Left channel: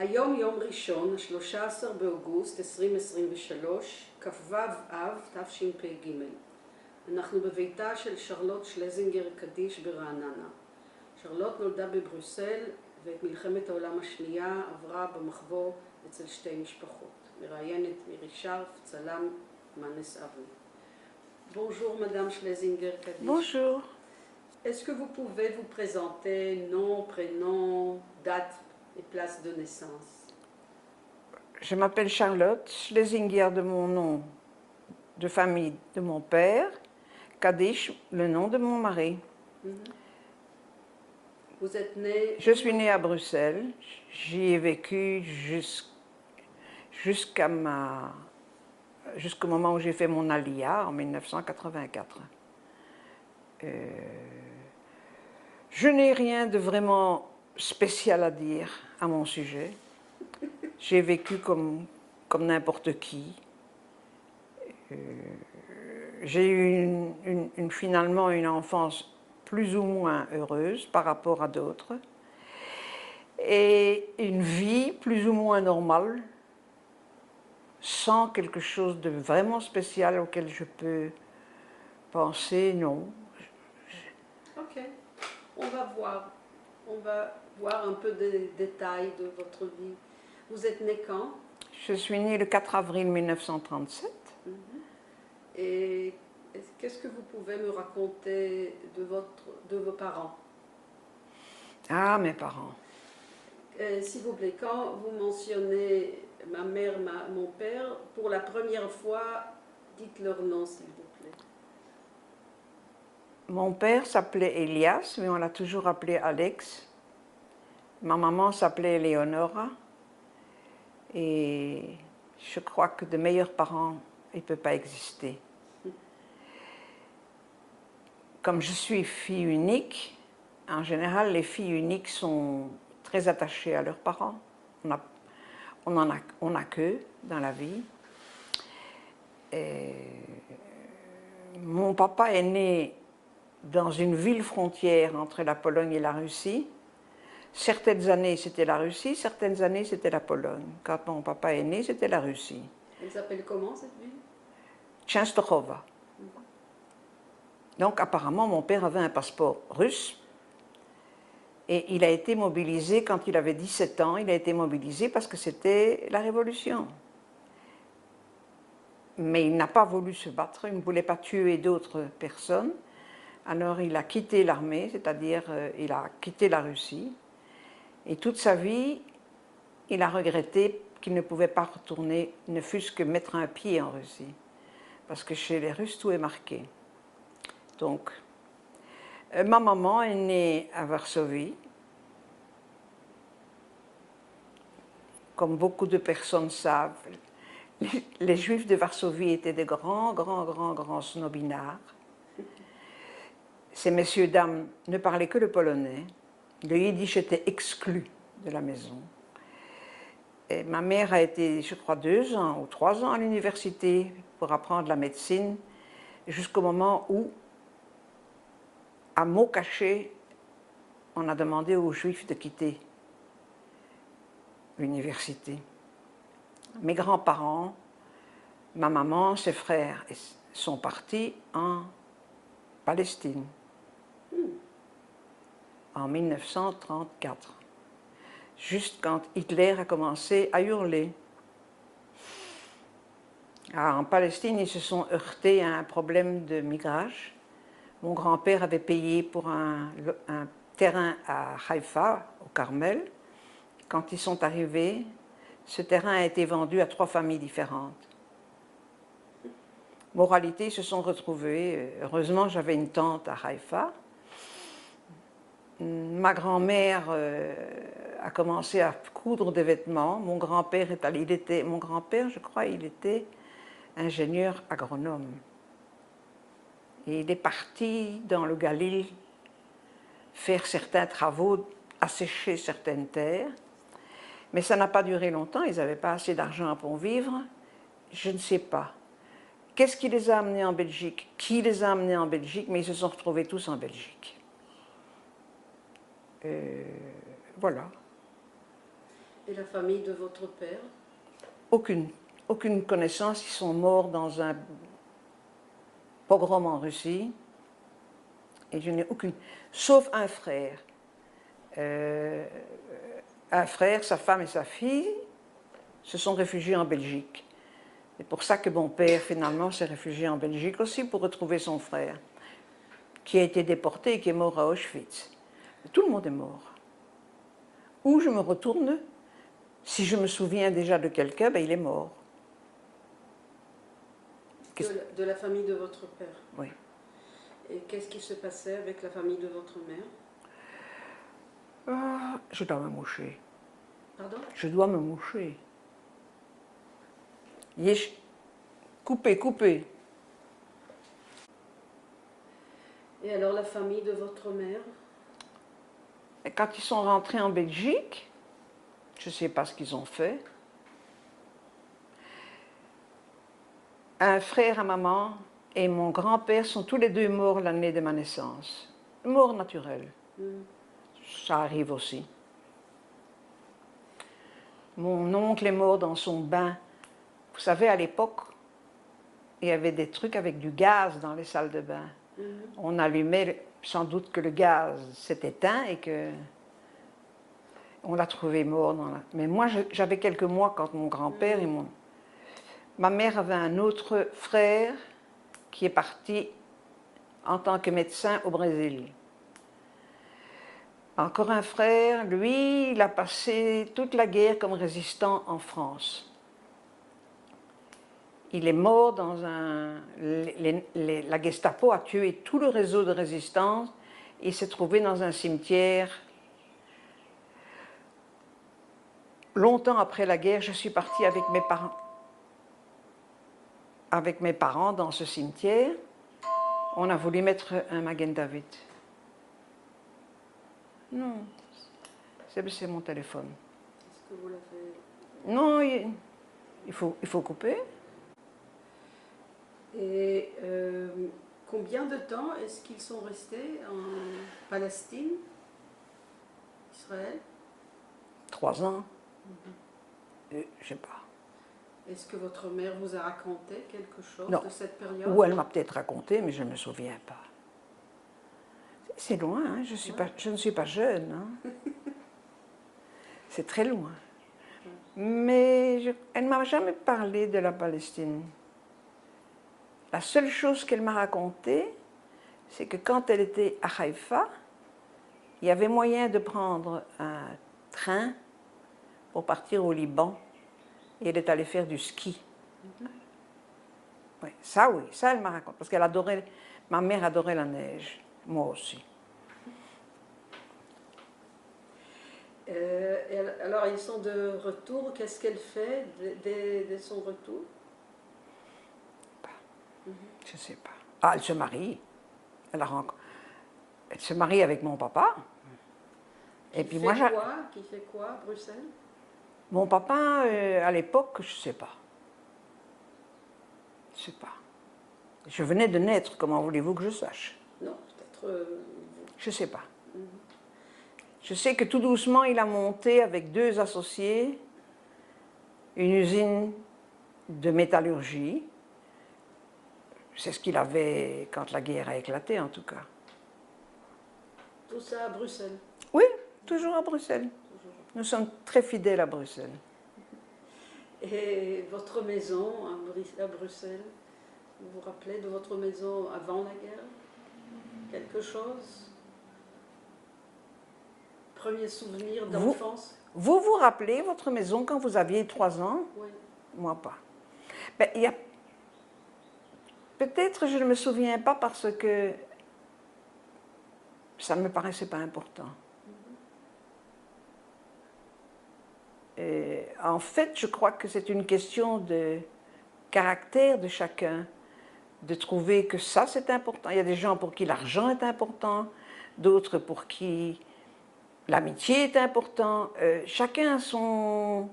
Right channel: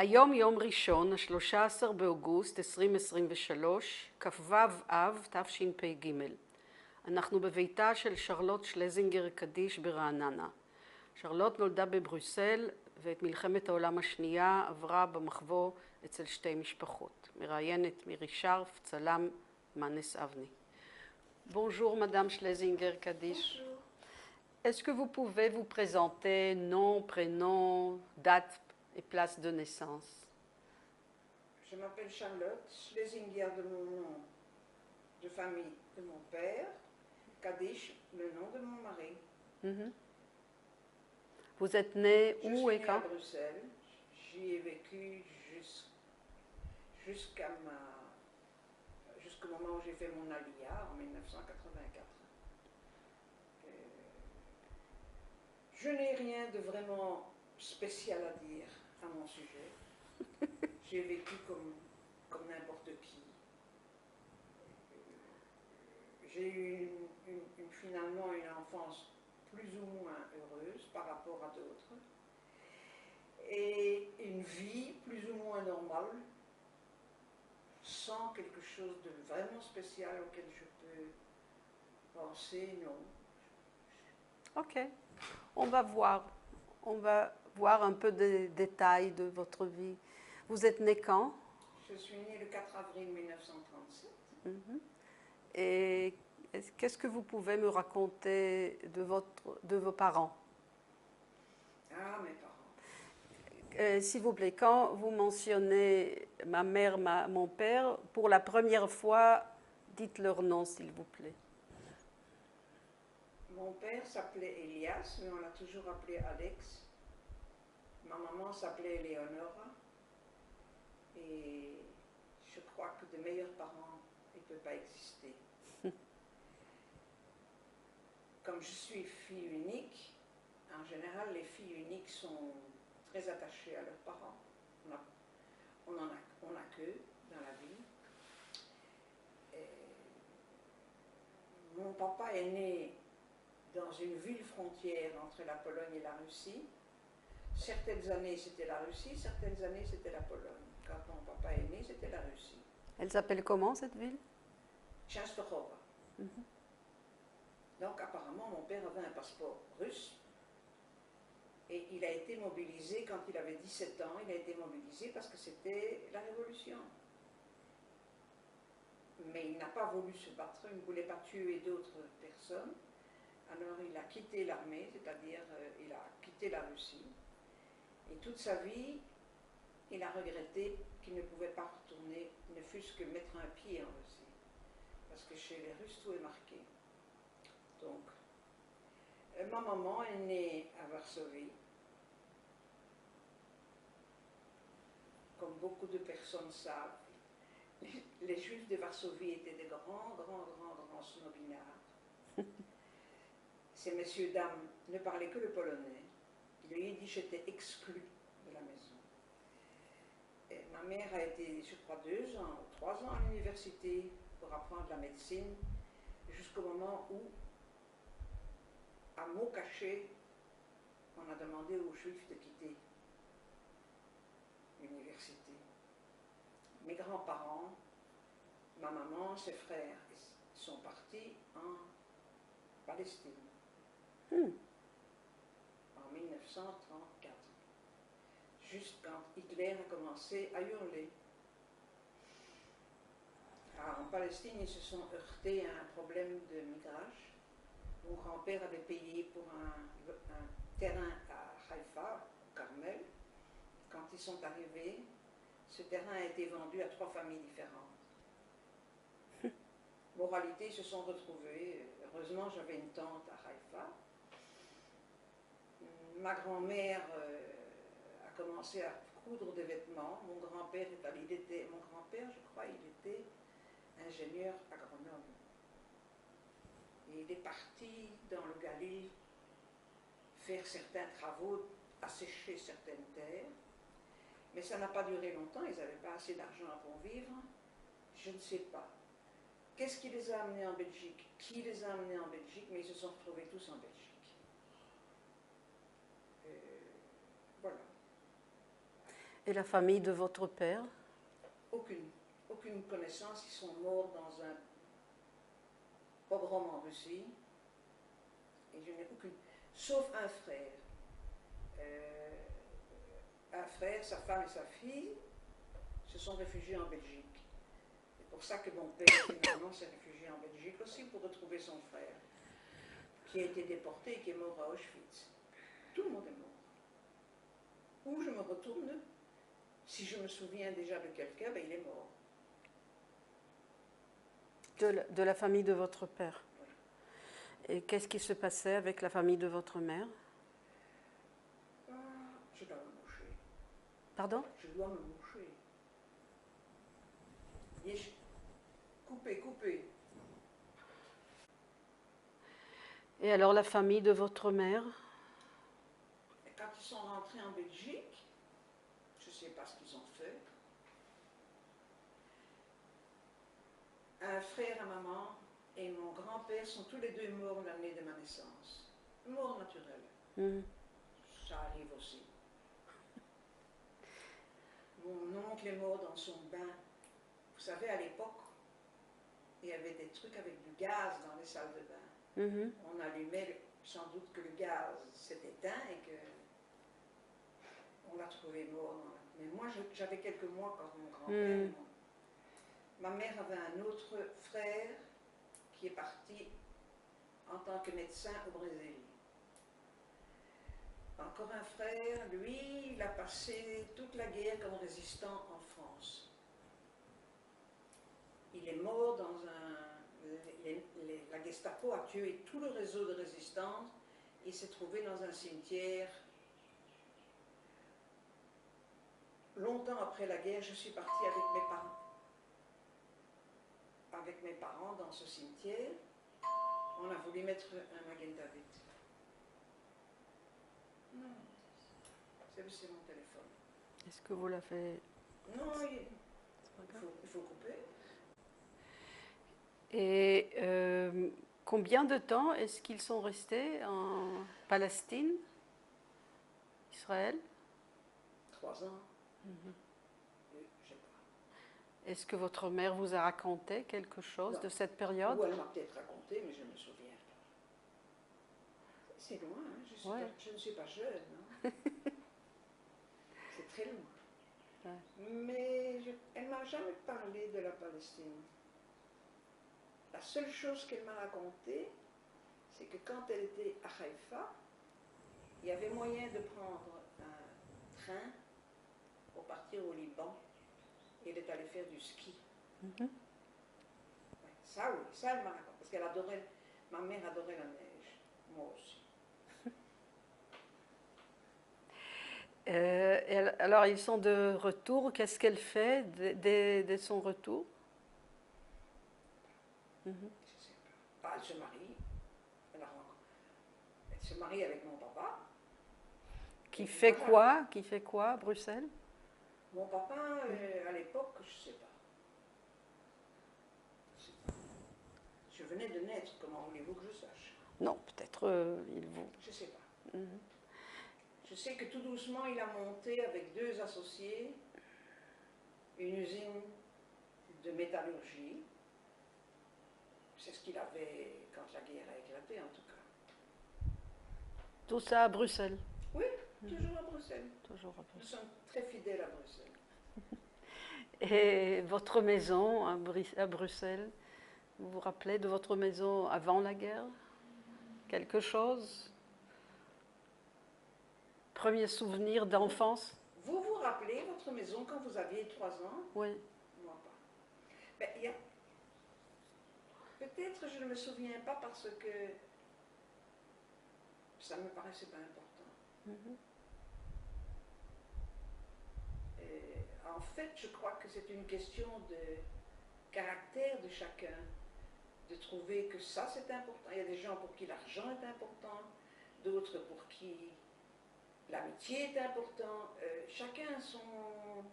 היום יום ראשון, ה-13 באוגוסט 2023, כ"ו אב תשפ"ג. אנחנו בביתה של שרלוט שלזינגר קדיש ברעננה. שרלוט נולדה בבריסל ואת מלחמת העולם השנייה עברה במחבוא אצל שתי משפחות. מראיינת מירי שרף, צלם מנס אבני. Bonjour Madame Schlesinger-Kadish. Bonjour. Est-ce que vous pouvez vous présenter nom, prénom, date et place de naissance? Je m'appelle Charlotte Schlesinger de mon nom de famille de mon père, Kadish, le nom de mon mari. Vous êtes née... Je suis née à Bruxelles, j'y ai vécu jusqu'au moment où j'ai fait mon alia en 1984. Je n'ai rien de vraiment spécial à dire à mon sujet. J'ai vécu comme n'importe qui. J'ai eu finalement une enfance plus ou moins heureuse par rapport à d'autres. Et une vie plus ou moins normale, sans quelque chose de vraiment spécial auquel je peux penser, non. Ok, on va voir un peu des détails de votre vie. Vous êtes née quand? Je suis née le 4 avril 1937. Et qu'est-ce que vous pouvez me raconter de vos parents? Ah, mes parents. S'il vous plaît, quand vous mentionnez ma mère, mon père, pour la première fois, dites leur nom, s'il vous plaît. Mon père s'appelait Elias, mais on l'a toujours appelé Alex. Ma maman s'appelait Eleonora. Et je crois que de meilleurs parents, il ne peut pas exister. Comme je suis fille unique, en général, les filles uniques sont très attachées à leurs parents. On n'a qu'eux dans la vie. Et mon papa est né dans une ville frontière entre la Pologne et la Russie. Certaines années, c'était la Russie, certaines années, c'était la Pologne. Quand mon papa est né, c'était la Russie. Elle s'appelle comment, cette ville? Częstochowa. Donc, apparemment, mon père avait un passeport russe. Et il a été mobilisé quand il avait 17 ans. Il a été mobilisé parce que c'était la Révolution. Mais il n'a pas voulu se battre, il ne voulait pas tuer d'autres personnes. Alors il a quitté l'armée, c'est-à-dire il a quitté la Russie. Et toute sa vie, il a regretté qu'il ne pouvait pas retourner, ne fût-ce que mettre un pied en Russie. Parce que chez les Russes, tout est marqué. Donc, ma maman est née à Varsovie. Comme beaucoup de personnes savent, les Juifs de Varsovie étaient des grands snobinards. Ces messieurs, dames ne parlaient que le polonais. Le yiddish était exclu de la maison. Et ma mère a été, je crois, 2 ans ou 3 ans à l'université pour apprendre la médecine, jusqu'au moment où, à mots cachés, on a demandé aux Juifs de quitter l'université. Mes grands-parents, ma maman, ses frères sont partis en Palestine en 1934, juste quand Hitler a commencé à hurler. Alors, en Palestine, ils se sont heurtés à un problème de migrage. Mon grand-père avait payé pour un terrain à Haïfa, au Carmel. Quand ils sont arrivés, ce terrain a été vendu à 3 familles différentes. Moralité, ils se sont retrouvés. Heureusement, j'avais une tante à Haïfa. Ma grand-mère a commencé à coudre des vêtements. Mon grand-père, je crois, il était ingénieur agronome. Et il est parti dans le Galil faire certains travaux, assécher certaines terres. Mais ça n'a pas duré longtemps, ils n'avaient pas assez d'argent pour vivre. Je ne sais pas. Qu'est-ce qui les a amenés en Belgique? Qui les a amenés en Belgique? Mais ils se sont retrouvés tous en Belgique. Voilà. Et la famille de votre père? Aucune connaissance. Ils sont morts dans un pogrom en Russie. Et je n'ai aucune. Sauf un frère. Un frère, sa femme et sa fille se sont réfugiés en Belgique. C'est pour ça que mon père, finalement, s'est réfugié en Belgique aussi pour retrouver son frère, qui a été déporté et qui est mort à Auschwitz. Tout le monde est mort. Où je me retourne, si je me souviens déjà de quelqu'un, ben il est mort. De la famille de votre père? Oui. Et qu'est-ce qui se passait avec la famille de votre mère? Je dois me moucher. Pardon? Je dois me moucher. Yesh. Coupez, coupez. Et alors la famille de votre mère? Et quand ils sont rentrés en Belgique, je ne sais pas ce qu'ils ont fait. Un frère à maman et mon grand-père sont tous les deux morts l'année de ma naissance. Mort naturelle. Ça arrive aussi. Mon oncle est mort dans son bain. Vous savez, à l'époque, il y avait des trucs avec du gaz dans les salles de bain. On allumait, sans doute que le gaz s'est éteint et que on l'a trouvé mort. Mais moi, j'avais quelques mois quand mon grand-père et ma mère avait un autre frère qui est parti en tant que médecin au Brésil. Encore un frère, lui, il a passé toute la guerre comme résistant en France. Il est mort dans un... la Gestapo a tué tout le réseau de résistance et il s'est trouvé dans un cimetière. Longtemps après la guerre, je suis partie avec mes parents dans ce cimetière. On a voulu mettre un Magen David. Non, c'est mon téléphone. Est-ce que vous l'avez... Non, il faut couper. Et combien de temps est-ce qu'ils sont restés en Palestine, Israël? 3 ans. Je ne sais pas. Est-ce que votre mère vous a raconté quelque chose Non. de cette période? Ou elle m'a peut-être raconté, mais je ne me souviens pas. C'est loin, hein? Je ne suis pas jeune. Hein? C'est très loin. Mais elle ne m'a jamais parlé de la Palestine. La seule chose qu'elle m'a racontée, c'est que quand elle était à Haïfa, il y avait moyen de prendre un train pour partir au Liban. Et elle est allée faire du ski. Oui, ça elle m'a raconté. Parce qu'elle adorait, ma mère adorait la neige. Moi aussi. Alors, ils sont de retour. Qu'est-ce qu'elle fait dès son retour? Je ne sais pas. Ah, elle se marie. Elle se marie avec mon papa. Qui fait quoi à Bruxelles? Mon papa, à l'époque, je ne sais pas. Je ne sais pas. Je venais de naître, comment voulez-vous que je sache? Non, peut-être... Je ne sais pas. Je sais que tout doucement, il a monté avec 2 associés une usine de métallurgie. C'est ce qu'il avait quand la guerre a éclaté, en tout cas. Tout ça à Bruxelles? Oui, toujours à Bruxelles. Nous sommes très fidèles à Bruxelles. Et votre maison à Bruxelles, vous vous rappelez de votre maison avant la guerre? Quelque chose? Premier souvenir d'enfance? Vous vous rappelez votre maison quand vous aviez 3 ans? Oui. Moi pas. Ben, peut-être je ne me souviens pas parce que ça ne me paraissait pas important. Et en fait, je crois que c'est une question de caractère de chacun, de trouver que ça c'est important. Il y a des gens pour qui l'argent est important, d'autres pour qui l'amitié est important. Chacun a son...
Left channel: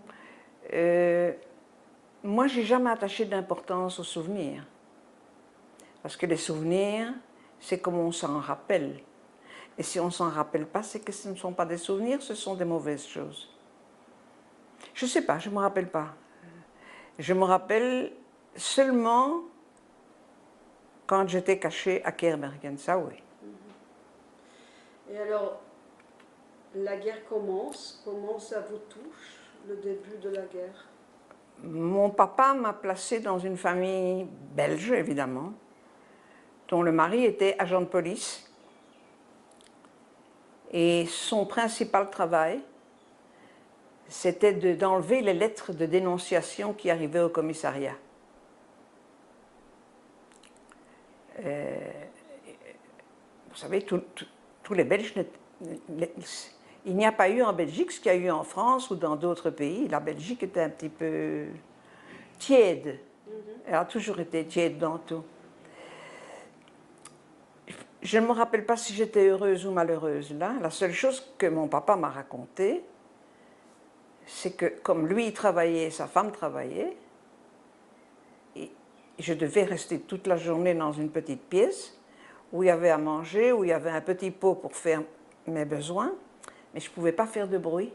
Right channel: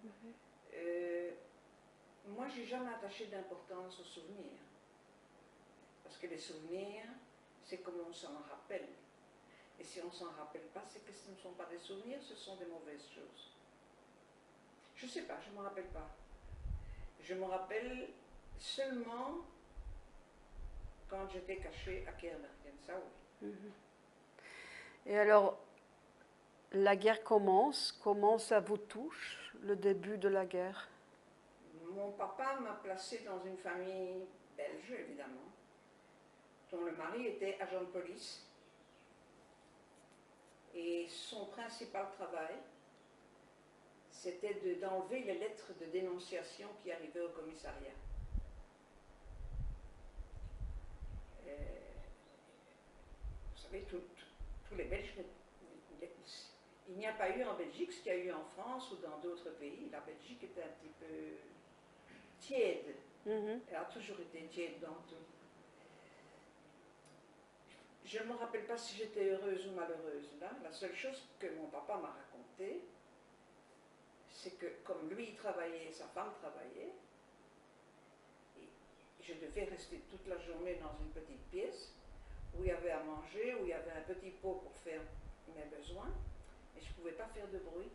moi, j'ai jamais attaché d'importance aux souvenirs. Parce que les souvenirs, c'est comme on s'en rappelle. Et si on ne s'en rappelle pas, c'est que ce ne sont pas des souvenirs, ce sont des mauvaises choses. Je ne sais pas, je ne me rappelle pas. Je me rappelle seulement quand j'étais cachée à Keerbergen, ça oui. Et alors, la guerre commence. Comment ça vous touche, le début de la guerre? Mon papa m'a placée dans une famille belge, évidemment, dont le mari était agent de police. Et son principal travail, c'était d'enlever les lettres de dénonciation qui arrivaient au commissariat. Vous savez, tous les Belges, il n'y a pas eu en Belgique ce qu'il y a eu en France ou dans d'autres pays. La Belgique était un petit peu tiède. Elle a toujours été tiède dans tout. Je ne me rappelle pas si j'étais heureuse ou malheureuse là. La seule chose que mon papa m'a racontée, c'est que comme lui il travaillait, sa femme travaillait, et je devais rester toute la journée dans une petite pièce où il y avait à manger, où il y avait un petit pot pour faire mes besoins, mais je ne pouvais pas faire de bruit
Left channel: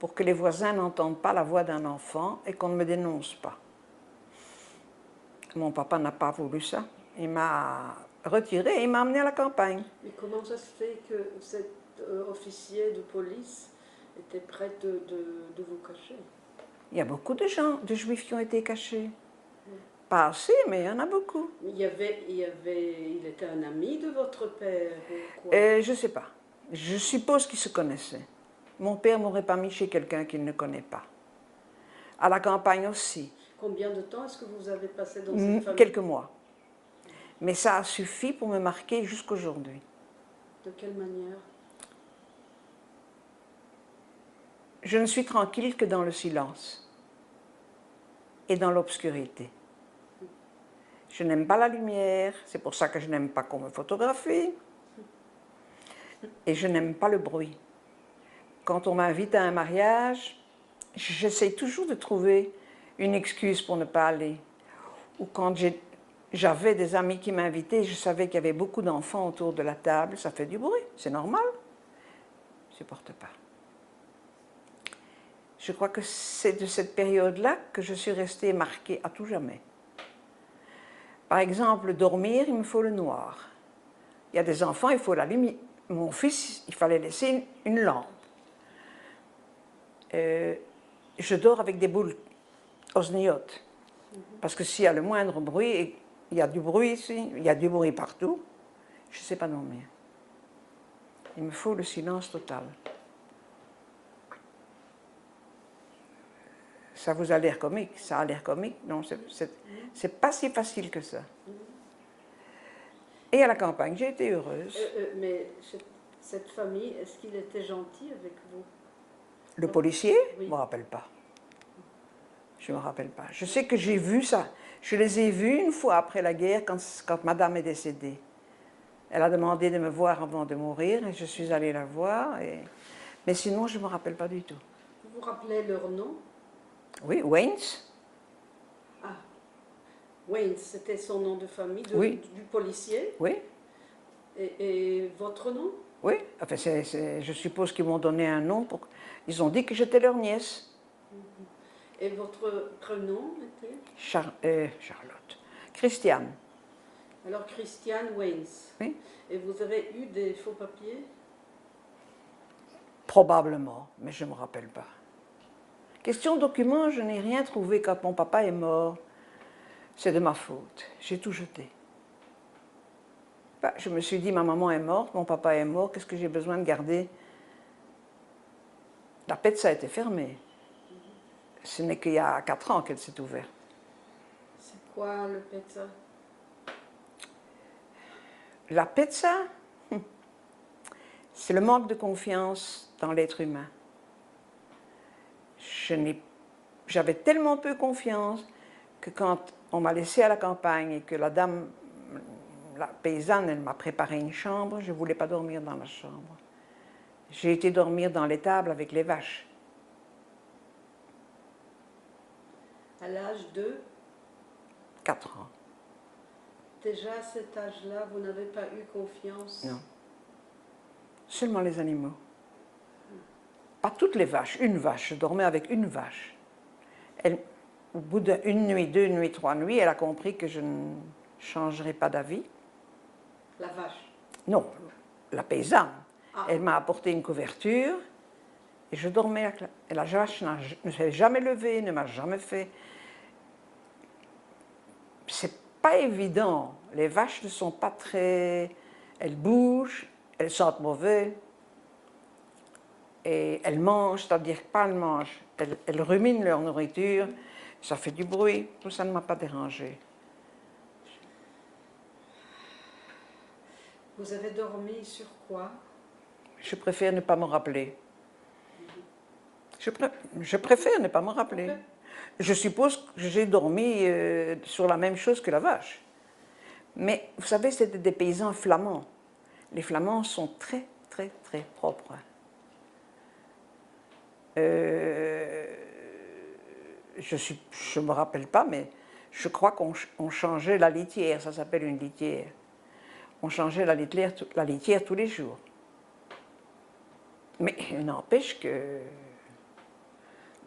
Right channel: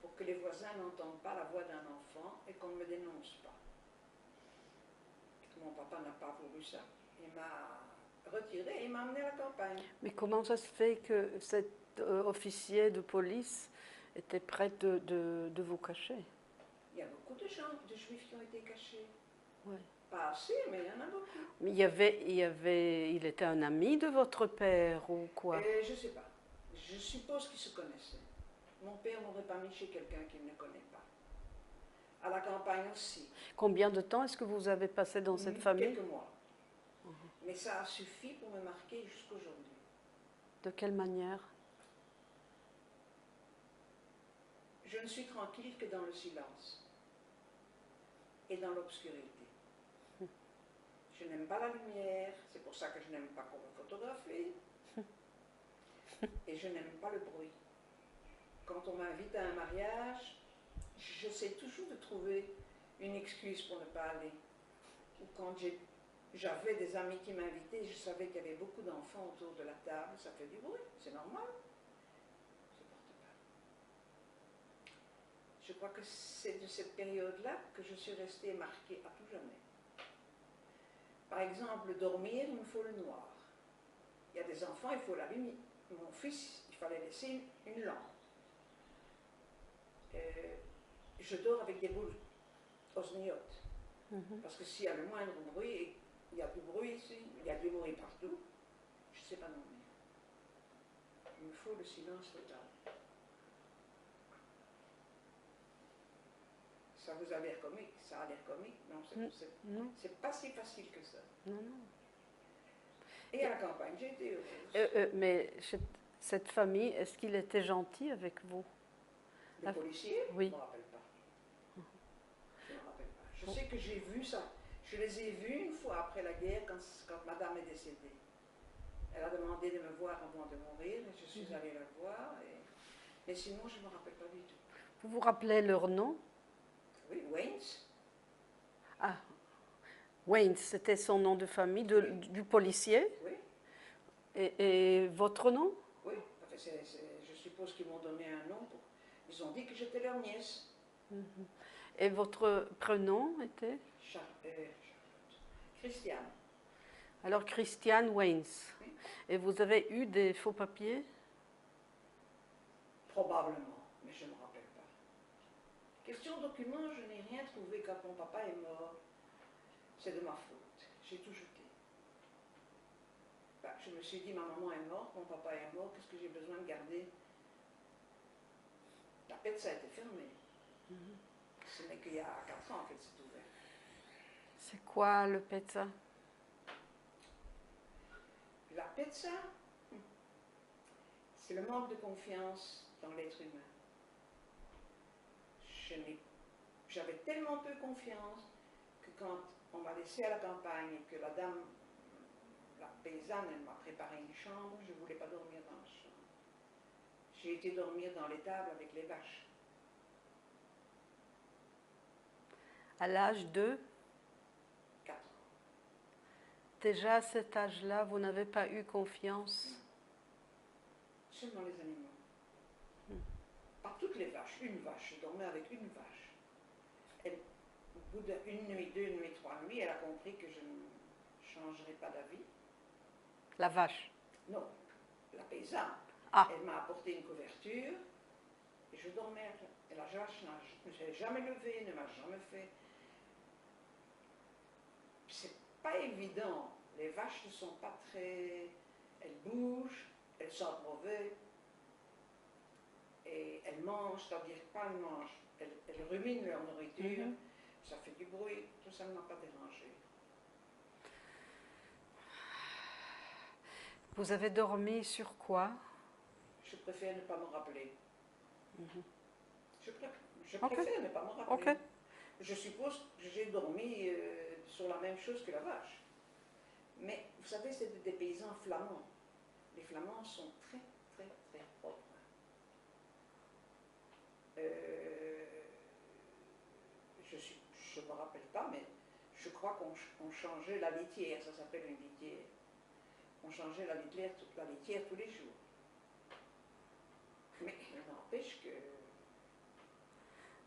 pour que les voisins n'entendent pas la voix d'un enfant et qu'on ne me dénonce pas. Mon papa n'a pas voulu ça. Il m'a retiré et il m'a amené à la campagne. Mais comment ça se fait que cet officier de police était prêt de vous cacher? Il y a beaucoup de gens, de juifs qui ont été cachés. Oui. Pas assez, mais il y en a beaucoup. Mais il était un ami de votre père ou quoi? Je ne sais pas. Je suppose qu'ils se connaissaient. Mon père ne m'aurait pas mis chez quelqu'un qu'il ne connaît pas. À la campagne aussi. Combien de temps est-ce que vous avez passé dans cette famille? Quelques mois. Mais ça a suffi pour me marquer jusqu'aujourd'hui. De quelle manière? Je ne suis tranquille que dans le silence et dans l'obscurité. Je n'aime pas la lumière, c'est pour ça que je n'aime pas qu'on me photographie. Et je n'aime pas le bruit. Quand on m'invite à un mariage, j'essaie toujours de trouver une excuse pour ne pas aller. Ou quand j'avais des amis qui m'invitaient, je savais qu'il y avait beaucoup d'enfants autour de la table, ça fait du bruit, c'est normal. Je ne supporte pas. Je crois que c'est de cette période-là que je suis restée marquée à tout jamais. Par exemple, dormir, il me faut le noir. Il y a des enfants, il faut la lumière. Mon fils, il fallait laisser une lampe. Je dors avec des boules osniotes. Parce que s'il y a le moindre bruit, et il y a du bruit ici, il y a du bruit partout, je ne sais pas dormir. Il me faut le silence total. Ça vous a l'air comique, ça a l'air comique, non, c'est pas si facile que ça. Et à la campagne, j'ai été heureuse. Mais cette famille, est-ce qu'il était gentil avec vous? Le policier? Oui. Je ne me rappelle pas. Je ne me rappelle pas. Je sais que j'ai vu ça. Je les ai vus une fois après la guerre, quand madame est décédée. Elle a demandé de me voir avant de mourir et je suis allée la voir. Mais sinon, je ne me rappelle pas du tout. Vous vous rappelez leur nom? Oui, Waynes. Ah, Waynes, c'était son nom de famille, oui. Du policier? Oui. Et votre nom? Oui, enfin, je suppose qu'ils m'ont donné un nom. Ils ont dit que j'étais leur nièce. Et votre prénom était? Charlotte. Christiane. Alors, Christiane Waynes. Oui. Et vous avez eu des faux papiers? Probablement, mais je ne me rappelle pas. Question documents, je n'ai rien trouvé quand mon papa est mort. C'est de ma faute. J'ai tout jeté. Je me suis dit, ma maman est morte, mon papa est mort, qu'est-ce que j'ai besoin de garder? La PETSA a été fermée. Ce n'est qu'il y a 4 ans qu'elle s'est ouverte. C'est quoi le PETSA? La PETSA, c'est le manque de confiance dans l'être humain. J'avais tellement peu confiance que quand on m'a laissée à la campagne et que la dame, la paysanne, elle m'a préparé une chambre, je ne voulais pas dormir dans la chambre. J'ai été dormir dans l'étable avec les vaches. À l'âge de 4 ans. Déjà à cet âge-là, vous n'avez pas eu confiance? Non. Seulement les animaux. pas toutes les vaches, une vache. Je dormais avec une vache. Au bout d'une nuit, 2 nuits, 3 nuits, elle a compris que je ne changerais pas d'avis. La vache. Non, la paysanne. Ah. Elle m'a apporté une couverture et je dormais avec et la vache ne s'est jamais levée, ne m'a jamais fait. C'est pas évident. Les vaches ne sont pas très. Elles bougent, elles sentent mauvais et elles mangent, c'est-à-dire pas elles mangent. Elles ruminent leur nourriture, ça fait du bruit, tout ça ne m'a pas dérangé. Vous avez dormi sur quoi? Je préfère ne pas me rappeler. Je préfère ne pas me rappeler. Ok. Je suppose que j'ai dormi sur la même chose que la vache. Mais vous savez, c'était des paysans flamands. Les Flamands sont très, très, très propres. Je ne me rappelle pas, mais je crois qu'on changeait la litière, ça s'appelle une litière. On changeait la litière tous les jours. Mais il n'empêche que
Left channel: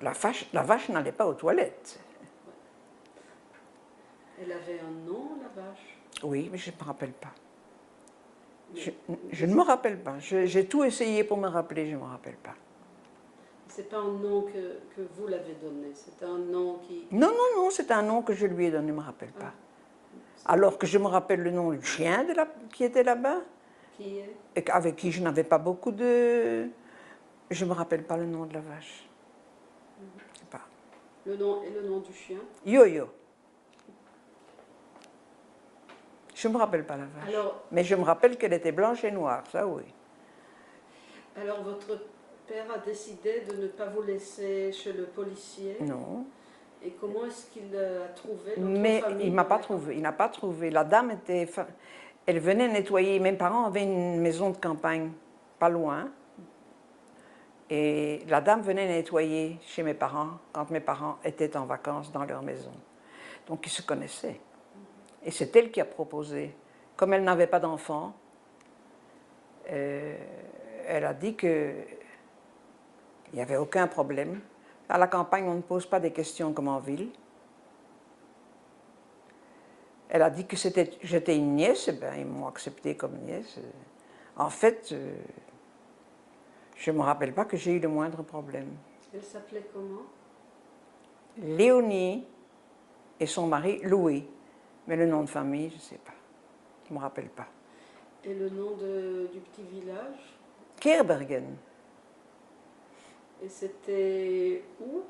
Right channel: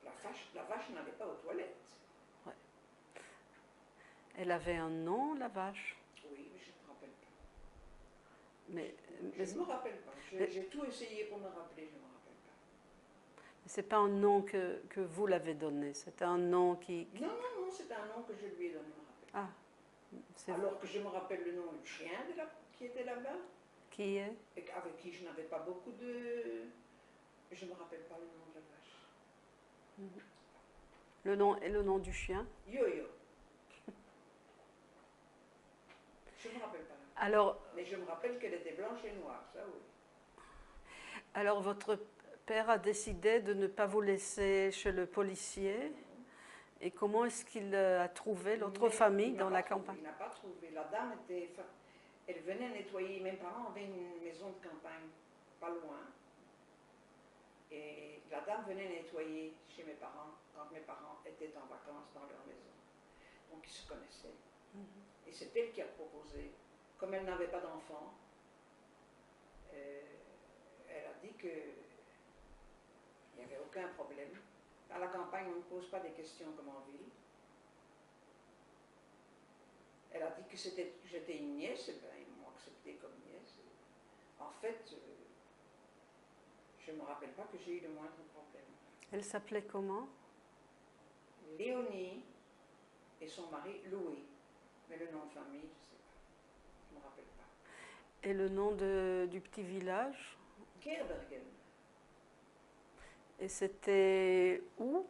la vache n'allait pas aux toilettes. Elle avait un nom, la vache? Oui, mais je ne me rappelle pas. Mais Je ne me rappelle pas. J'ai tout essayé pour me rappeler, je ne me rappelle pas. c'est pas un nom que vous l'avez donné, c'est un nom qui... Non, non, non, c'est un nom que je lui ai donné, je ne me rappelle pas. Alors que je me rappelle le nom du chien qui était là-bas, Qui est? et avec qui je n'avais pas beaucoup de... Je ne me rappelle pas le nom de la vache. Je sais pas. Le nom et le nom du chien? Yo-Yo. Je ne me rappelle pas la vache. Alors, mais je me rappelle qu'elle était blanche et noire, ça oui. alors votre père a décidé de ne pas vous laisser chez le policier. Non. Et comment est-ce qu'il a trouvé l'autre Mais famille? il ne m'a pas trouvé. Il n'a pas trouvé. La dame était... Elle venait nettoyer. Mes parents avaient une maison de campagne, pas loin. Et la dame venait nettoyer chez mes parents quand mes parents étaient en vacances dans leur maison. Donc ils se connaissaient. Et c'est elle qui a proposé. Comme elle n'avait pas d'enfant, elle a dit qu'il n'y avait aucun problème. À la campagne, on ne pose pas des questions comme en ville. Elle a dit que j'étais une nièce, et bien ils m'ont acceptée comme nièce. En fait, je ne me rappelle pas que j'ai eu le moindre problème. Elle s'appelait comment? Léonie et son mari Louis. Mais le nom de famille, je ne sais pas. Je ne me rappelle pas. Et le nom du petit village? Keerbergen. Et c'était où?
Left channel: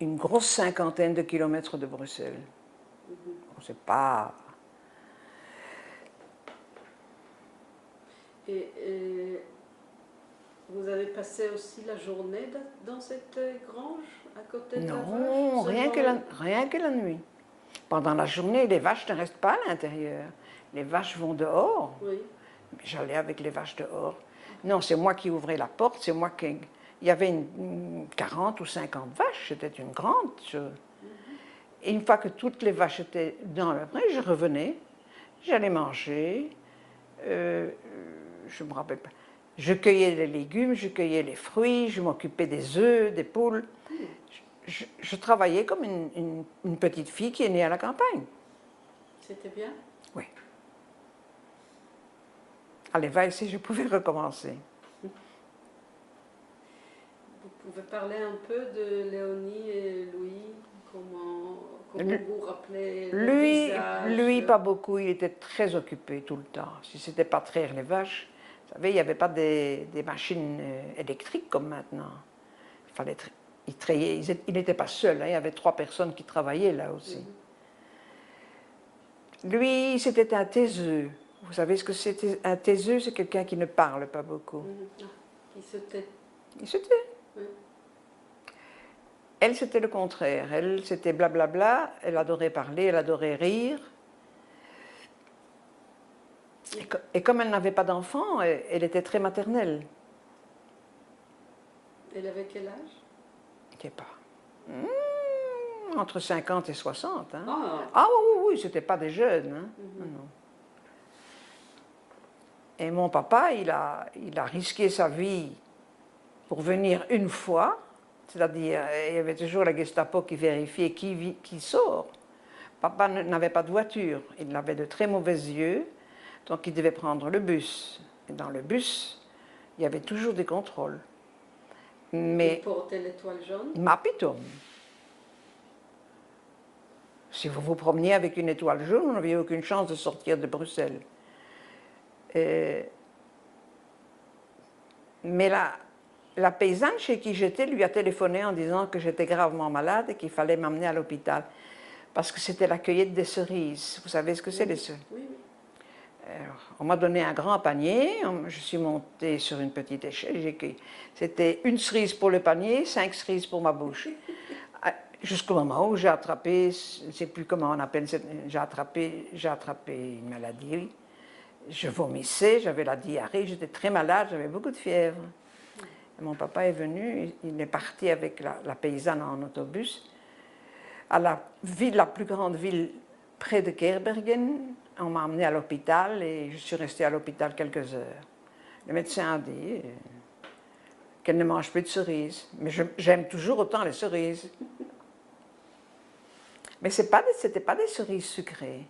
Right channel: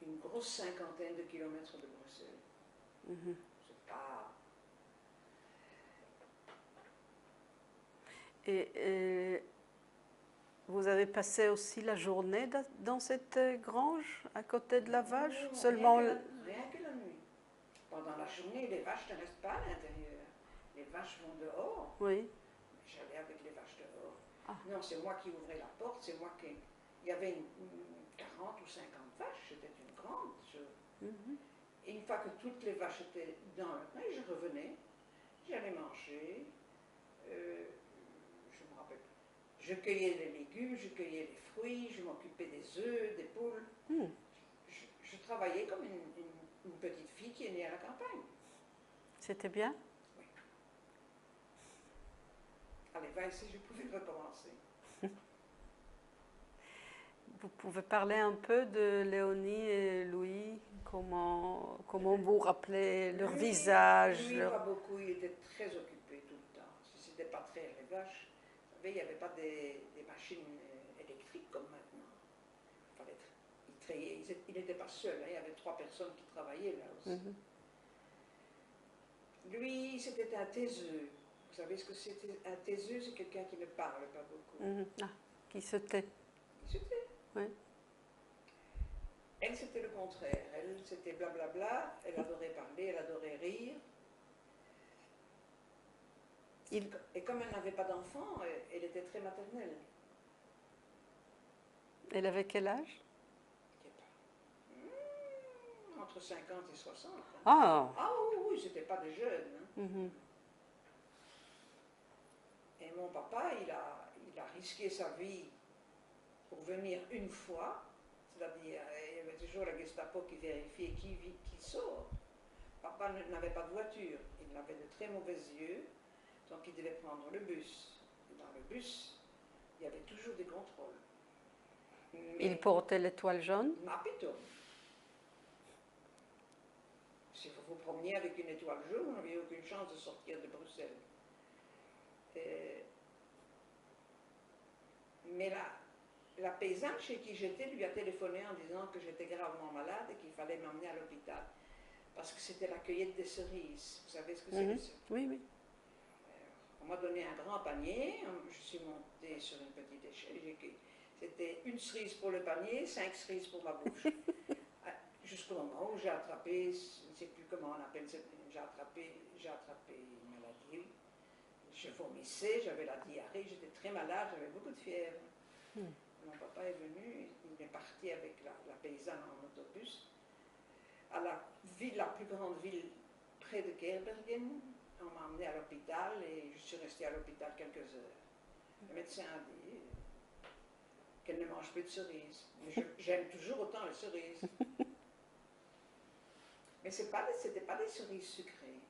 Une grosse 50aine de kilomètres de Bruxelles. On ne sait pas. Et vous avez passé aussi la journée dans cette grange à côté de la vache? Non, rien que la nuit. Pendant la journée, les vaches ne restent pas à l'intérieur. Les vaches vont dehors. Oui. J'allais avec les vaches dehors. Non, c'est moi qui ouvrais la porte, c'est moi qui... Il y avait une 40 ou 50 vaches, c'était une grande chose. Et une fois que toutes les vaches étaient dans le pré, je revenais, j'allais manger, je ne me rappelle pas. Je cueillais les légumes, je cueillais les fruits, je m'occupais des œufs, des poules. Je travaillais comme une petite fille qui est née à la campagne. C'était bien? Oui. Allez, va ici, je pouvais recommencer. Vous pouvez parler un peu de Léonie et Louis? Comment vous rappelez le visage? Lui, pas beaucoup, il était très occupé tout le temps. Si ce n'était pas traire les vaches, vous savez, il n'y avait pas des machines électriques comme maintenant. Il n'était pas seul, hein, il y avait 3 personnes qui travaillaient là aussi. Lui, c'était un taiseux. Vous savez ce que c'était? Un taiseux, c'est quelqu'un qui ne parle pas beaucoup. Qui se tait. Il se tait. Oui. Elle, c'était le contraire. Elle, c'était blablabla. Elle adorait parler, elle adorait rire. Et comme elle n'avait pas d'enfant, elle était très maternelle. Elle avait quel âge? Je ne sais pas. Entre 50 et 60. Hein. Ah, Ah oui, c'était pas des jeunes. Hein. Non. Et mon papa, il a risqué sa vie pour venir une fois, c'est-à-dire il y avait toujours la Gestapo qui vérifiait qui sort. Papa n'avait pas de voiture, il avait de très mauvais yeux, donc il devait prendre le bus. Et dans le bus, il y avait toujours des contrôles. Mais Il portait l'étoile jaune? ma pitom. Si vous vous promeniez avec une étoile jaune, vous n'aviez aucune chance de sortir de Bruxelles. Mais la paysanne chez qui j'étais lui a téléphoné en disant que j'étais gravement malade et qu'il fallait m'amener à l'hôpital. Parce que c'était la cueillette des cerises. Vous savez ce que c'est, les cerises? Oui, oui. Alors, on m'a donné un grand panier, je suis montée sur une petite échelle, j'ai cueilli. C'était une cerise pour le panier, 5 cerises pour ma bouche. Jusqu'au moment où j'ai attrapé, je ne sais plus comment on appelle, j'ai attrapé une maladie. Je vomissais, j'avais la diarrhée, j'étais très malade, j'avais beaucoup de fièvre. Et mon papa est venu, il est parti avec la paysanne en autobus à la plus grande ville près de Kerbergen. On m'a emmené à l'hôpital et je suis restée à l'hôpital quelques heures. Le médecin a dit qu'elle ne mange plus de cerises. Mais j'aime toujours autant les cerises. Mais ce n'étaient pas des cerises sucrées.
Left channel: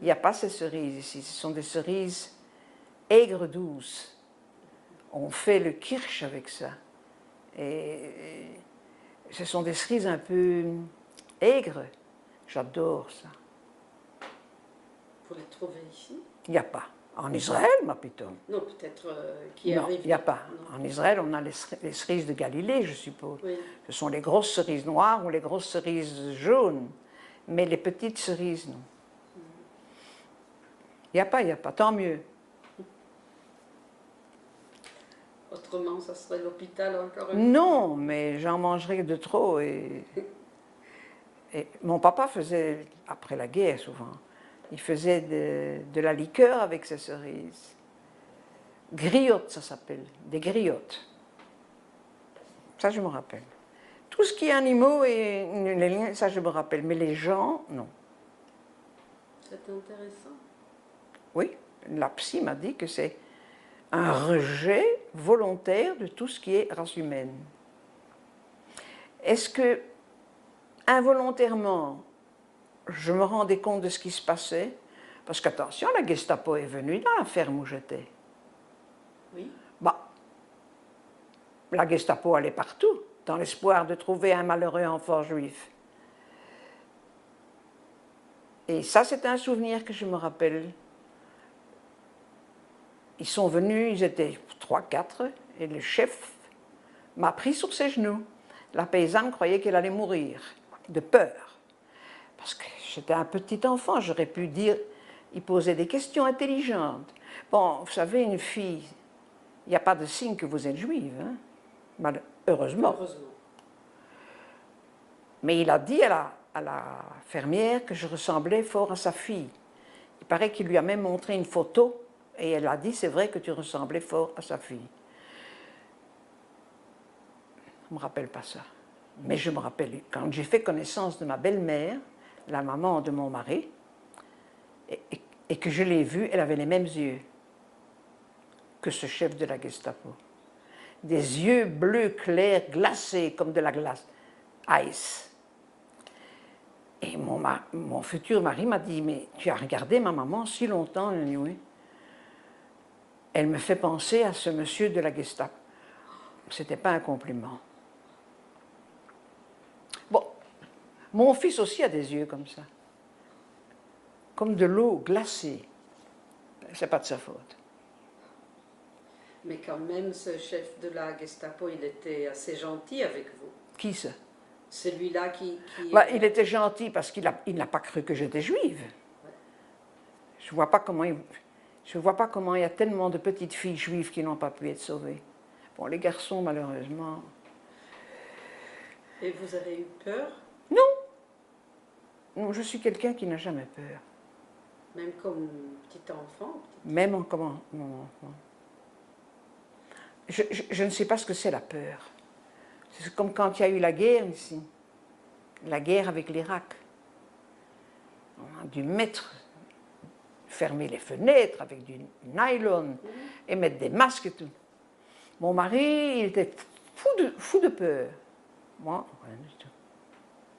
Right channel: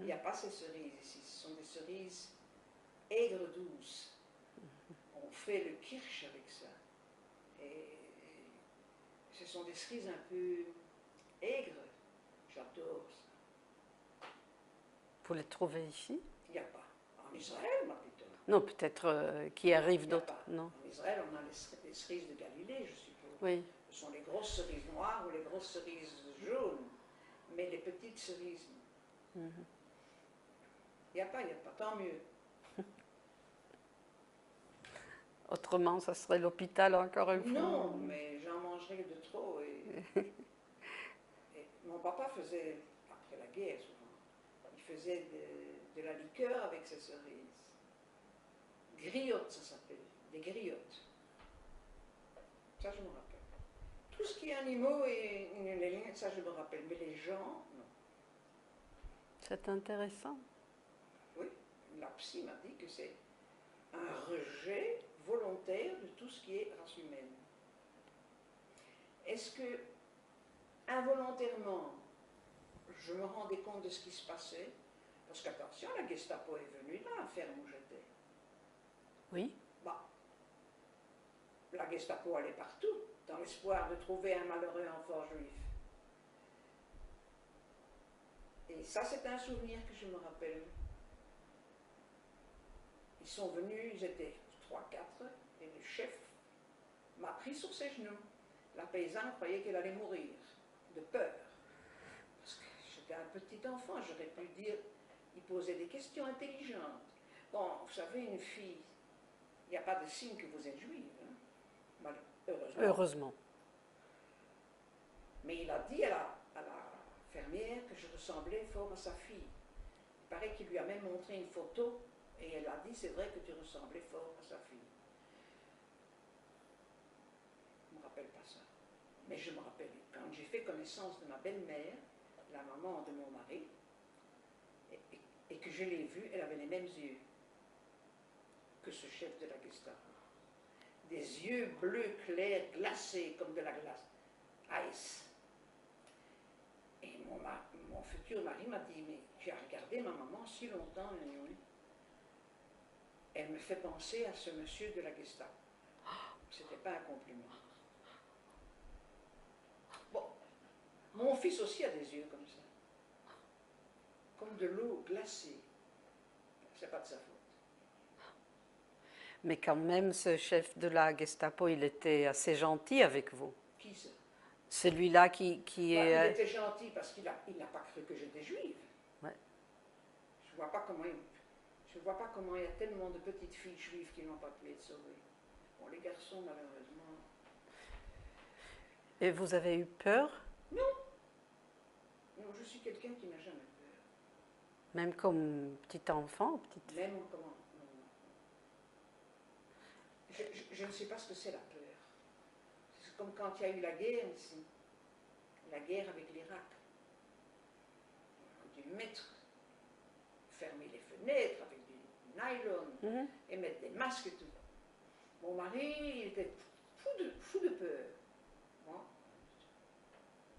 Il n'y a pas ces cerises ici. Ce sont des cerises aigres douces. On fait le kirsch avec ça. Et ce sont des cerises un peu aigres. J'adore ça. Vous les trouvez ici? Il n'y a pas. En Israël, ma piton. Non, peut-être qui arrive. Il n'y a pas. Non. En Israël, on a les cerises de Galilée, je suppose. Oui. Ce sont les grosses cerises noires ou les grosses cerises jaunes. Mais les petites cerises, non. Il n'y a pas. Tant mieux. Autrement, ça serait l'hôpital encore un peu. Non, mais j'en mangerais de trop. Et mon papa faisait, après la guerre souvent, il faisait de la liqueur avec ces cerises. Griottes, ça s'appelle, des griottes. Ça, je me rappelle. Tout ce qui est animaux et les liens, ça, je me rappelle. Mais les gens, non. C'est intéressant. Oui, la psy m'a dit que c'est un rejet volontaire de tout ce qui est race humaine. Est-ce que, involontairement, je me rendais compte de ce qui se passait? Parce qu'attention, la Gestapo est venue dans la ferme où j'étais. Oui. Bah, la Gestapo allait partout, dans l'espoir de trouver un malheureux enfant juif. Et ça, c'est un souvenir que je me rappelle. Ils sont venus, ils étaient 3, 4, et le chef m'a pris sur ses genoux. La paysanne croyait qu'elle allait mourir, de peur. Parce que j'étais un petit enfant, j'aurais pu dire, il posait des questions intelligentes. Bon, vous savez, une fille, il n'y a pas de signe que vous êtes juive, hein? Heureusement. Heureusement. Mais il a dit à la fermière que je ressemblais fort à sa fille. Il paraît qu'il lui a même montré une photo et elle a dit, c'est vrai que tu ressemblais fort à sa fille. Je ne me rappelle pas ça. Mais je me rappelle, quand j'ai fait connaissance de ma belle-mère, la maman de mon mari, et que je l'ai vue, elle avait les mêmes yeux que ce chef de la Gestapo. Des yeux bleus clairs, glacés comme de la glace. Ice. Et mon futur mari m'a dit, mais tu as regardé ma maman si longtemps? Elle a dit, oui. Elle me fait penser à ce monsieur de la Gestapo. Ce n'était pas un compliment. Bon, mon fils aussi a des yeux comme ça. Comme de l'eau glacée. C'est pas de sa faute. Mais quand même, ce chef de la Gestapo, il était assez gentil avec vous. Qui ça? Celui-là qui bah, il était gentil parce qu'il n'a pas cru que j'étais juive. Ouais. Je ne vois pas comment il y a tellement de petites filles juives qui n'ont pas pu être sauvées. Bon, les garçons, malheureusement. Et vous avez eu peur? Non, je suis quelqu'un qui n'a jamais peur. Même comme petit enfant? Même comme mon enfant. Je ne sais pas ce que c'est la peur. C'est comme quand il y a eu la guerre ici. La guerre avec l'Irak. On a dû mettre fermer les fenêtres avec du nylon et mettre des masques et tout. Mon mari, il était fou de peur. Moi, rien du tout.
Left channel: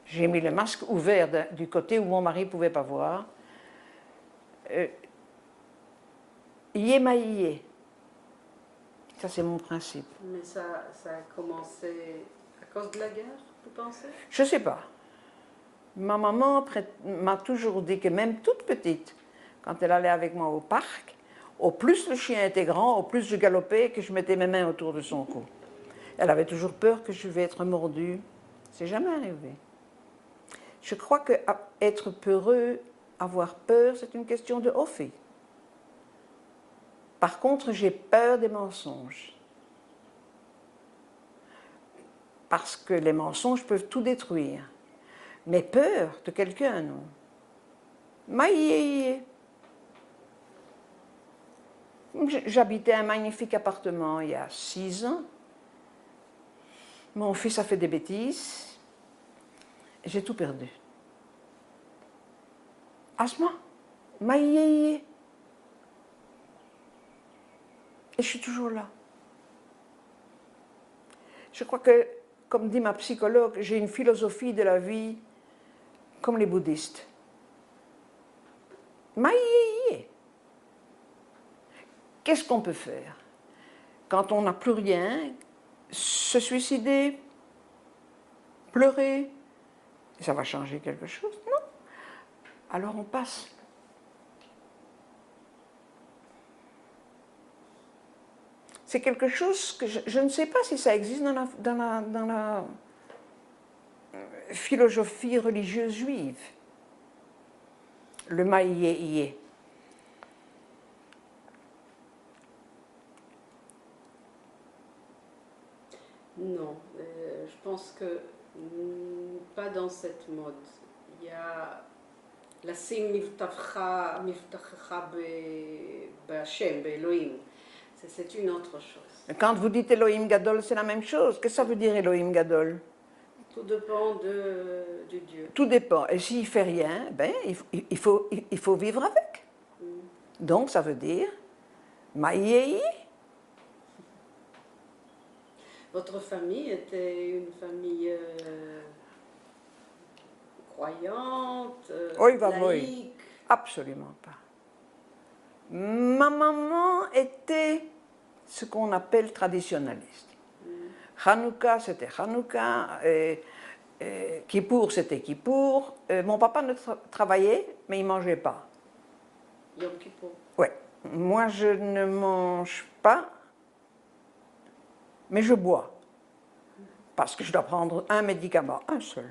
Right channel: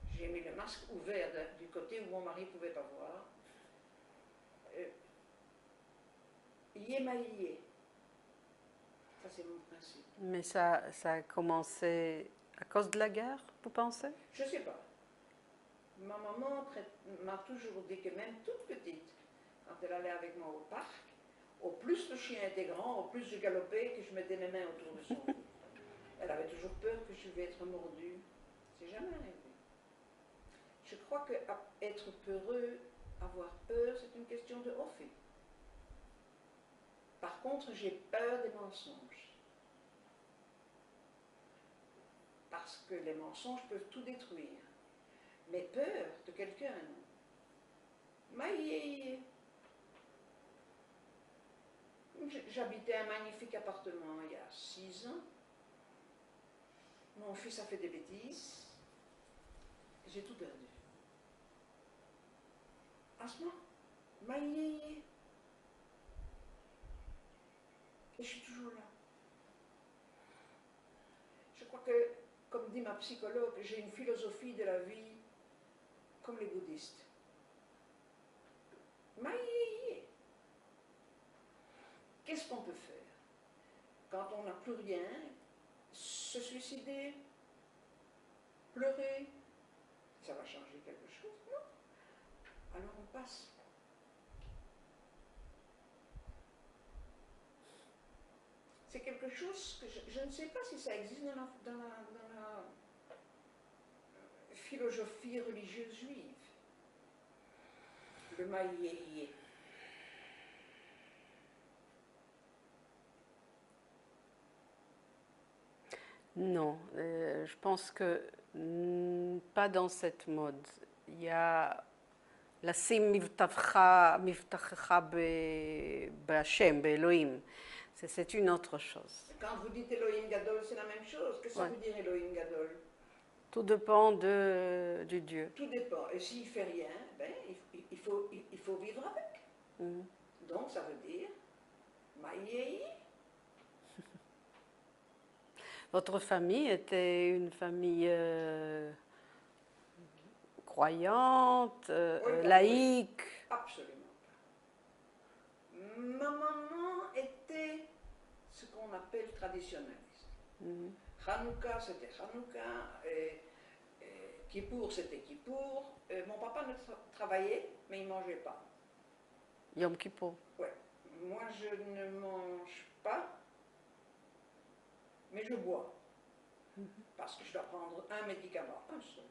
J'ai mis le masque ouvert du côté où mon mari ne pouvait pas voir. Yé maillé. Ça, c'est mon principe. Mais ça a commencé à cause de la guerre, vous pensez? Je ne sais pas. Ma maman m'a toujours dit que même toute petite, quand elle allait avec moi au parc, au plus le chien était grand, au plus je galopais, que je mettais mes mains autour de son cou. Elle avait toujours peur que je vais être mordue. C'est jamais arrivé. Je crois que être peureux, avoir peur, c'est une question de Ophi. Par contre, j'ai peur des mensonges. Parce que les mensonges peuvent tout détruire. Mais peur de quelqu'un, non. Maïe. J'habitais un magnifique appartement il y a 6 ans. Mon fils a fait des bêtises. J'ai tout perdu. Asma, maïe. Et je suis toujours là. Je crois que, comme dit ma psychologue, j'ai une philosophie de la vie comme les bouddhistes. Maïe. Qu'est-ce qu'on peut faire? Quand on n'a plus rien, se suicider, pleurer, ça va changer quelque chose? Non. Alors on passe. C'est quelque chose que je ne sais pas si ça existe dans la philosophie religieuse juive. Le maïe. Non, je pense que pas dans cette mode. Il y a lשים מבטחך בהשם, באלוהים. C'est une autre chose. Quand vous dites Elohim Gadol, c'est la même chose. Qu'est-ce que ça veut dire Elohim Gadol? Tout dépend du Dieu. Tout dépend. Et s'il ne fait rien, ben, il faut vivre avec. Donc ça veut dire Maïe. Votre famille était une famille croyante, laïque? Absolument pas. Ma maman était ce qu'on appelle traditionnaliste. Hanouka, c'était Hanouka. Kippour, c'était Kippour. Mon papa ne travaillait, mais il ne mangeait pas. Yom Kippour. Oui. Moi, je ne mange pas, mais je bois. Parce que je dois prendre un médicament, un seul.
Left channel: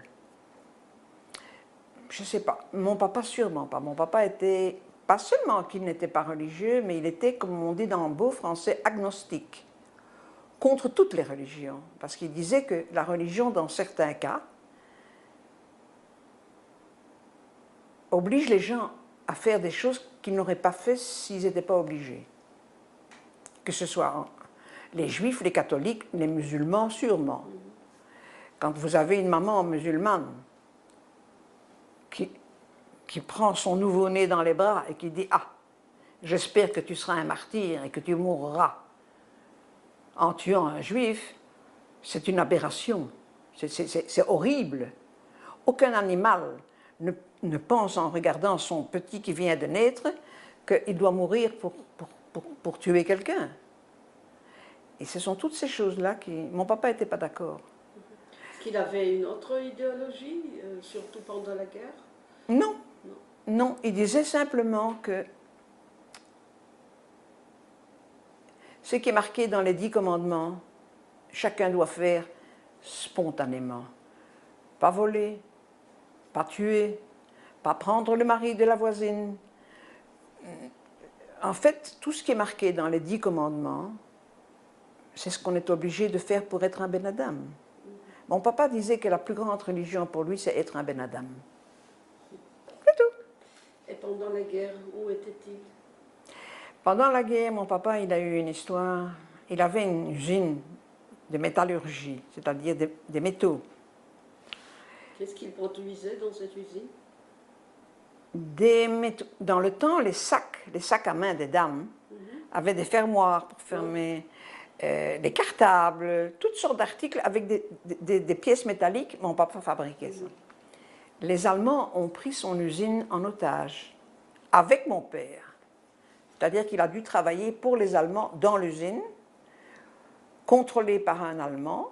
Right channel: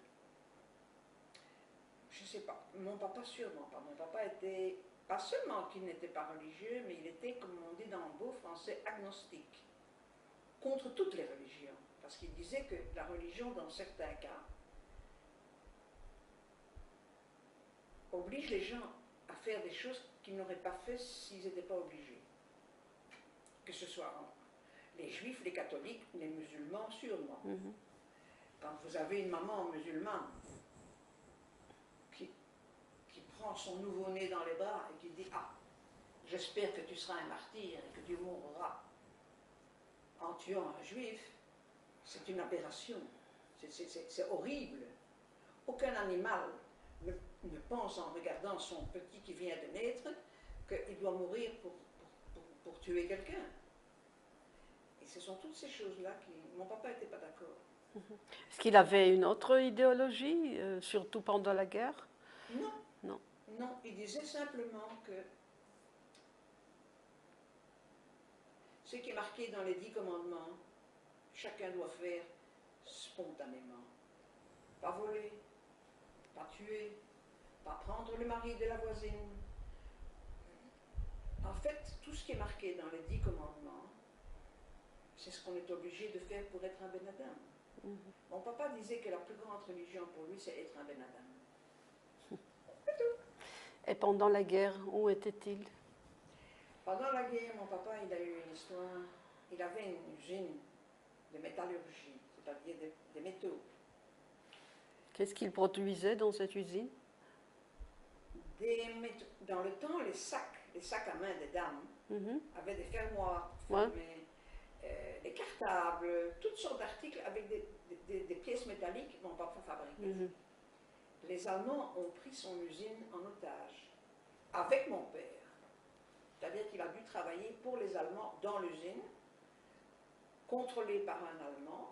Je ne sais pas. Mon papa, sûrement pas. Mon papa était, pas seulement qu'il n'était pas religieux, mais il était, comme on dit dans le beau français, agnostique. Contre toutes les religions. Parce qu'il disait que la religion, dans certains cas, oblige les gens à faire des choses qu'ils n'auraient pas fait s'ils n'étaient pas obligés. Que ce soit les juifs, les catholiques, les musulmans, sûrement. Quand vous avez une maman musulmane qui prend son nouveau-né dans les bras et qui dit « Ah, j'espère que tu seras un martyr et que tu mourras en tuant un juif », c'est une aberration. C'est horrible. Aucun animal ne pense en regardant son petit qui vient de naître qu'il doit mourir pour tuer quelqu'un. Et ce sont toutes ces choses-là qui... Mon papa n'était pas d'accord. Est-ce qu'il avait une autre idéologie, surtout pendant la guerre? Non. Non, il disait simplement que ce qui est marqué dans les 10 commandements, chacun doit faire spontanément. Pas voler, pas tuer, pas prendre le mari de la voisine. En fait, tout ce qui est marqué dans les 10 commandements, c'est ce qu'on est obligé de faire pour être un Ben Adam. Mon papa disait que la plus grande religion pour lui, c'est être un Ben Adam. C'est tout. Et pendant la guerre, où était-il? Pendant la guerre, mon papa, il a eu une histoire. Il avait une usine de métallurgie, c'est-à-dire des métaux. Qu'est-ce qu'il produisait dans cette usine? Dans le temps, les sacs à main des dames avaient des fermoirs pour fermer, des cartables, toutes sortes d'articles avec des pièces métalliques. Mon papa fabriquait ça. Les Allemands ont pris son usine en otage avec mon père. C'est-à-dire qu'il a dû travailler pour les Allemands dans l'usine, contrôlé par un Allemand,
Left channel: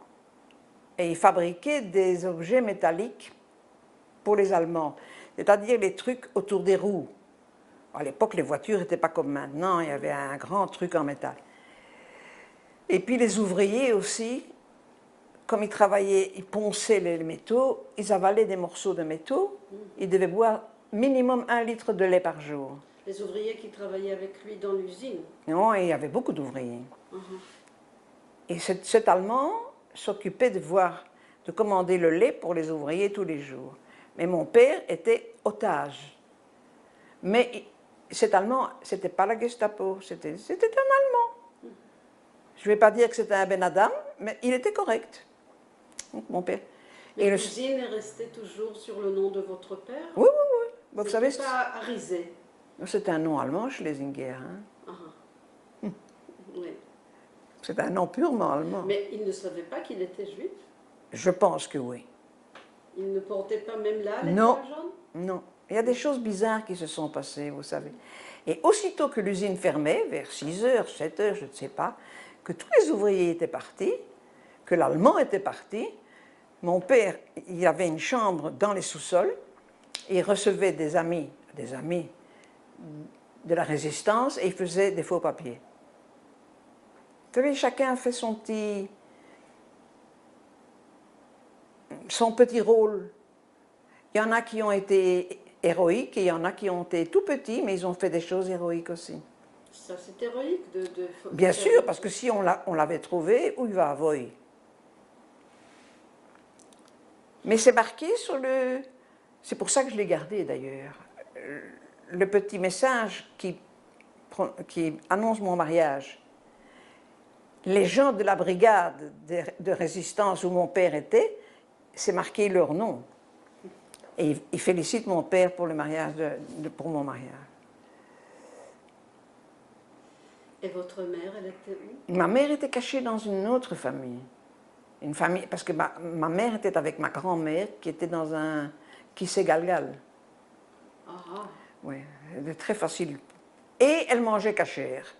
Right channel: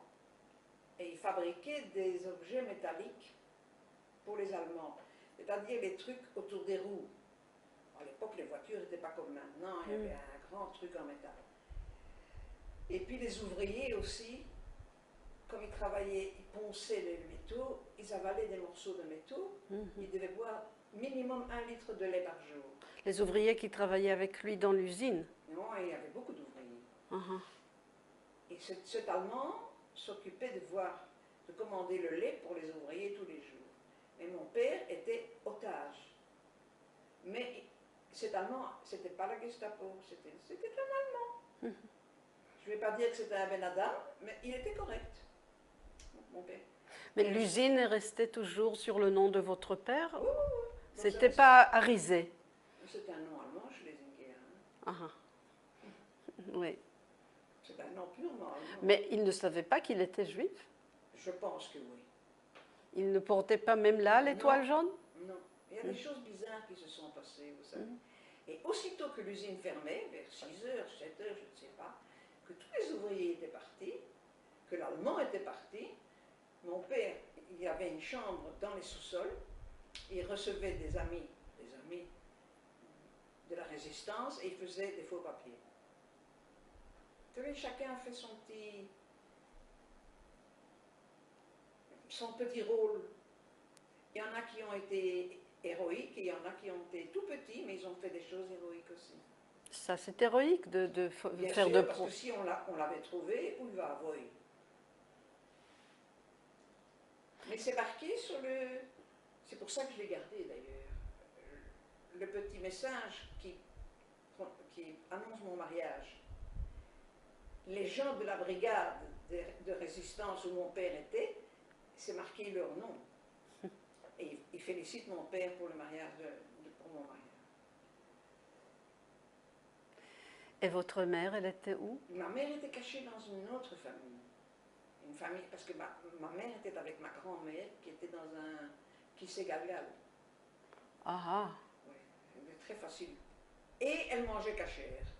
et il fabriquait des objets métalliques pour les Allemands. C'est-à-dire les trucs autour des roues. À l'époque, les voitures n'étaient pas comme maintenant, il y avait un grand truc en métal. Et puis les ouvriers aussi, comme ils travaillaient, ils ponçaient les métaux, ils avalaient des morceaux de métaux, ils devaient boire minimum 1 litre de lait par jour. Les ouvriers qui travaillaient avec lui dans l'usine? Non, et il y avait beaucoup d'ouvriers. Et cet Allemand s'occupait de commander le lait pour les ouvriers tous les jours. Mais mon père était otage. Mais cet Allemand, ce n'était pas la Gestapo, c'était un Allemand. Je ne vais pas dire que c'était un Ben Adam, mais il était correct. Donc, mon père. Mais l'usine est restée toujours sur le nom de votre père? Oui, oui, oui. Ce n'était pas Arisé? C'est un nom allemand, Schlesinger. Hein? Oui. C'est un nom purement allemand. Mais il ne savait pas qu'il était juif? Je pense que oui. Il ne portait pas même là l'étoile jaune? Non. Il y a des choses bizarres qui se sont passées, vous savez. Et aussitôt que l'usine fermait, vers 6 heures, 7 heures, je ne sais pas, que tous les ouvriers étaient partis, que l'Allemand était parti, mon père, il y avait une chambre dans les sous-sols, et il recevait des amis de la résistance, et il faisait des faux papiers. Vous savez, chacun a fait son petit rôle. Il y en a qui ont été héroïques et il y en a qui ont été tout petits, mais ils ont fait des choses héroïques aussi. Ça, c'est héroïque de Bien sûr, parce que si on l'avait trouvé, où il va avoir? Mais c'est marqué sur le... C'est pour ça que je l'ai gardé d'ailleurs. Le petit message qui annonce mon mariage. Les gens de la brigade de résistance où mon père était, c'est marqué leur nom. Et ils félicitent mon père pour le mariage, pour mon mariage. Et votre mère, elle était où? Ma mère était cachée dans une autre famille. Une famille, parce que ma mère était avec ma grand-mère qui était dans un Kissé-Galgal. Ah. Oui, c'était très facile. Et elle mangeait cachère.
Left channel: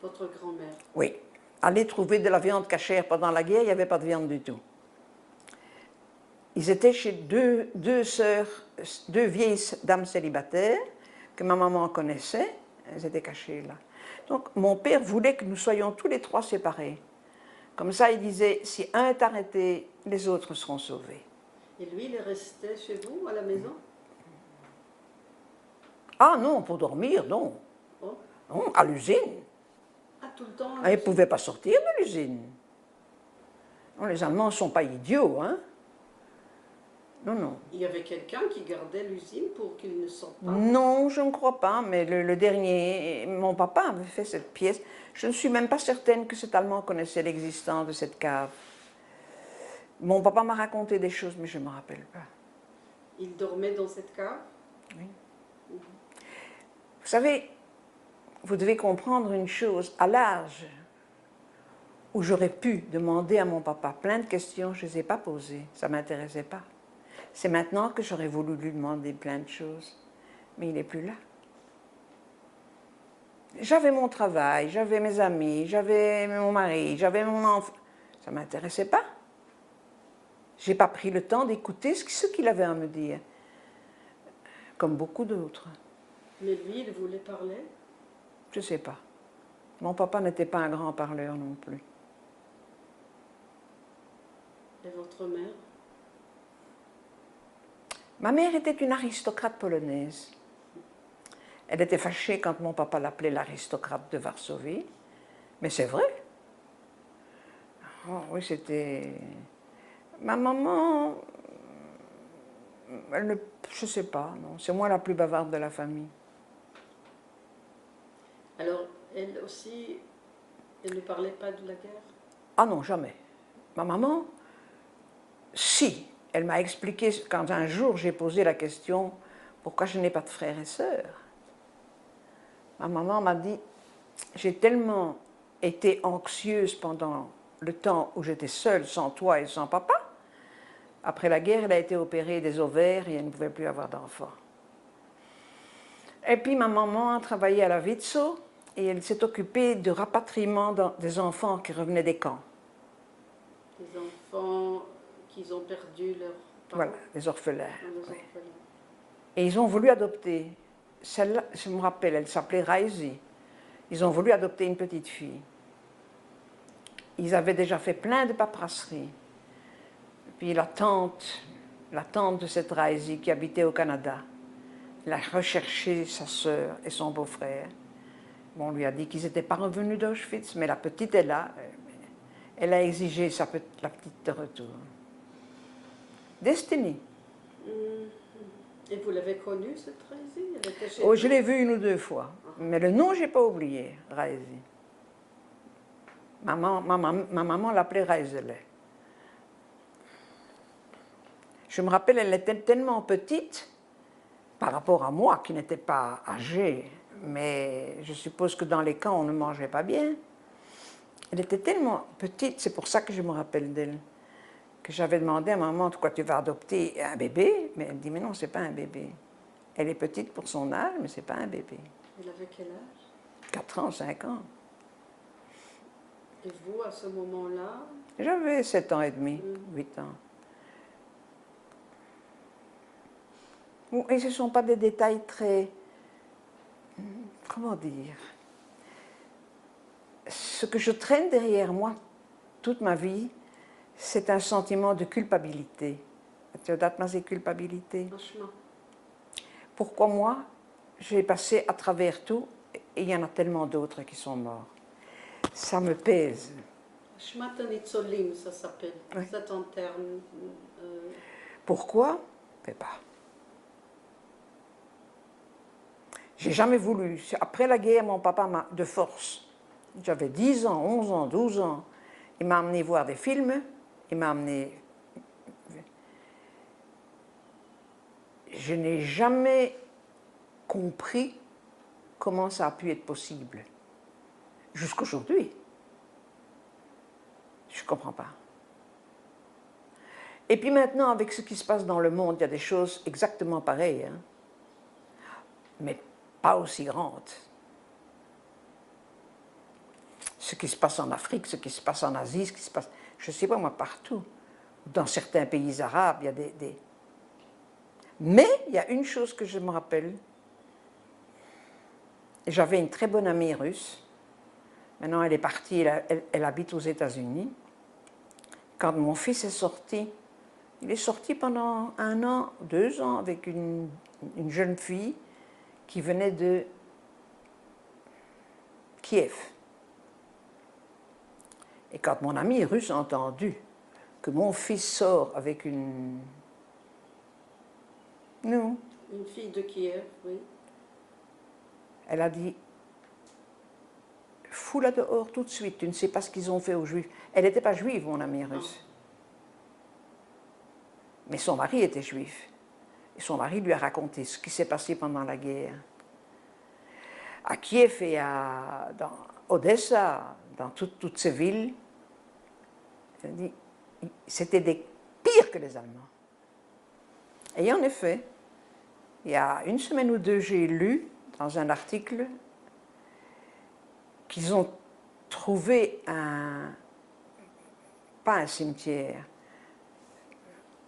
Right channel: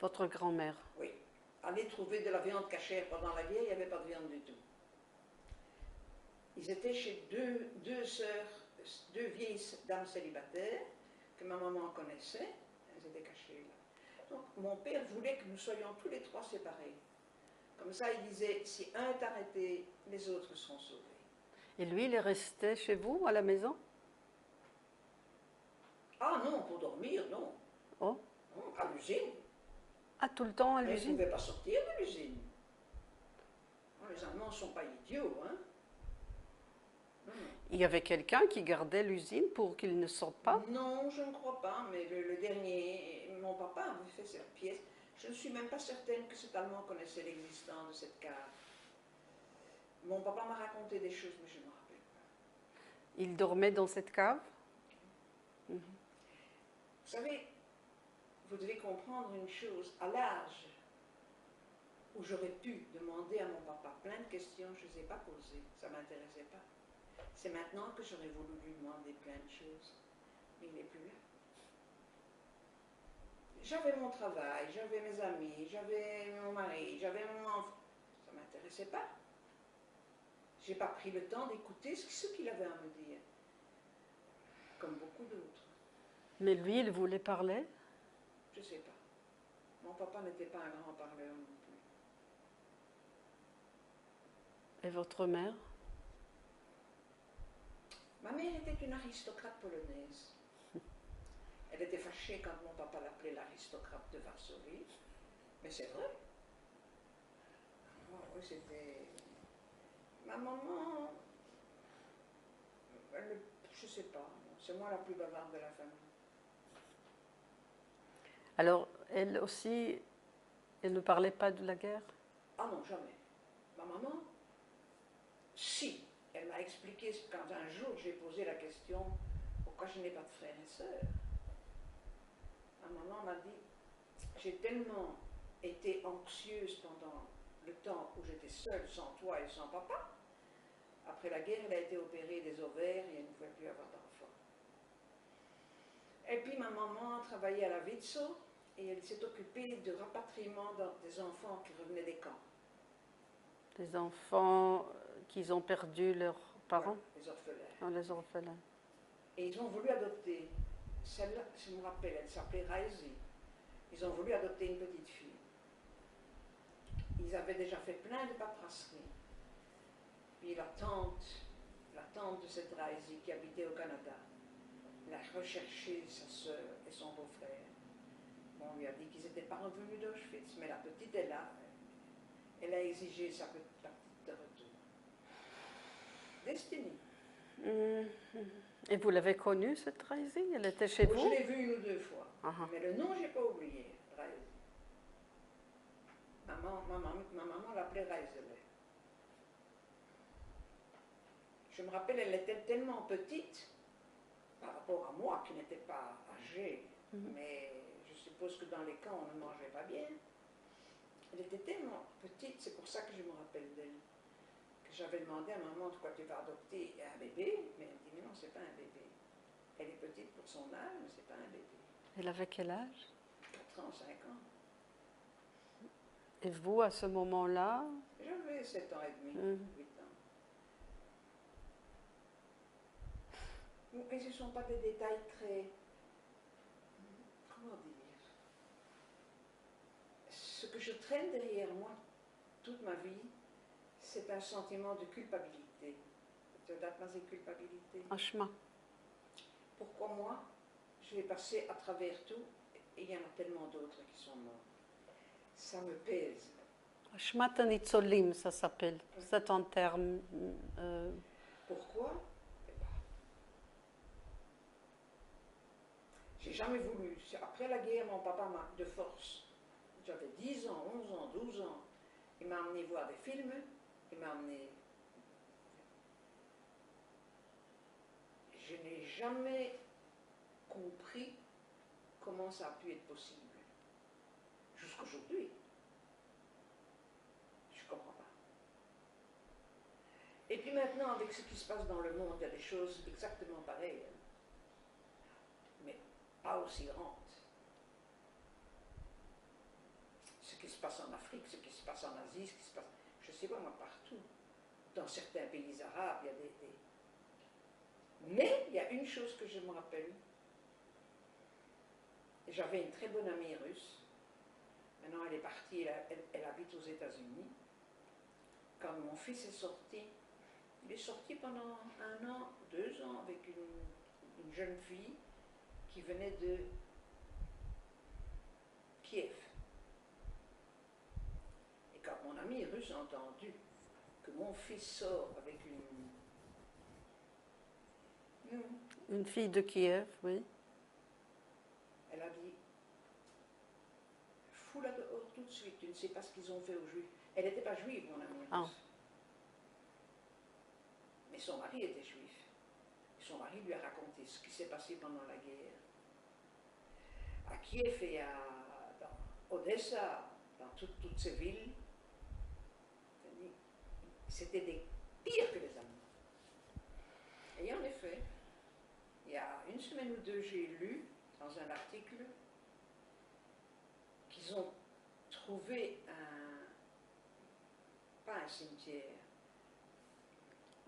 Votre grand-mère? Oui. Aller trouver de la viande cachère pendant la guerre, il n'y avait pas de viande du tout. Ils étaient chez deux sœurs, deux vieilles dames célibataires que ma maman connaissait. Elles étaient cachées là. Donc mon père voulait que nous soyons tous les trois séparés. Comme ça, il disait, si un est arrêté, les autres seront sauvés. Et lui, il est resté chez vous, à la maison? Ah non, pour dormir, non. Oh. Non, à l'usine. Ah, tout le temps à Il ne l'usine? pouvait pas sortir de l'usine. Les Allemands ne sont pas idiots, hein. Non, non. Il y avait quelqu'un qui gardait l'usine pour qu'il ne sorte pas? Non, je ne crois pas, mais le dernier, mon papa avait fait cette pièce. Je ne suis même pas certaine que cet Allemand connaissait l'existence de cette cave. Mon papa m'a raconté des choses, mais je ne me rappelle pas. Il dormait dans cette cave? Oui. Vous savez, vous devez comprendre une chose. À l'âge où j'aurais pu demander à mon papa plein de questions, je ne les ai pas posées. Ça ne m'intéressait pas. C'est maintenant que j'aurais voulu lui demander plein de choses. Mais il n'est plus là. J'avais mon travail, j'avais mes amis, j'avais mon mari, j'avais mon enfant. Ça ne m'intéressait pas. Je n'ai pas pris le temps d'écouter ce qu'il avait à me dire. Comme beaucoup d'autres. Mais lui, il voulait parler? Je ne sais pas. Mon papa n'était pas un grand parleur non plus. Et votre mère? Ma mère était une aristocrate polonaise. Elle était fâchée quand mon papa l'appelait l'aristocrate de Varsovie. Mais c'est vrai. Oh, oui, c'était... Ma maman... je ne sais pas, non. C'est moi la plus bavarde de la famille. Alors, elle aussi, elle ne parlait pas de la guerre? Ah non, jamais. Ma maman, si. Elle m'a expliqué, quand un jour j'ai posé la question, pourquoi je n'ai pas de frères et sœurs. Ma maman m'a dit, j'ai tellement été anxieuse pendant le temps où j'étais seule, sans toi et sans papa. Après la guerre, elle a été opérée des ovaires et elle ne pouvait plus avoir d'enfants. Et puis ma maman a travaillé à la Vitso et elle s'est occupée du rapatriement des enfants qui revenaient des camps. Des enfants qui ont perdu leurs parents. Voilà, les orphelins. Ah, les Oui. orphelins. Et ils ont voulu adopter. Celle-là, je me rappelle, elle s'appelait Raisi. Ils ont voulu adopter une petite fille. Ils avaient déjà fait plein de paperasseries. Puis la tante de cette Raisi qui habitait au Canada, elle a recherché sa sœur et son beau-frère. Bon, on lui a dit qu'ils n'étaient pas revenus d'Auschwitz, mais la petite est là. Elle a exigé la petite de retour. Destiny. Et vous l'avez connue, cette Raisi? Elle était chez Oh, vous? je l'ai vue une ou deux fois, mais le nom, je n'ai pas oublié, Raisi. Ma maman l'appelait Raisele. Je me rappelle, elle était tellement petite par rapport à moi, qui n'étais pas âgée, mais je suppose que dans les camps, on ne mangeait pas bien. Elle était tellement petite, c'est pour ça que je me rappelle d'elle, que j'avais demandé à maman, pourquoi tu vas adopter un bébé? Mais elle dit, mais non, ce n'est pas un bébé. Elle est petite pour son âge, mais ce n'est pas un bébé. Elle avait quel âge? 4 ans, 5 ans. Et vous, à ce moment-là? J'avais 7 ans et demi, 8 ans. Et ce ne sont pas des détails très... Comment dire? Ce que je traîne derrière moi toute ma vie, c'est un sentiment de culpabilité. Tu as dit culpabilité. Franchement. Pourquoi moi, j'ai passé à travers tout et il y en a tellement d'autres qui sont morts. Ça me pèse. Shmata Nitzolim, ça s'appelle. Oui. C'est en termes. Pourquoi? Je ne sais pas. J'ai jamais voulu. Après la guerre, mon papa m'a, de force, j'avais 10 ans, 11 ans, 12 ans, il m'a amené voir des films, il m'a amené... Je n'ai jamais compris comment ça a pu être possible. Jusqu'aujourd'hui. Je ne comprends pas. Et puis maintenant, avec ce qui se passe dans le monde, il y a des choses exactement pareilles, hein, mais pas aussi grandes. Ce qui se passe en Afrique, ce qui se passe en Asie, ce qui se passe, je ne sais pas moi, partout. Dans certains pays arabes, il y a des... Mais il y a une chose que je me rappelle. J'avais une très bonne amie russe. Maintenant, elle est partie, elle habite aux États-Unis. Quand mon fils est sorti, il est sorti pendant 1 an, 2 ans avec une jeune fille qui venait de Kiev. Et quand mon ami russe a entendu que mon fils sort avec une fille de Kiev, oui. Elle a dit, fous-la dehors tout de suite, tu ne sais pas ce qu'ils ont fait aux Juifs. Elle n'était pas juive, mon amie russe. Non. Mais son mari était juif. Et son mari lui a raconté ce qui s'est passé pendant la guerre. À Kiev et dans Odessa, dans toutes ces villes, elle dit, c'était des pires que les Allemands. Et en effet, il y a 1 semaine ou 2, j'ai lu dans un article qu'ils ont trouvé pas un cimetière.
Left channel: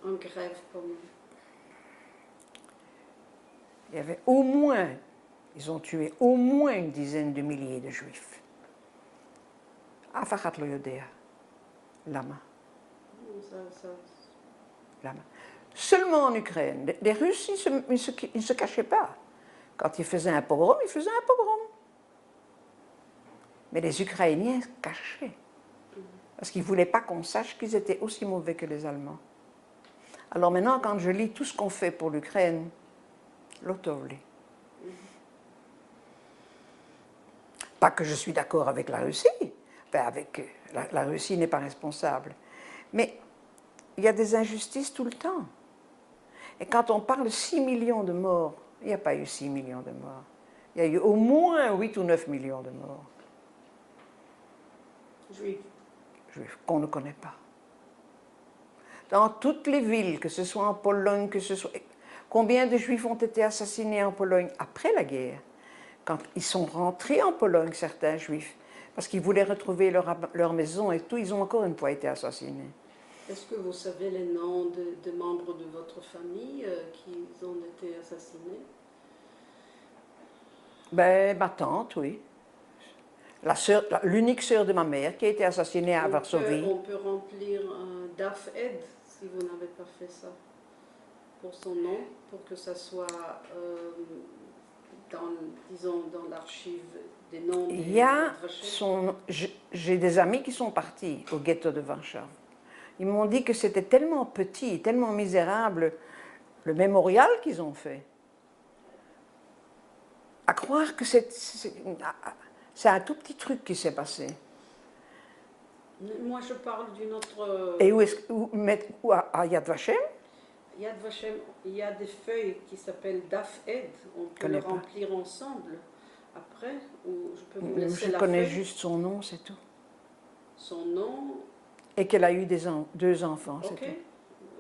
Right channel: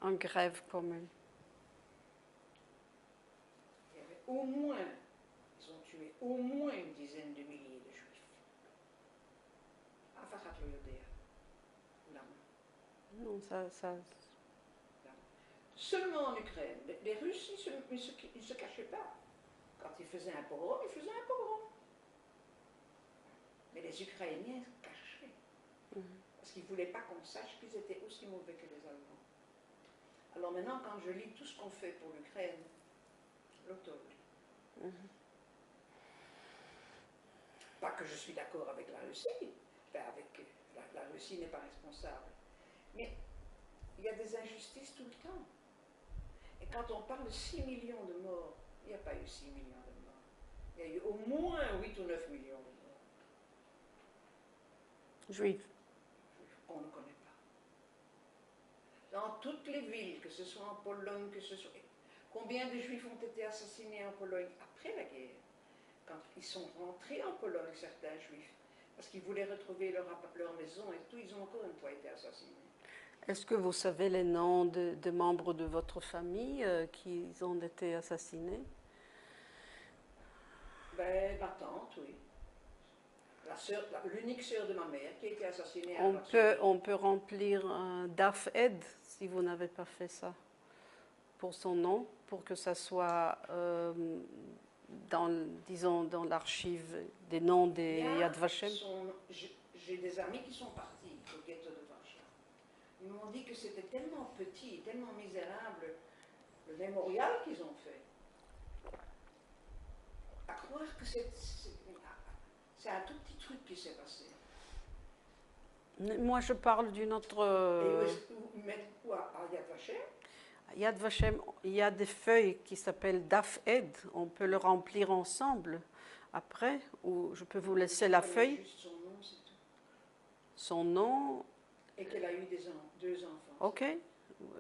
En grève commune. Il y avait au moins, ils ont tué au moins une dizaine de milliers de Juifs. Afachat lo yodea. Lama. Lama. Seulement en Ukraine. Les Russes, ils ne se cachaient pas. Quand ils faisaient un pogrom, ils faisaient un pogrom. Mais les Ukrainiens cachaient. Parce qu'ils ne voulaient pas qu'on sache qu'ils étaient aussi mauvais que les Allemands. Alors maintenant, quand je lis tout ce qu'on fait pour l'Ukraine, l'autovli. Pas que je suis d'accord avec la Russie. Enfin, la Russie n'est pas responsable. Mais il y a des injustices tout le temps. Et quand on parle 6 millions de morts Il n'y a pas eu 6 millions de morts. Il y a eu au moins 8 ou 9 millions de morts Juifs. juifs qu'on ne connaît pas. Dans toutes les villes, que ce soit en Pologne, que ce soit... Combien de juifs ont été assassinés en Pologne après la guerre? Quand ils sont rentrés en Pologne, certains juifs, parce qu'ils voulaient retrouver leur maison et tout, ils ont encore une fois été assassinés. Est-ce que vous savez les noms de membres de votre famille qui ont été assassinés? Ben, ma tante, oui. L'unique sœur de ma mère qui a été assassinée à Varsovie. On peut remplir un DAF Ed si vous n'avez pas fait ça pour son nom, pour que ça soit disons, dans l'archive des noms des Il y a Yad Vashem. J'ai des amis qui sont partis au ghetto de Warsaw. Ils m'ont dit que c'était tellement petit, tellement misérable, le mémorial qu'ils ont fait. À croire que c'est un tout petit truc qui s'est passé. Moi, je parle d'une autre... Et où à Yad Vashem? Yad Vashem, il y a des feuilles qui s'appellent DAF Ed. On peut le remplir ensemble après, ou je peux vous laisser la feuille. Je connais juste son nom, c'est tout. Son nom... Et qu'elle a eu deux enfants, ok. c'est tout.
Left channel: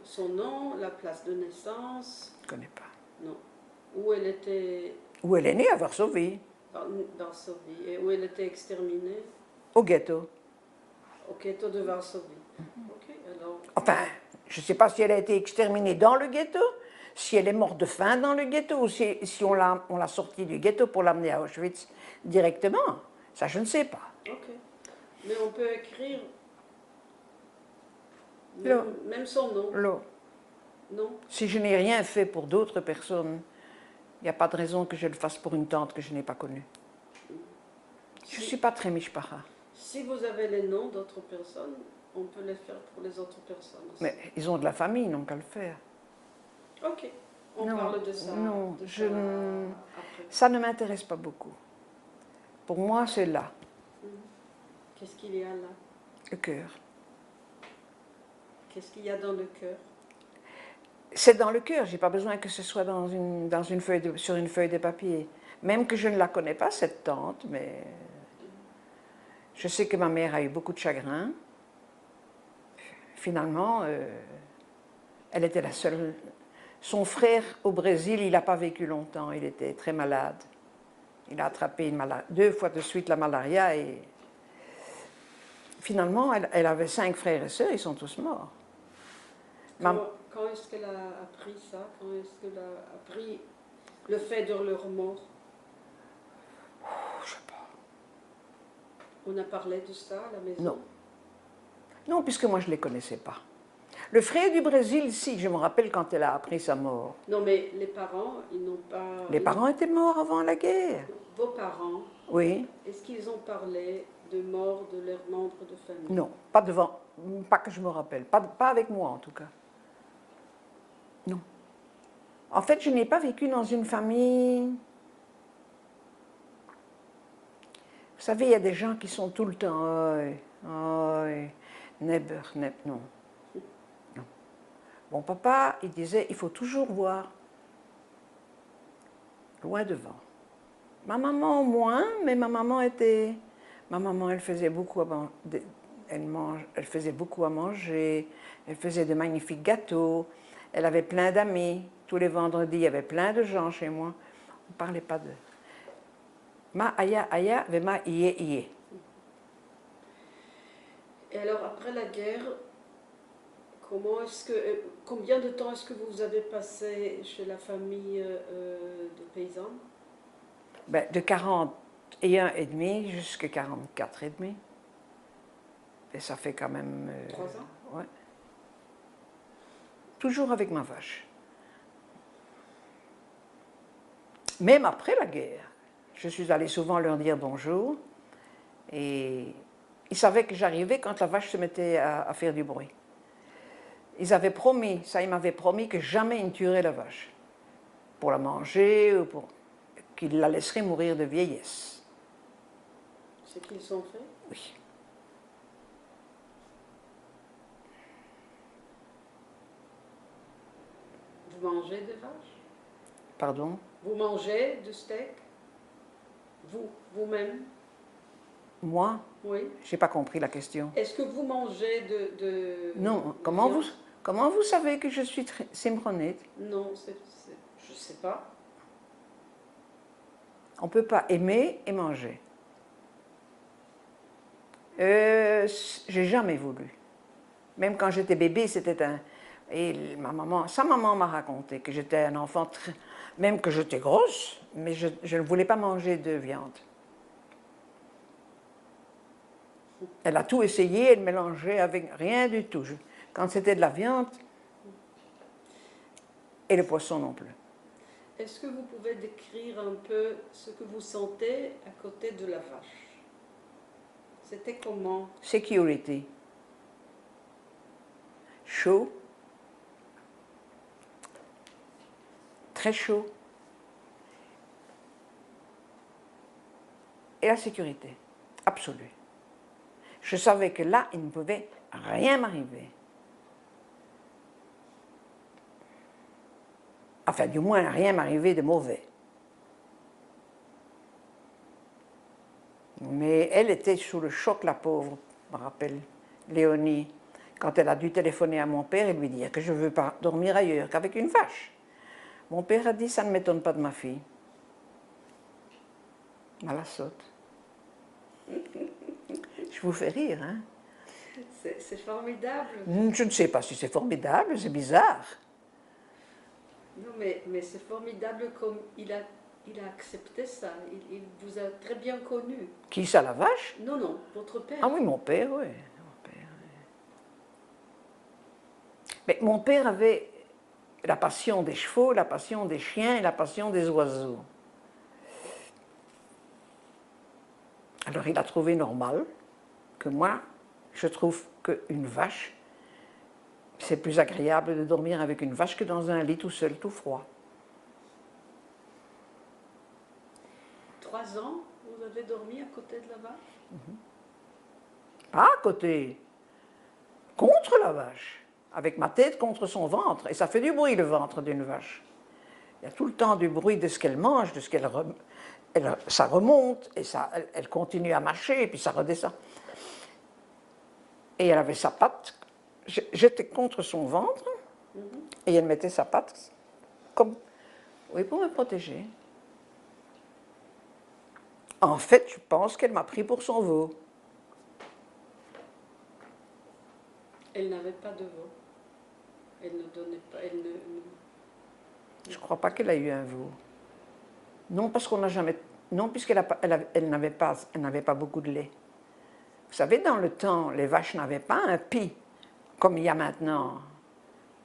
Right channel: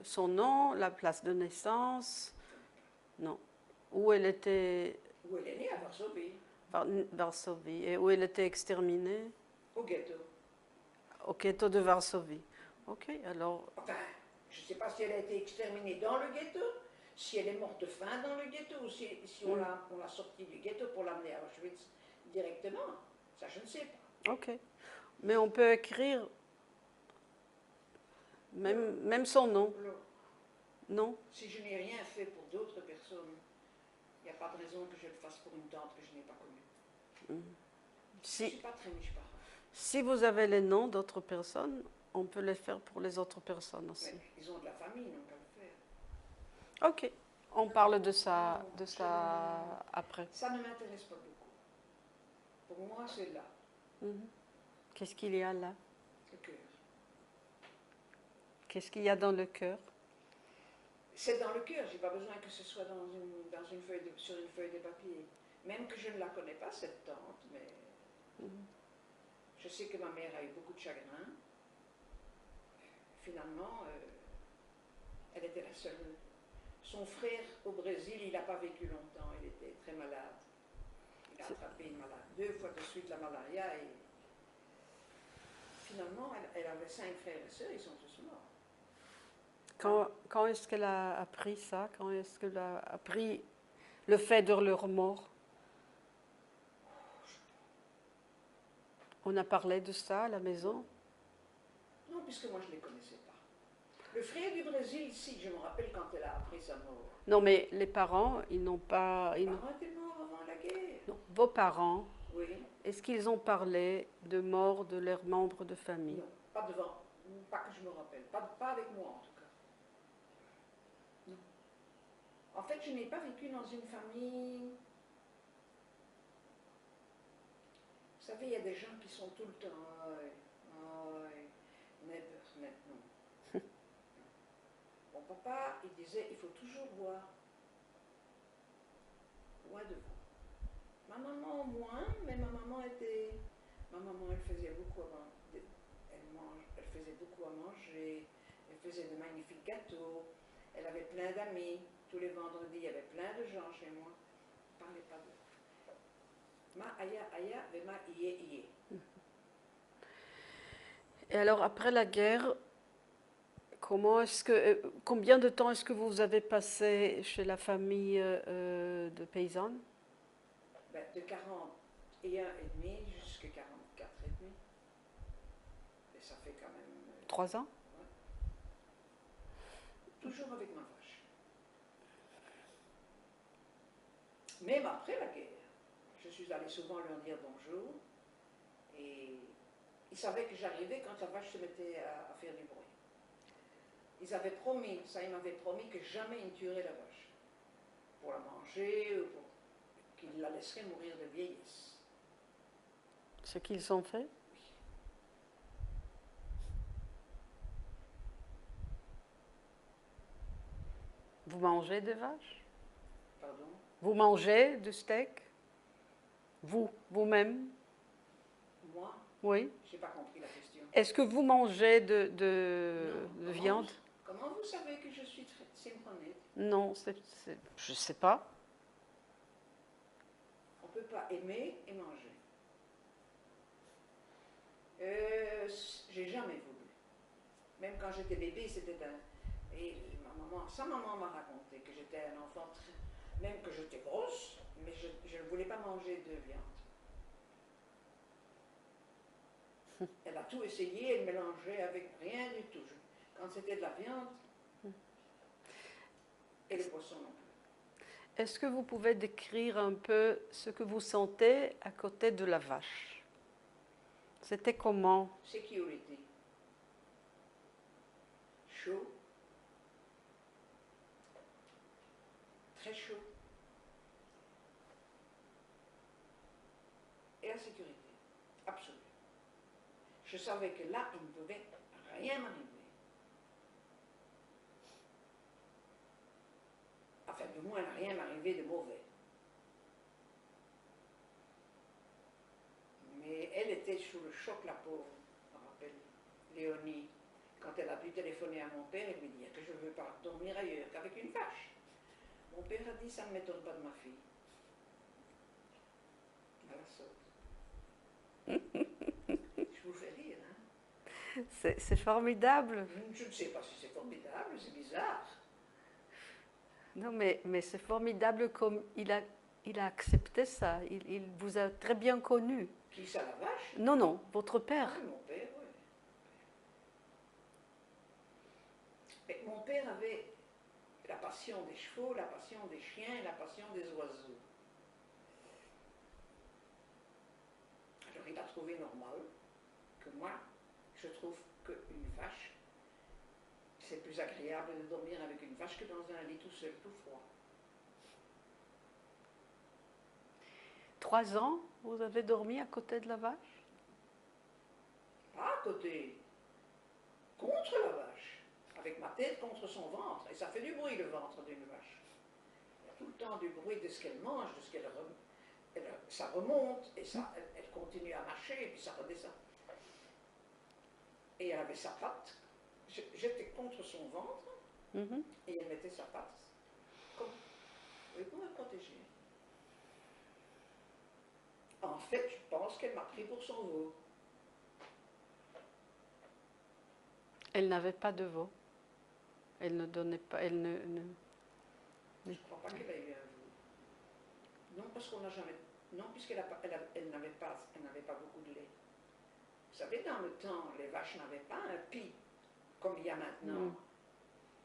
Son nom, la place de naissance... Je ne connais pas. Non. Où elle était... Où elle est née, à Varsovie. Varsovie. Et où elle était exterminée? Au ghetto. Au ghetto de Varsovie. Ok, alors... Enfin, je ne sais pas si elle a été exterminée dans le ghetto, si elle est morte de faim dans le ghetto, ou si on l'a sortie du ghetto pour l'amener à Auschwitz directement. Ça, je ne sais pas. Ok. Mais on peut écrire même son nom. Non. Si je n'ai rien fait pour d'autres personnes, il n'y a pas de raison que je le fasse pour une tante que je n'ai pas connue. Je ne suis pas très mishpacha. Si vous avez les noms d'autres personnes, on peut les faire pour les autres personnes aussi. Mais ils ont de la famille, ils n'ont qu'à le faire. Ok, on parle de ça, après. Ça ne m'intéresse pas beaucoup. Pour moi, c'est là. Qu'est-ce qu'il y a là? Le cœur. Qu'est-ce qu'il y a dans le cœur? C'est dans le cœur, je n'ai pas besoin que ce soit sur une feuille de papier. Même que je ne la connais pas, cette tante, mais je sais que ma mère a eu beaucoup de chagrin. Finalement, elle était la seule. Son frère au Brésil, il n'a pas vécu longtemps, il était très malade. Il a attrapé 2 fois de suite la malaria et finalement, elle avait 5 frères et sœurs, ils sont tous morts. Quand est-ce qu'elle a appris ça? Quand est-ce qu'elle a appris le fait de leur mort? Je sais pas. On a parlé de ça à la maison? Non. Non, puisque moi je ne les connaissais pas. Le frère du Brésil, si, je me rappelle quand elle a appris sa mort. Non, mais les parents, ils n'ont pas... Les parents étaient morts avant la guerre. Vos parents, oui. Est-ce qu'ils ont parlé de mort de leurs membres de famille? Non, pas que je me rappelle, pas avec moi en tout cas. Non. En fait, je n'ai pas vécu dans une famille... Vous savez, il y a des gens qui sont tout le temps... non. Non. Mon papa, il disait, il faut toujours voir loin devant. Ma maman moins, mais ma maman, elle faisait beaucoup elle faisait beaucoup à manger, elle faisait de magnifiques gâteaux, elle avait plein d'amis. Tous les vendredis, il y avait plein de gens chez moi. On ne parlait pas de... Ma aya, vema iye. Et alors, après la guerre, combien de temps est-ce que vous avez passé chez la famille de paysannes? De 41 et demi jusqu'à 44 et demi. Et ça fait quand même... 3 ans? Ouais. Toujours avec ma vache. Même après la guerre, je suis allée souvent leur dire bonjour. Et ils savaient que j'arrivais quand la vache se mettait à faire du bruit. Ils m'avaient promis que jamais ils ne tueraient la vache. Pour la manger ou qu'ils la laisseraient mourir de vieillesse. Ce qu'ils ont fait? Oui. Vous mangez des vaches? Pardon? Vous mangez du steak? Vous, vous-même? Moi, Oui. j'ai pas compris la question. Est-ce que vous mangez Non, de comment viande? comment vous savez que je suis simronite? Non, je ne sais pas. On ne peut pas aimer et manger. J'ai jamais voulu. Même quand j'étais bébé, c'était un... Et sa maman m'a raconté que j'étais un enfant, même que j'étais grosse, mais je ne voulais pas manger de viande. Elle a tout essayé, elle mélangeait avec rien du tout. Quand c'était de la viande, et le poisson non plus. Est-ce que vous pouvez décrire un peu ce que vous sentez à côté de la vache? C'était comment? Security. Chaud. Très chaud. Et la sécurité. Absolue. Je savais que là, il ne pouvait rien m'arriver. Enfin, du moins, rien m'arriver de mauvais. Mais elle était sous le choc, la pauvre, je me rappelle, Léonie, quand elle a dû téléphoner à mon père et lui dire que je ne veux pas dormir ailleurs qu'avec une vache. Mon père a dit, ça ne m'étonne pas de ma fille. À la saute. Je vous fais rire, hein? C'est formidable. Je ne sais pas si c'est formidable, c'est bizarre. Non, mais c'est formidable comme il a accepté ça. Il vous a très bien connu. Qui ça, la vache? Non, non, votre père. Ah oui, mon père, oui. Mais mon père avait la passion des chevaux, la passion des chiens et la passion des oiseaux. Alors il a trouvé normal que moi, je trouve qu'une vache, c'est plus agréable de dormir avec une vache que dans un lit tout seul, tout froid. 3 ans, vous avez dormi à côté de la vache? Pas à côté, contre la vache, avec ma tête contre son ventre. Et ça fait du bruit, le ventre d'une vache. Il y a tout le temps du bruit de ce qu'elle mange, de ce qu'elle... ça remonte, et ça, elle continue à marcher, et puis ça redescend. Et elle avait sa patte, j'étais contre son ventre, et elle mettait sa patte comme... Oui, pour me protéger. En fait, je pense qu'elle m'a pris pour son veau. Elle n'avait pas de veau. Elle ne donnait pas. Je ne crois pas qu'elle a eu un veau. Non, parce qu'on n'a jamais... Non, puisqu'elle n'avait pas beaucoup de lait. Vous savez, dans le temps, les vaches n'avaient pas un pis, comme il y a maintenant.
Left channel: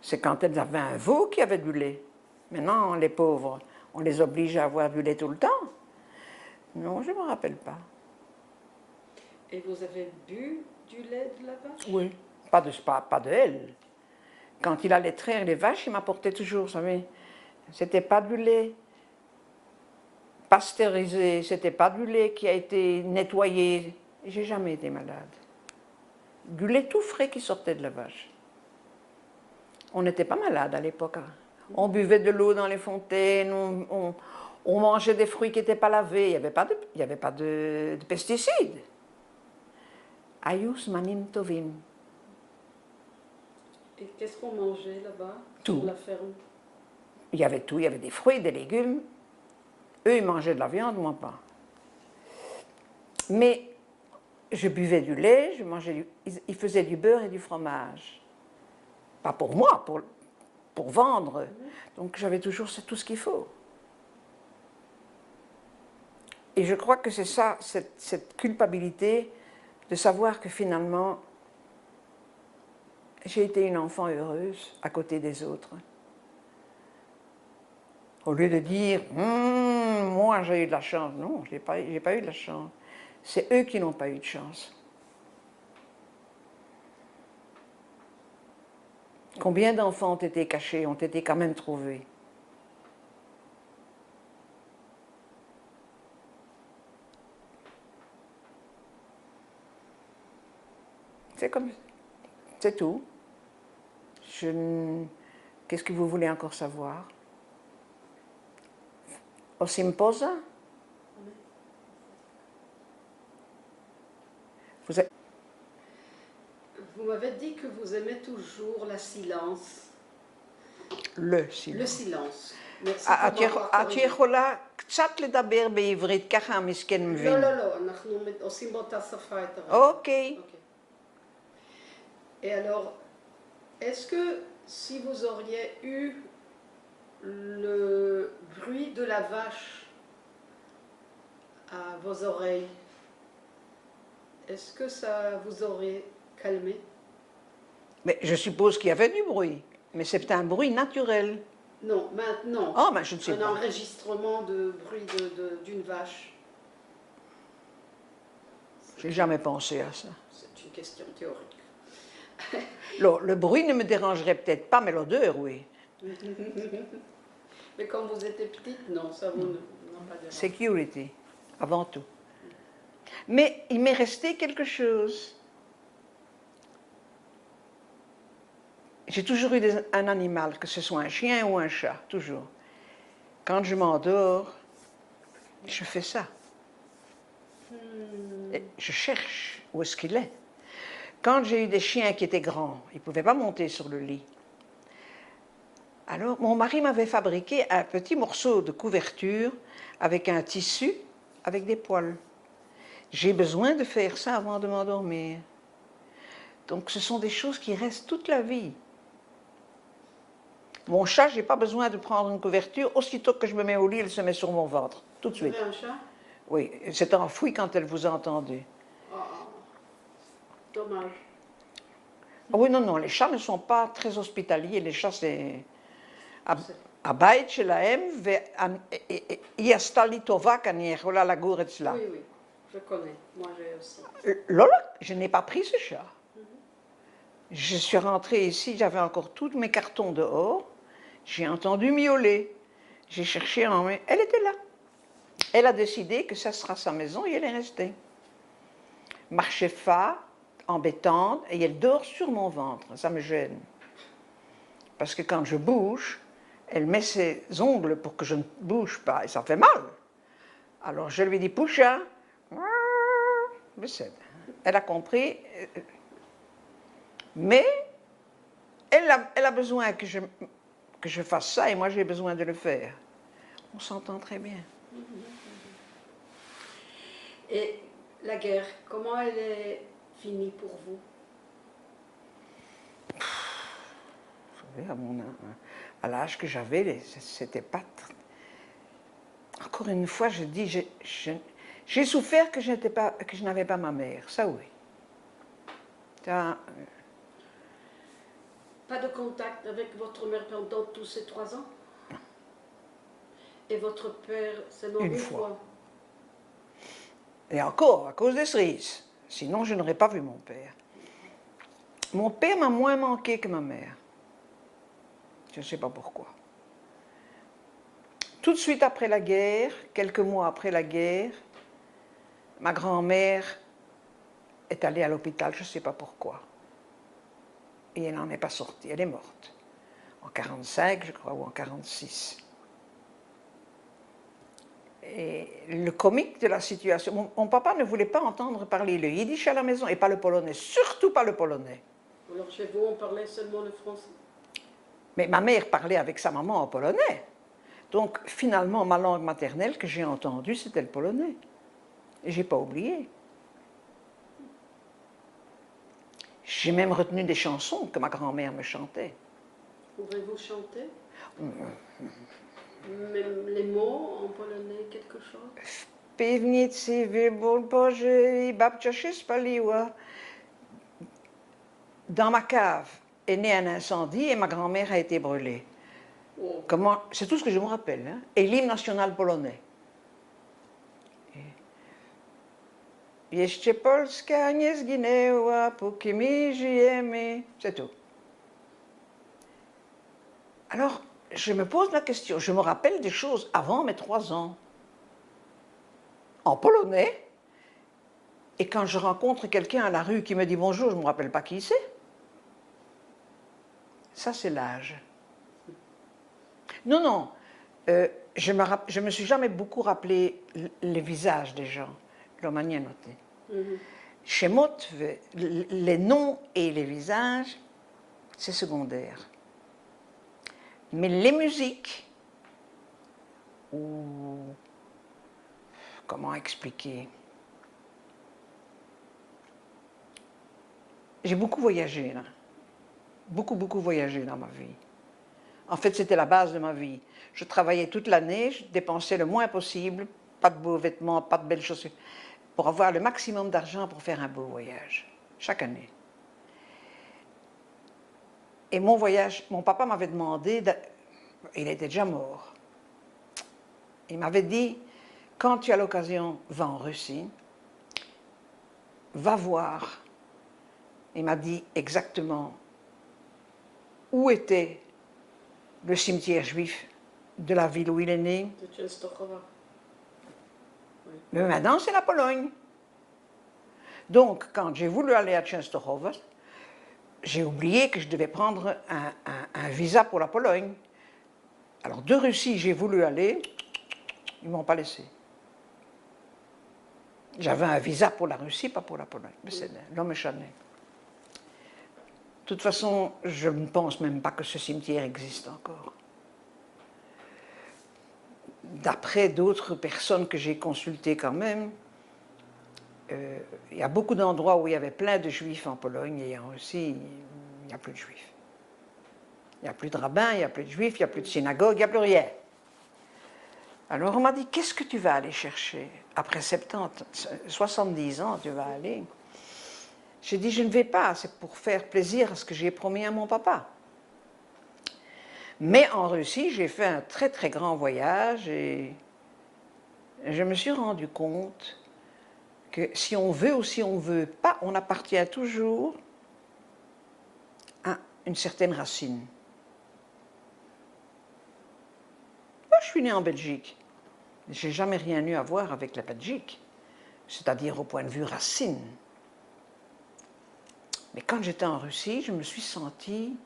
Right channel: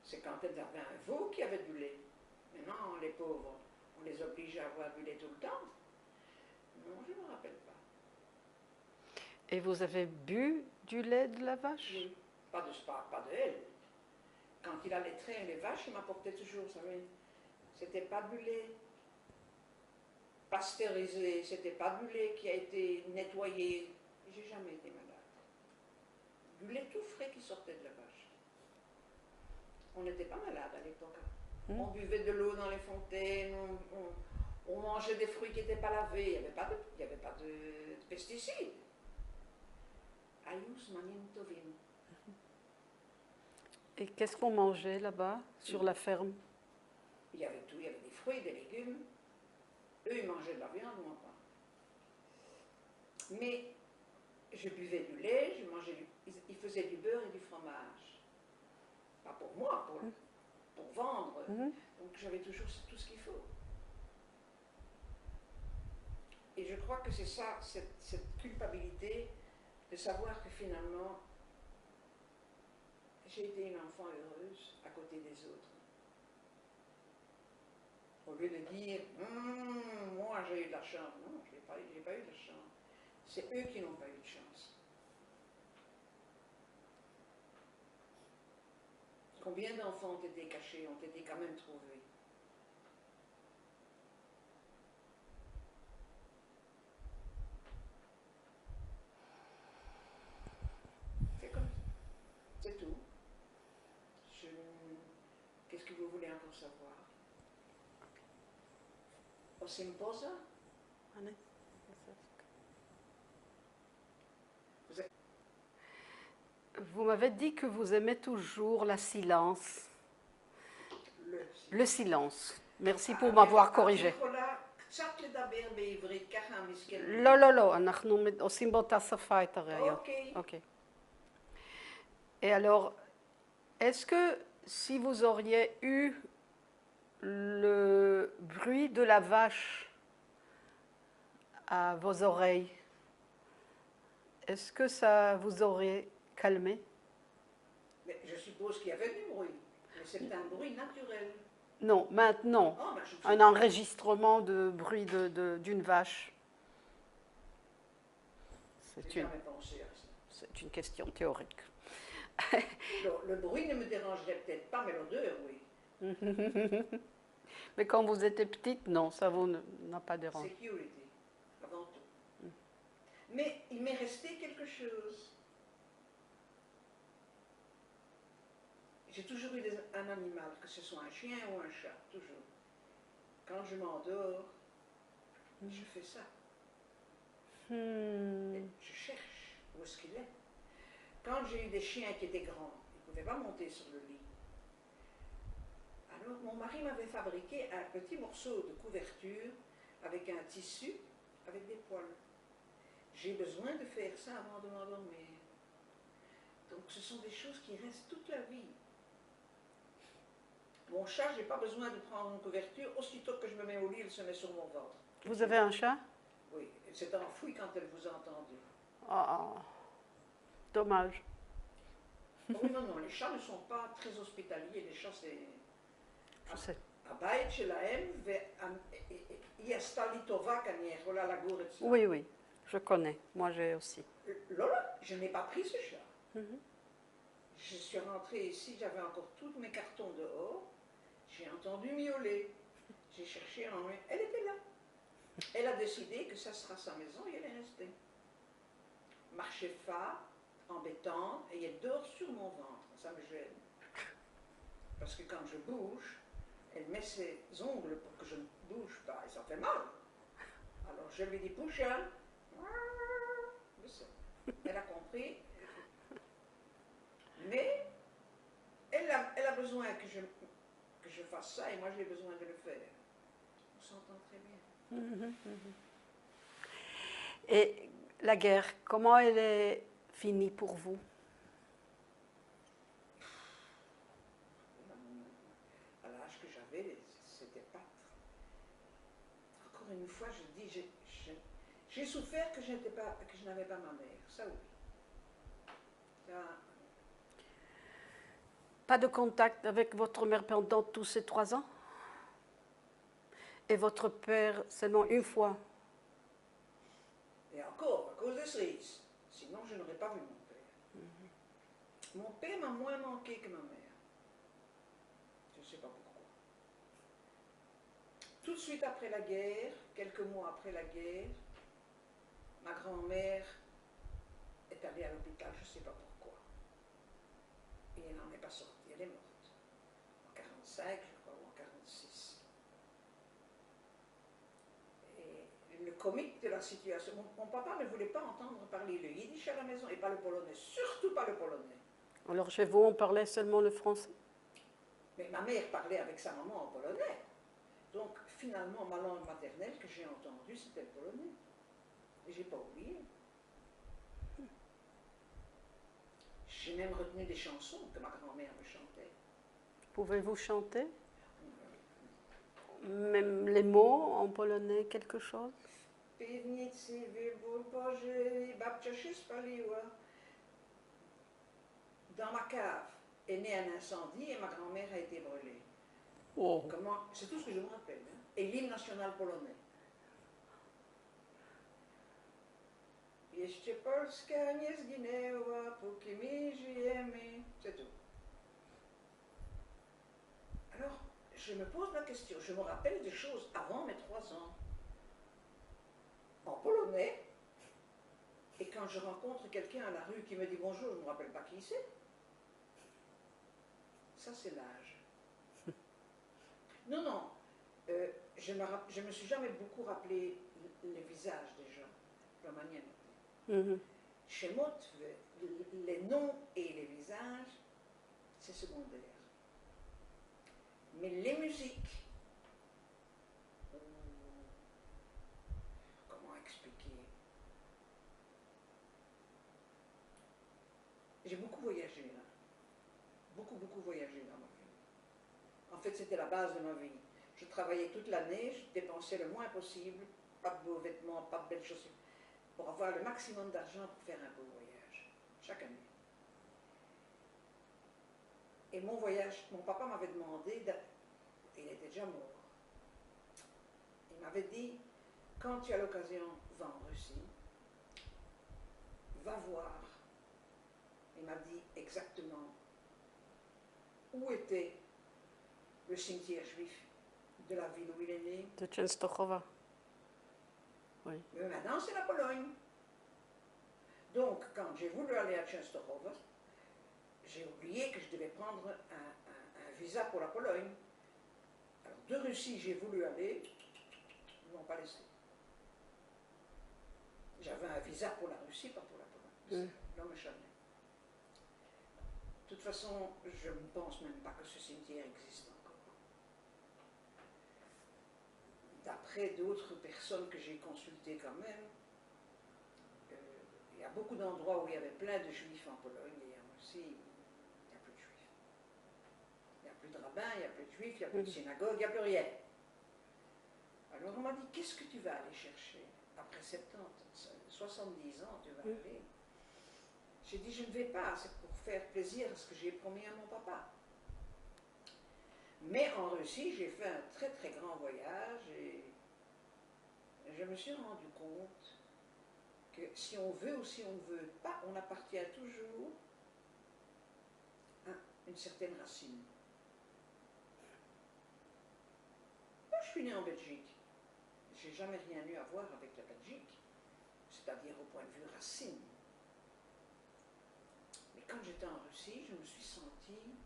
C'est quand elles avaient un veau qui avait du lait. Maintenant, les pauvres, on les oblige à avoir du lait tout le temps. Non, je ne me rappelle pas. Et vous avez bu du lait de la vache? Oui. Pas de elle. Quand il allait traire les vaches, il m'apportait toujours, vous savez, c'était pas du lait pasteurisé, c'était pas du lait qui a été nettoyé. J'ai jamais été malade. Du lait tout frais qui sortait de la vache. On n'était pas malade à l'époque. On buvait de l'eau dans les fontaines, on mangeait des fruits qui n'étaient pas lavés, il n'y avait pas de pesticides. Ayus manim tovim. Et qu'est-ce qu'on mangeait là-bas, Tout. sur la ferme? Il y avait tout, il y avait des fruits, des légumes. Eux, ils mangeaient de la viande, moi pas. Mais je buvais du lait, ils faisaient du beurre et du fromage. Pas pour moi, pour vendre. Donc j'avais toujours tout ce qu'il faut. Et je crois que c'est ça, cette culpabilité de savoir que finalement, j'ai été une enfant heureuse à côté des autres. Au lieu de dire, moi j'ai eu de la chance. Non, j'ai pas eu de la chance. C'est eux qui n'ont pas eu de chance. Combien d'enfants ont été cachés, ont été quand même trouvés? C'est comme... C'est tout. Qu'est-ce que vous voulez encore savoir? Osim posa? Vous êtes... Vous m'avez dit que vous aimez toujours la silence. Le silence. Le silence. Merci pour m'avoir corrigé. את יכולה קצת לדבר בעברית, ככה המסכן מבין. לא, לא, לא, אנחנו עושים באותה שפה את הרגע. אוקיי. Et alors, est-ce que si vous auriez eu le bruit de la vache à vos oreilles, est-ce que ça vous aurait calmé? Mais je suppose qu'il y avait du bruit, mais c'est un bruit naturel. Non, maintenant. Oh, ben je ne sais pas. Un enregistrement de bruit d'une vache. Je n'ai jamais pensé à ça. C'est une question théorique. Le bruit ne me dérangerait peut-être pas, mais l'odeur, oui. Mais quand vous étiez petite, non, ça vous n'a pas dérangé. Security, avant tout. Mais il m'est resté quelque chose. J'ai toujours eu un animal, que ce soit un chien ou un chat, toujours. Quand je m'endors, je fais ça. Et je cherche où est-ce qu'il est. Quand j'ai eu des chiens qui étaient grands, ils ne pouvaient pas monter sur le lit. Alors, mon mari m'avait fabriqué un petit morceau de couverture avec un tissu, avec des poils. J'ai besoin de faire ça avant de m'endormir. Donc, ce sont des choses qui restent toute la vie. Mon chat, je n'ai pas besoin de prendre une couverture. Aussitôt que je me mets au lit, elle se met sur mon ventre. Tout de suite. Vous avez un chat? Oui, elle s'est enfuie quand elle vous a entendu. Oh, dommage. Oui, non, non, les chats ne sont pas très hospitaliers. Les chats, c'est... הבית שלהם, והיא עשתה לי טובה, כי אני יכולה לגור אצלה. Oui, oui, je connais. Moi, j'ai aussi. Lola, je n'ai pas pris ce chat. Je suis rentrée ici, j'avais encore tous mes cartons dehors. J'ai entendu miauler. J'ai cherché en main. Elle était là. Elle a décidé que ça sera sa maison et elle est restée. Marchait pas, embêtante, et elle dort sur mon ventre. Ça me gêne. Parce que quand je bouge, elle met ses ongles pour que je ne bouge pas et ça fait mal. Alors je lui dis, Poucha, elle a compris. Mais elle a besoin que je fasse ça et moi j'ai besoin de le faire. On s'entend très bien. Et la guerre, comment elle est finie pour vous? Vous savez, à l'âge que j'avais, c'était pas... Encore une fois, je dis, j'ai souffert que je n'avais pas ma mère, ça oui. Ça, pas de contact avec votre mère pendant tous ces 3 ans? Et votre père seulement une fois? Et encore, à cause des cerises. Sinon, je n'aurais pas vu mon père. Mon père m'a moins manqué que ma mère. Je ne sais pas pourquoi. Tout de suite après la guerre, quelques mois après la guerre, ma grand-mère est allée à l'hôpital, je ne sais pas pourquoi. Et elle n'en est pas sortie, elle est morte. En 1945, je crois, ou en 1946. Et le comique de la situation, mon papa ne voulait pas entendre parler le yiddish à la maison et pas le polonais, surtout pas le polonais. Alors chez vous, on parlait seulement le français? Mais ma mère parlait avec sa maman en polonais. Donc finalement, ma langue maternelle que j'ai entendue, c'était le polonais. Et je n'ai pas oublié. J'ai même retenu des chansons que ma grand-mère me chantait. Pouvez-vous chanter? Même les mots en polonais, quelque chose? W piwnicy wybór Boży i babcia się spaliła. Dans ma cave est né un incendie et ma grand-mère a été brûlée. Oh. C'est tout ce que je me rappelle. Hein? Et l'hymne national polonais. Jeszcze Polska nie zginęła, póki my żyjemy. C'est tout. Alors, je me pose la question, je me rappelle des choses avant mes 3 ans, en polonais, et quand je rencontre quelqu'un à la rue qui me dit bonjour, je ne me rappelle pas qui c'est. Ça, c'est l'âge. Non, non, je me suis jamais beaucoup rappelé les visages des gens, leur manière de noter. Chez Motte, les noms et les visages, c'est secondaire. Mais les musiques, ou comment expliquer? J'ai beaucoup voyagé, là. Beaucoup voyagé dans ma vie. En fait, c'était la base de ma vie. Je travaillais toute l'année, je dépensais le moins possible, pas de beaux vêtements, pas de belles chaussures, pour avoir le maximum d'argent pour faire un beau voyage, chaque année. Et mon voyage, mon papa m'avait demandé, il était déjà mort, il m'avait dit, quand tu as l'occasion, va en Russie, va voir. Il m'a dit exactement où était le cimetière juif de la ville où il est né. De Częstochowa. Oui. Mais maintenant, c'est la Pologne. Donc, quand j'ai voulu aller à Częstochowa, j'ai oublié que je devais prendre un visa pour la Pologne. Alors, de Russie, j'ai voulu aller, ils ne m'ont pas laissé. J'avais un visa pour la Russie, pas pour la Pologne. Mais c'est l'homme échané. De toute façon, je ne pense même pas que ce cimetière existe encore. D'après d'autres personnes que j'ai consultées quand même, il y a beaucoup d'endroits où il y avait plein de juifs en Pologne et en Russie, il n'y a plus de juifs. Il n'y a plus de rabbins, il n'y a plus de juifs, il n'y a plus de synagogue, il n'y a plus rien. Alors on m'a dit, qu'est-ce que tu vas aller chercher? Après 70, 70 ans, tu vas aller. J'ai dit, je ne vais pas, c'est pour faire plaisir à ce que j'ai promis à mon papa. Mais en Russie, j'ai fait un très grand voyage et je me suis rendu compte que si on veut ou si on ne veut pas, on appartient toujours à une certaine racine. Moi, je suis née en Belgique. Je n'ai jamais rien eu à voir avec la Belgique, c'est-à-dire au point de vue racine. Mais quand j'étais en Russie, je me suis sentie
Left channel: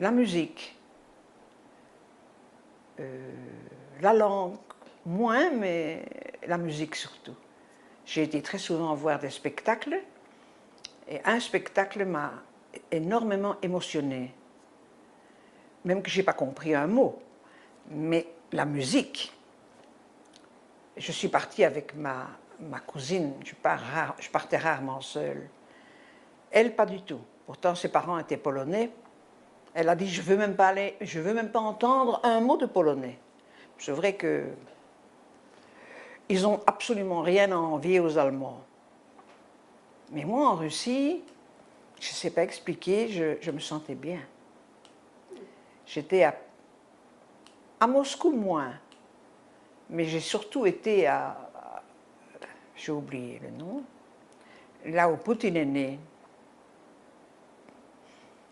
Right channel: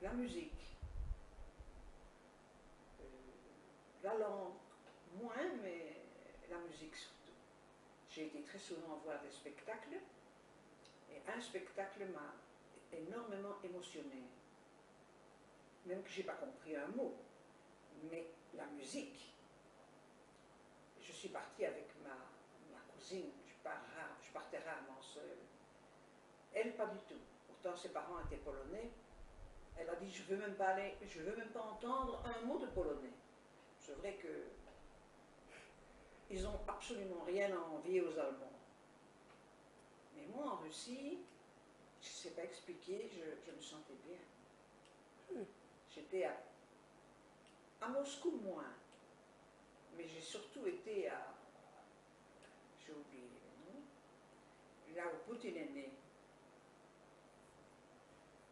la musique, la langue, moins, mais la musique surtout. J'ai été très souvent voir des spectacles, et un spectacle m'a énormément émotionnée. Même que je n'ai pas compris un mot, mais la musique. Je suis partie avec ma cousine, je partais rarement seule. Elle, pas du tout. Pourtant, ses parents étaient polonais. Elle a dit, je veux même pas entendre un mot de polonais. C'est vrai que ils n'ont absolument rien à envier aux Allemands. Mais moi, en Russie, je ne sais pas expliquer, je me sentais bien. J'étais à Moscou moins, mais j'ai surtout été j'ai oublié le nom, là où Poutine est né.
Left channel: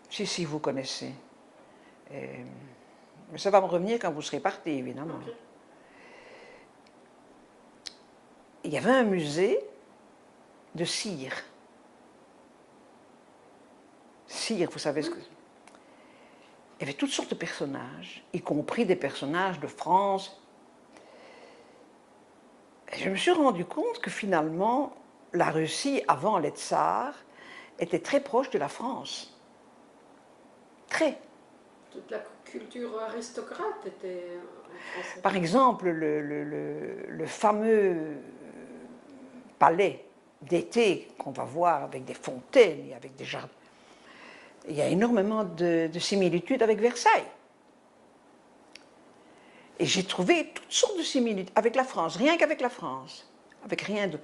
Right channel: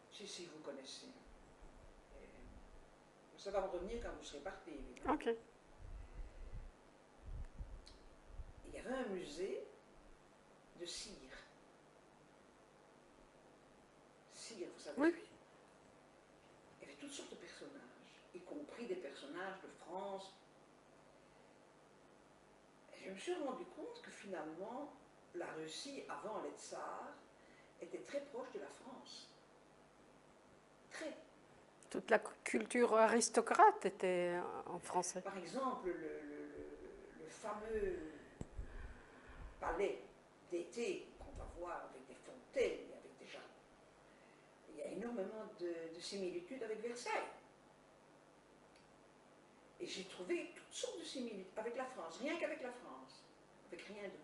Si vous connaissez. Mais ça va me revenir quand vous serez parti, évidemment. Okay. Il y avait un musée de cire. Cire, vous savez ce que c'est? Il y avait toutes sortes de personnages, y compris des personnages de France. Et je me suis rendu compte que finalement, la Russie, avant les tsars, était très proche de la France. Très. Toute la culture aristocrate était en France. Par exemple, le fameux palais d'été qu'on va voir avec des fontaines et avec des jardins, il y a énormément de similitudes avec Versailles. Et j'ai trouvé toutes sortes de similitudes avec la France, rien qu'avec la France, avec rien de...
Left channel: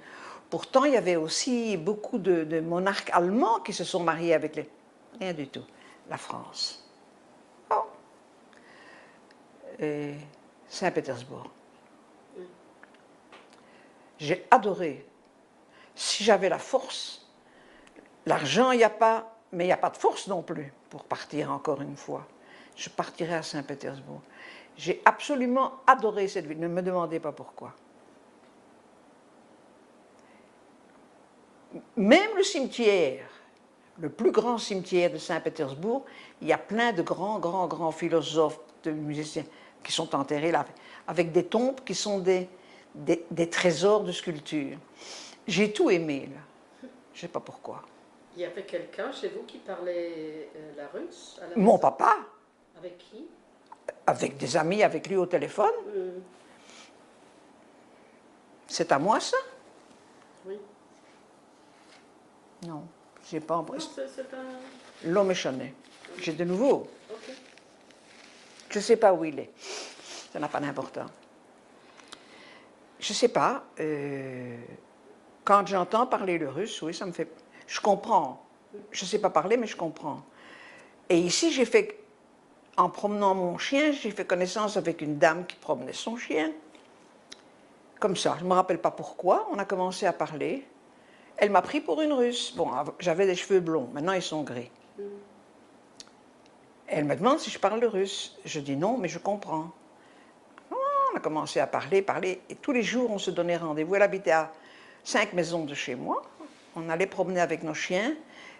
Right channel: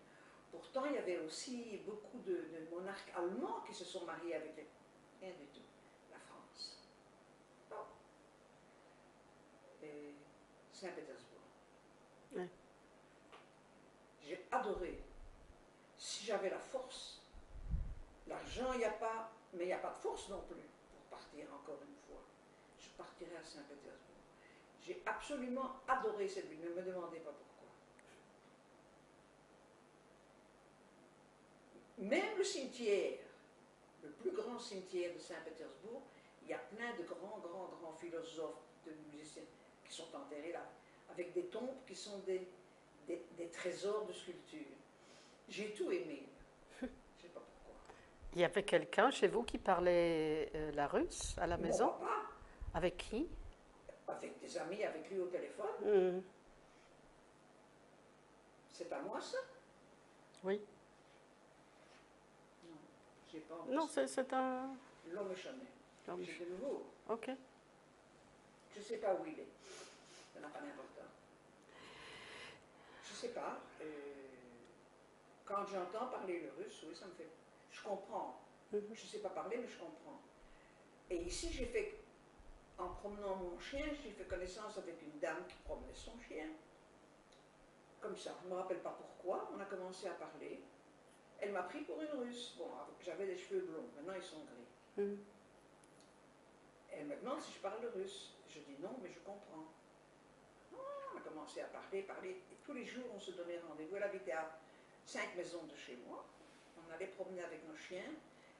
Pourtant, il y avait aussi beaucoup de monarques allemands qui se sont mariés avec les... Rien du tout. La France. Oh. Et Saint-Pétersbourg. Oui. J'ai adoré. Si j'avais la force, l'argent, il n'y a pas, mais il n'y a pas de force non plus pour partir encore une fois. Je partirai à Saint-Pétersbourg. J'ai absolument adoré cette ville, ne me demandez pas pourquoi. Même le cimetière, le plus grand cimetière de Saint-Pétersbourg, il y a plein de grands philosophes de musiciens qui sont enterrés là, avec des tombes qui sont des trésors de sculpture. J'ai tout aimé, là. Je ne sais pas pourquoi. Il y avait quelqu'un chez vous qui parlait la russe à la Mon maison? papa, Avec qui? avec des amis avec lui au téléphone, c'est à moi ça? Oui. Non, j'ai pas Non, embrassé. c'est un... L'homme est chané. J'ai de nouveau. Ok. Je ne sais pas où il est. Ça n'a pas d'importance. Je ne sais pas. Quand j'entends parler le russe, oui, ça me fait... Je comprends. Je ne sais pas parler, mais je comprends. Et ici, j'ai fait... En promenant mon chien, j'ai fait connaissance avec une dame qui promenait son chien. Comme ça, je ne me rappelle pas pourquoi. On a commencé à parler. Elle m'a pris pour une Russe. Bon, j'avais des cheveux blonds. Maintenant, ils sont gris. Elle me demande si je parle le russe. Je dis non, mais je comprends. On a commencé à parler, et tous les jours, on se donnait rendez-vous. Elle habitait à 5 maisons de chez moi. On allait promener avec nos chiens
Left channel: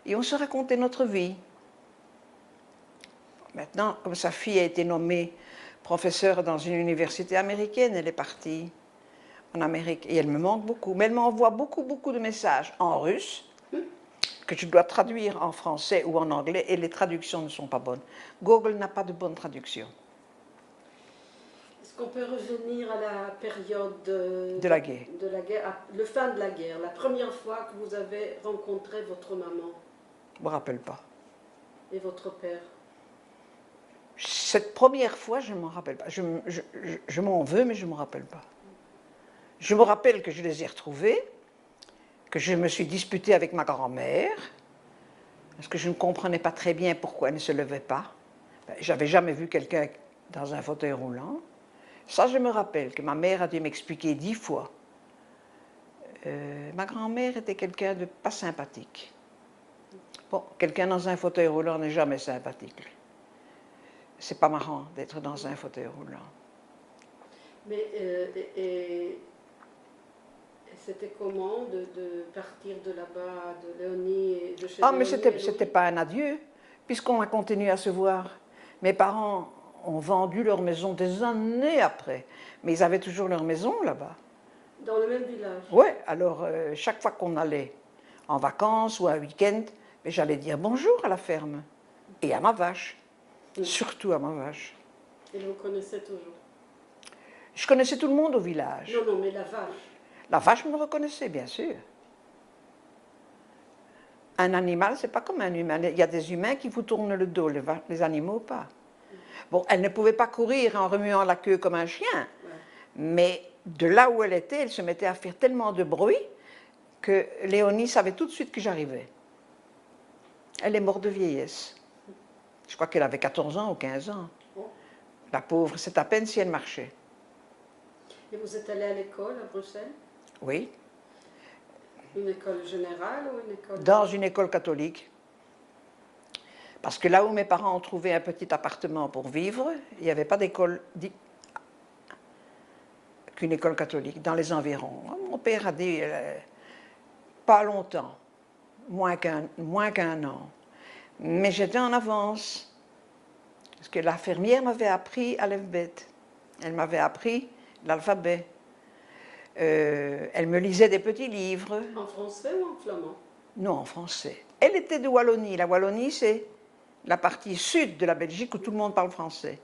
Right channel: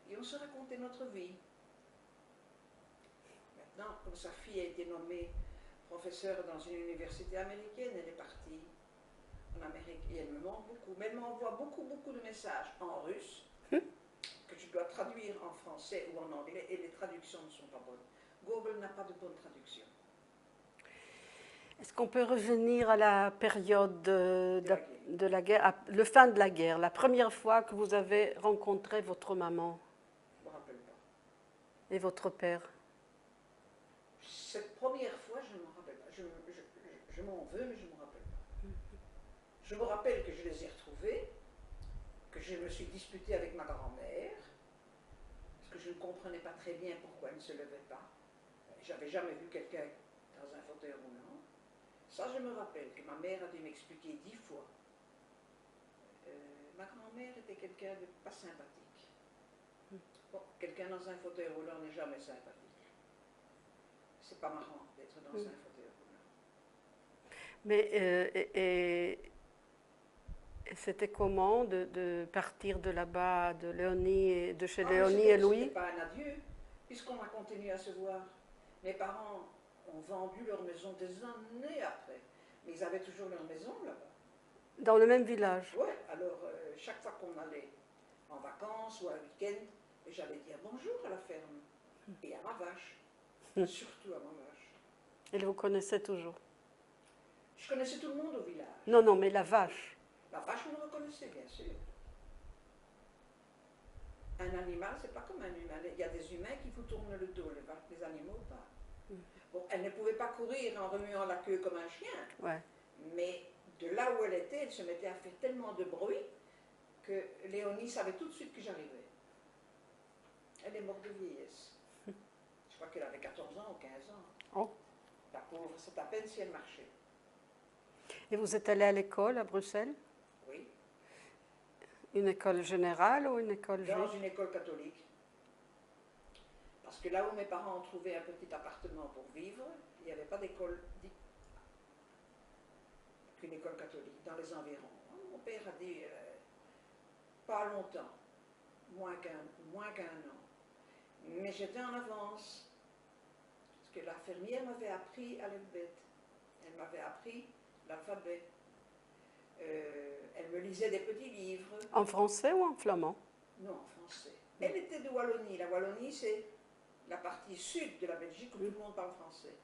et on se racontait notre vie. Maintenant, comme sa fille a été nommée professeure dans une université américaine, elle est partie en Amérique et elle me manque beaucoup. Mais elle m'envoie beaucoup de messages en russe que je dois traduire en français ou en anglais et les traductions ne sont pas bonnes. Google n'a pas de bonne traduction. Est-ce qu'on peut revenir à la période De la guerre. De la guerre, à le fin de la guerre, la première fois que vous avez rencontré votre maman Je ne me rappelle pas. et votre père? Cette première fois, je ne m'en rappelle pas. Je m'en veux, mais je ne me rappelle pas. Je me rappelle que je les ai retrouvés, que je me suis disputée avec ma grand-mère, parce que je ne comprenais pas très bien pourquoi elle ne se levait pas. J'avais jamais vu quelqu'un dans un fauteuil roulant. Ça, je me rappelle que ma mère a dû m'expliquer 10 fois. Ma grand-mère était quelqu'un de pas sympathique. Bon, quelqu'un dans un fauteuil roulant n'est jamais sympathique. C'est pas marrant d'être dans un fauteuil roulant. Mais c'était comment de partir de là-bas, de Léonie et de chez Ah, mais Léonie et Louis? c'était pas un adieu, puisqu'on a continué à se voir. Mes parents ont vendu leur maison des années après, mais ils avaient toujours leur maison là-bas. Dans le même village? Oui, alors chaque fois qu'on allait en vacances ou un week-end, j'allais dire bonjour à la ferme et à ma vache, surtout à ma vache. Et vous connaissez toujours? Je connaissais tout le monde au village. Non, non, mais la vache. La vache me reconnaissait, bien sûr. Un animal, c'est pas comme un humain. Il y a des humains qui vous tournent le dos, les animaux pas. Bon, elle ne pouvait pas courir en remuant la queue comme un chien, Ouais. mais de là où elle était, elle se mettait à faire tellement de bruit que Léonie savait tout de suite que j'arrivais. Elle est morte de vieillesse. Je crois qu'elle avait 14 ans ou 15 ans. Oh. La pauvre, c'est à peine si elle marchait. Et vous êtes allé à l'école à Bruxelles? Oui, Une école générale ou une école... dans une école catholique. Parce que là où mes parents ont trouvé un petit appartement pour vivre, il n'y avait pas d'école qu'une école catholique dans les environs. Mon père a dit pas longtemps, moins qu'un an. Mais j'étais en avance. Parce que la fermière m'avait appris Aleph-Bet. Elle m'avait appris l'alphabet. Elle me lisait des petits livres. En français ou en flamand? Non, en français. Elle était de Wallonie. La Wallonie, c'est la partie sud de la Belgique où tout le monde parle français.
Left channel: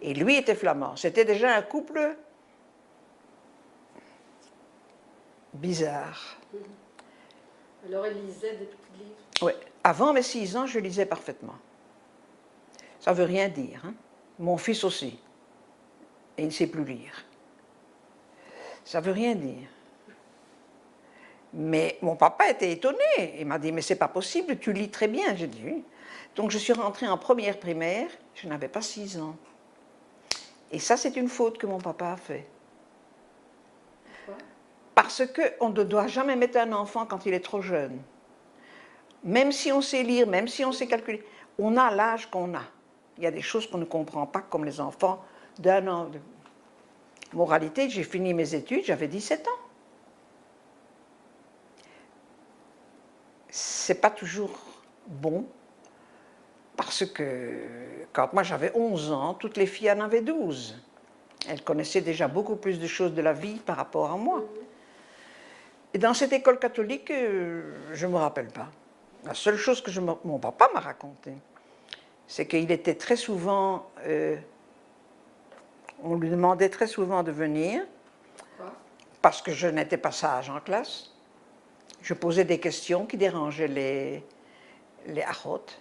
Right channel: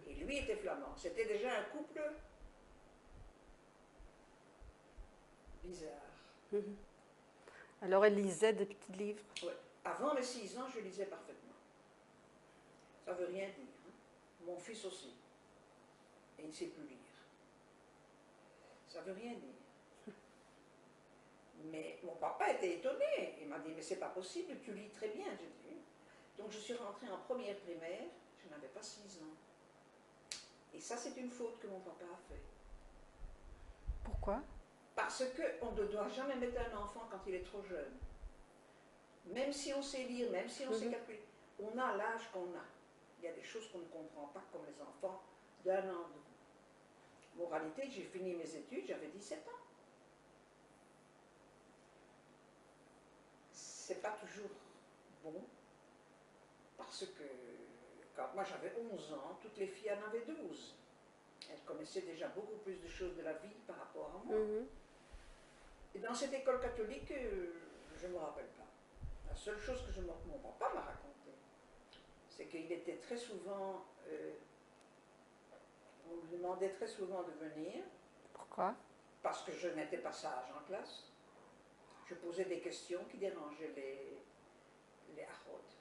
Et lui était flamand. C'était déjà un couple bizarre. Alors elle lisait des petits livres? Oui. Avant mes 6 ans, je lisais parfaitement. Ça ne veut rien dire. Hein? Mon fils aussi. Et il ne sait plus lire. Ça ne veut rien dire. Mais mon papa était étonné. Il m'a dit, mais c'est pas possible, tu lis très bien. J'ai dit, oui. Donc je suis rentrée en première primaire, je n'avais pas 6 ans. Et ça, c'est une faute que mon papa a fait. Pourquoi? Parce qu'on ne doit jamais mettre un enfant quand il est trop jeune. Même si on sait lire, même si on sait calculer, on a l'âge qu'on a. Il y a des choses qu'on ne comprend pas, comme les enfants d'1 an. Moralité, j'ai fini mes études, j'avais 17 ans. C'est pas toujours bon Parce que quand moi j'avais 11 ans, toutes les filles en avaient 12. Elles connaissaient déjà beaucoup plus de choses de la vie par rapport à moi. Et dans cette école catholique, je ne me rappelle pas. La seule chose que mon papa m'a raconté, c'est qu'il était très souvent... on lui demandait très souvent de venir. Pourquoi? Parce que je n'étais pas sage en classe. Je posais des questions qui dérangeaient les achotes.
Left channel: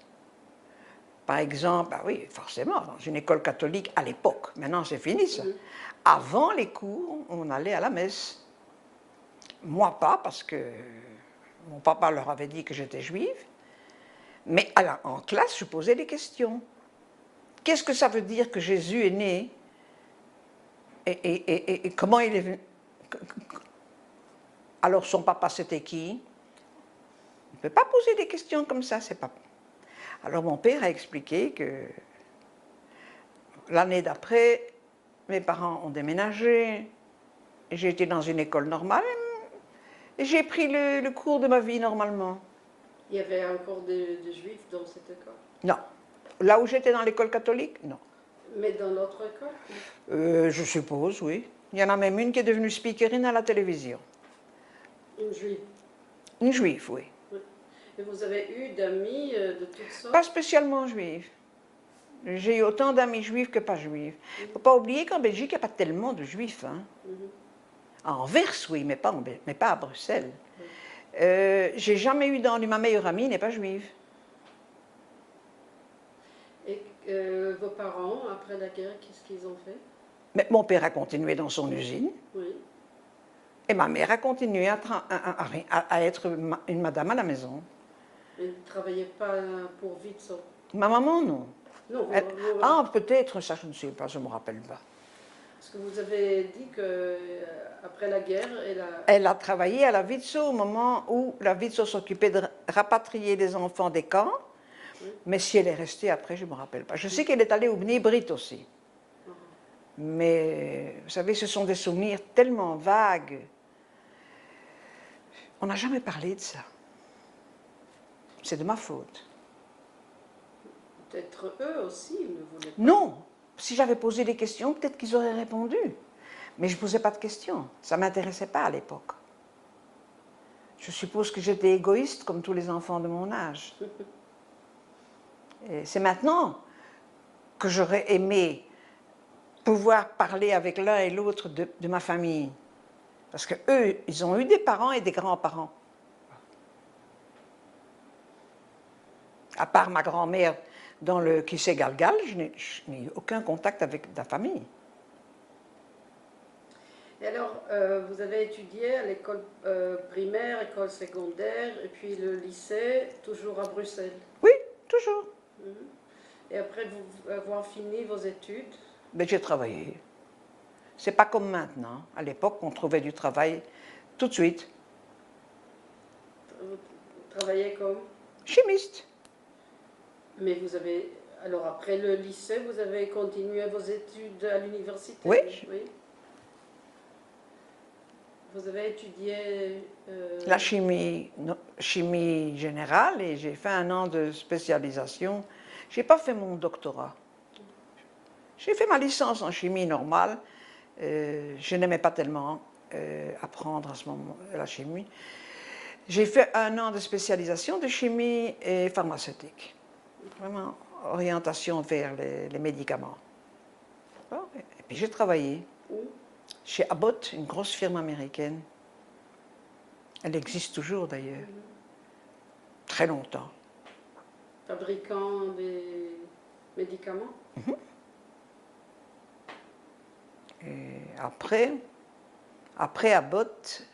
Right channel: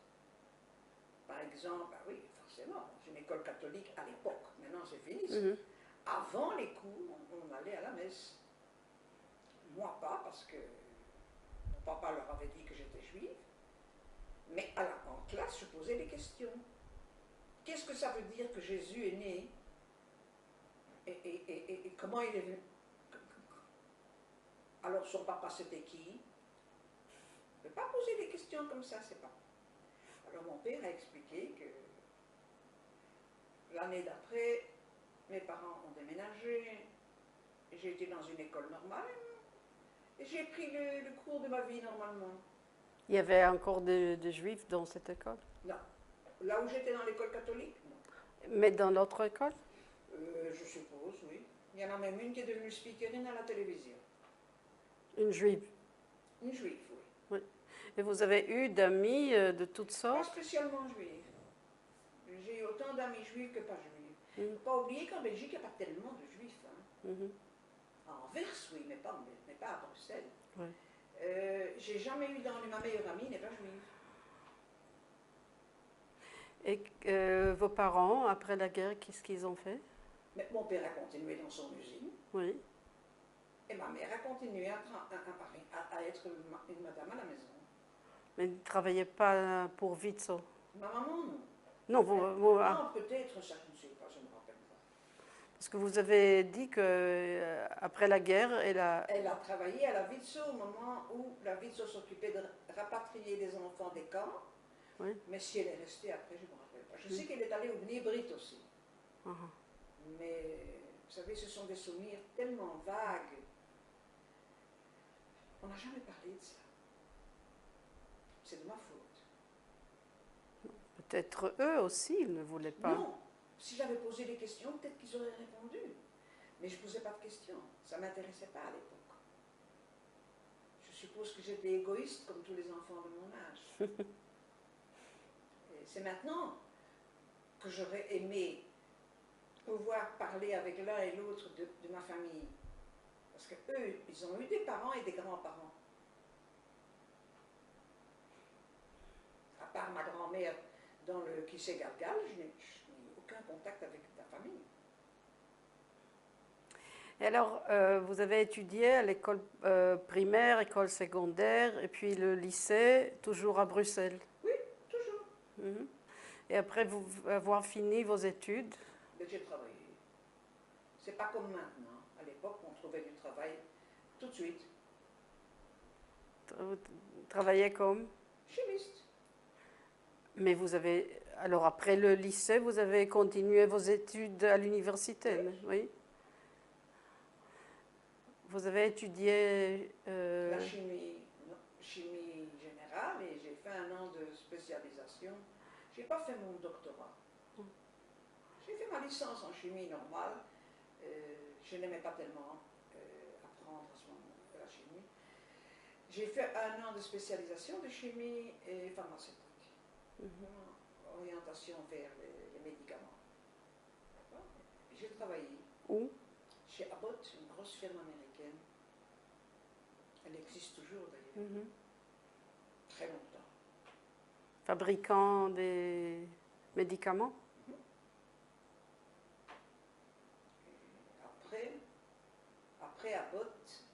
Par exemple, bah oui, forcément, dans une école catholique à l'époque, maintenant c'est fini ça. Avant les cours, on allait à la messe. Moi pas, parce que mon papa leur avait dit que j'étais juive. Mais en classe, je posais des questions. Qu'est-ce que ça veut dire que Jésus est né? Et comment il est venu? Alors son papa c'était qui? On ne peut pas poser des questions comme ça, c'est pas... Alors mon père a expliqué que l'année d'après, mes parents ont déménagé, j'ai été dans une école normale et j'ai pris le cours de ma vie normalement. Il y avait encore des juifs dans cette école? Non. Là où j'étais dans l'école catholique, non. Mais dans l'autre école? Je suppose, oui. Il y en a même une qui est devenue speakerine à la télévision. Une juive? Une juive, oui. Oui. Et vous avez eu d'amis de toutes sortes? Pas spécialement juive. J'ai eu autant d'amis juifs que pas juifs. Il ne faut pas oublier qu'en Belgique, il n'y a pas tellement de juifs. Hein. À Anvers, oui, mais pas à Bruxelles. J'ai jamais eu ma meilleure amie n'est pas juive. Et vos parents, après la guerre, qu'est-ce qu'ils ont fait? Mais mon père a continué dans son usine. Oui. Et ma mère a continué à être une madame à la maison. Mais ils ne travaillaient pas pour Vitso? Ma maman, non. Non, Peut-être, ça je ne sais pas, je ne me rappelle pas. Parce que vous avez dit que après la guerre, elle a travaillé à la Vitso au moment où la Vitso s'occupait de rapatrier les enfants des camps. Oui. Mais si elle est restée après, je ne me rappelle pas. Je sais qu'elle est allée au Bnei Brit aussi. Mais vous savez, ce sont des souvenirs tellement vagues. On n'a jamais parlé de ça. C'est de ma faute. Peut-être eux aussi ne voulaient pas. Non. Si j'avais posé des questions, peut-être qu'ils auraient répondu. Mais je ne posais pas de questions. Ça ne m'intéressait pas à l'époque. Je suppose que j'étais égoïste comme tous les enfants de mon âge. C'est maintenant que j'aurais aimé pouvoir parler avec l'un et l'autre de ma famille. Parce qu'eux, ils ont eu des parents et des grands-parents. À part ma grand-mère dans le Kissé Galgal, je n'ai eu aucun contact avec la famille. Et alors, vous avez étudié à l'école primaire, école secondaire, et puis le lycée, toujours à Bruxelles? Oui, toujours. Et après avoir fini vos études? Ben, j'ai travaillé. C'est pas comme maintenant. À l'époque, on trouvait du travail tout de suite. Travailler comme? Chimiste. Mais vous avez... Alors après le lycée, vous avez continué vos études à l'université? Oui. Oui. Vous avez étudié... La chimie générale et j'ai fait 1 an de spécialisation. Je n'ai pas fait mon doctorat. J'ai fait ma licence en chimie normale. Je n'aimais pas tellement apprendre à ce moment la chimie. J'ai fait 1 an de spécialisation de chimie et pharmaceutique. Vraiment orientation vers les médicaments. Et puis j'ai travaillé chez Abbott, une grosse firme américaine. Elle existe toujours d'ailleurs. Très longtemps. Fabricant des médicaments? Et après Abbott,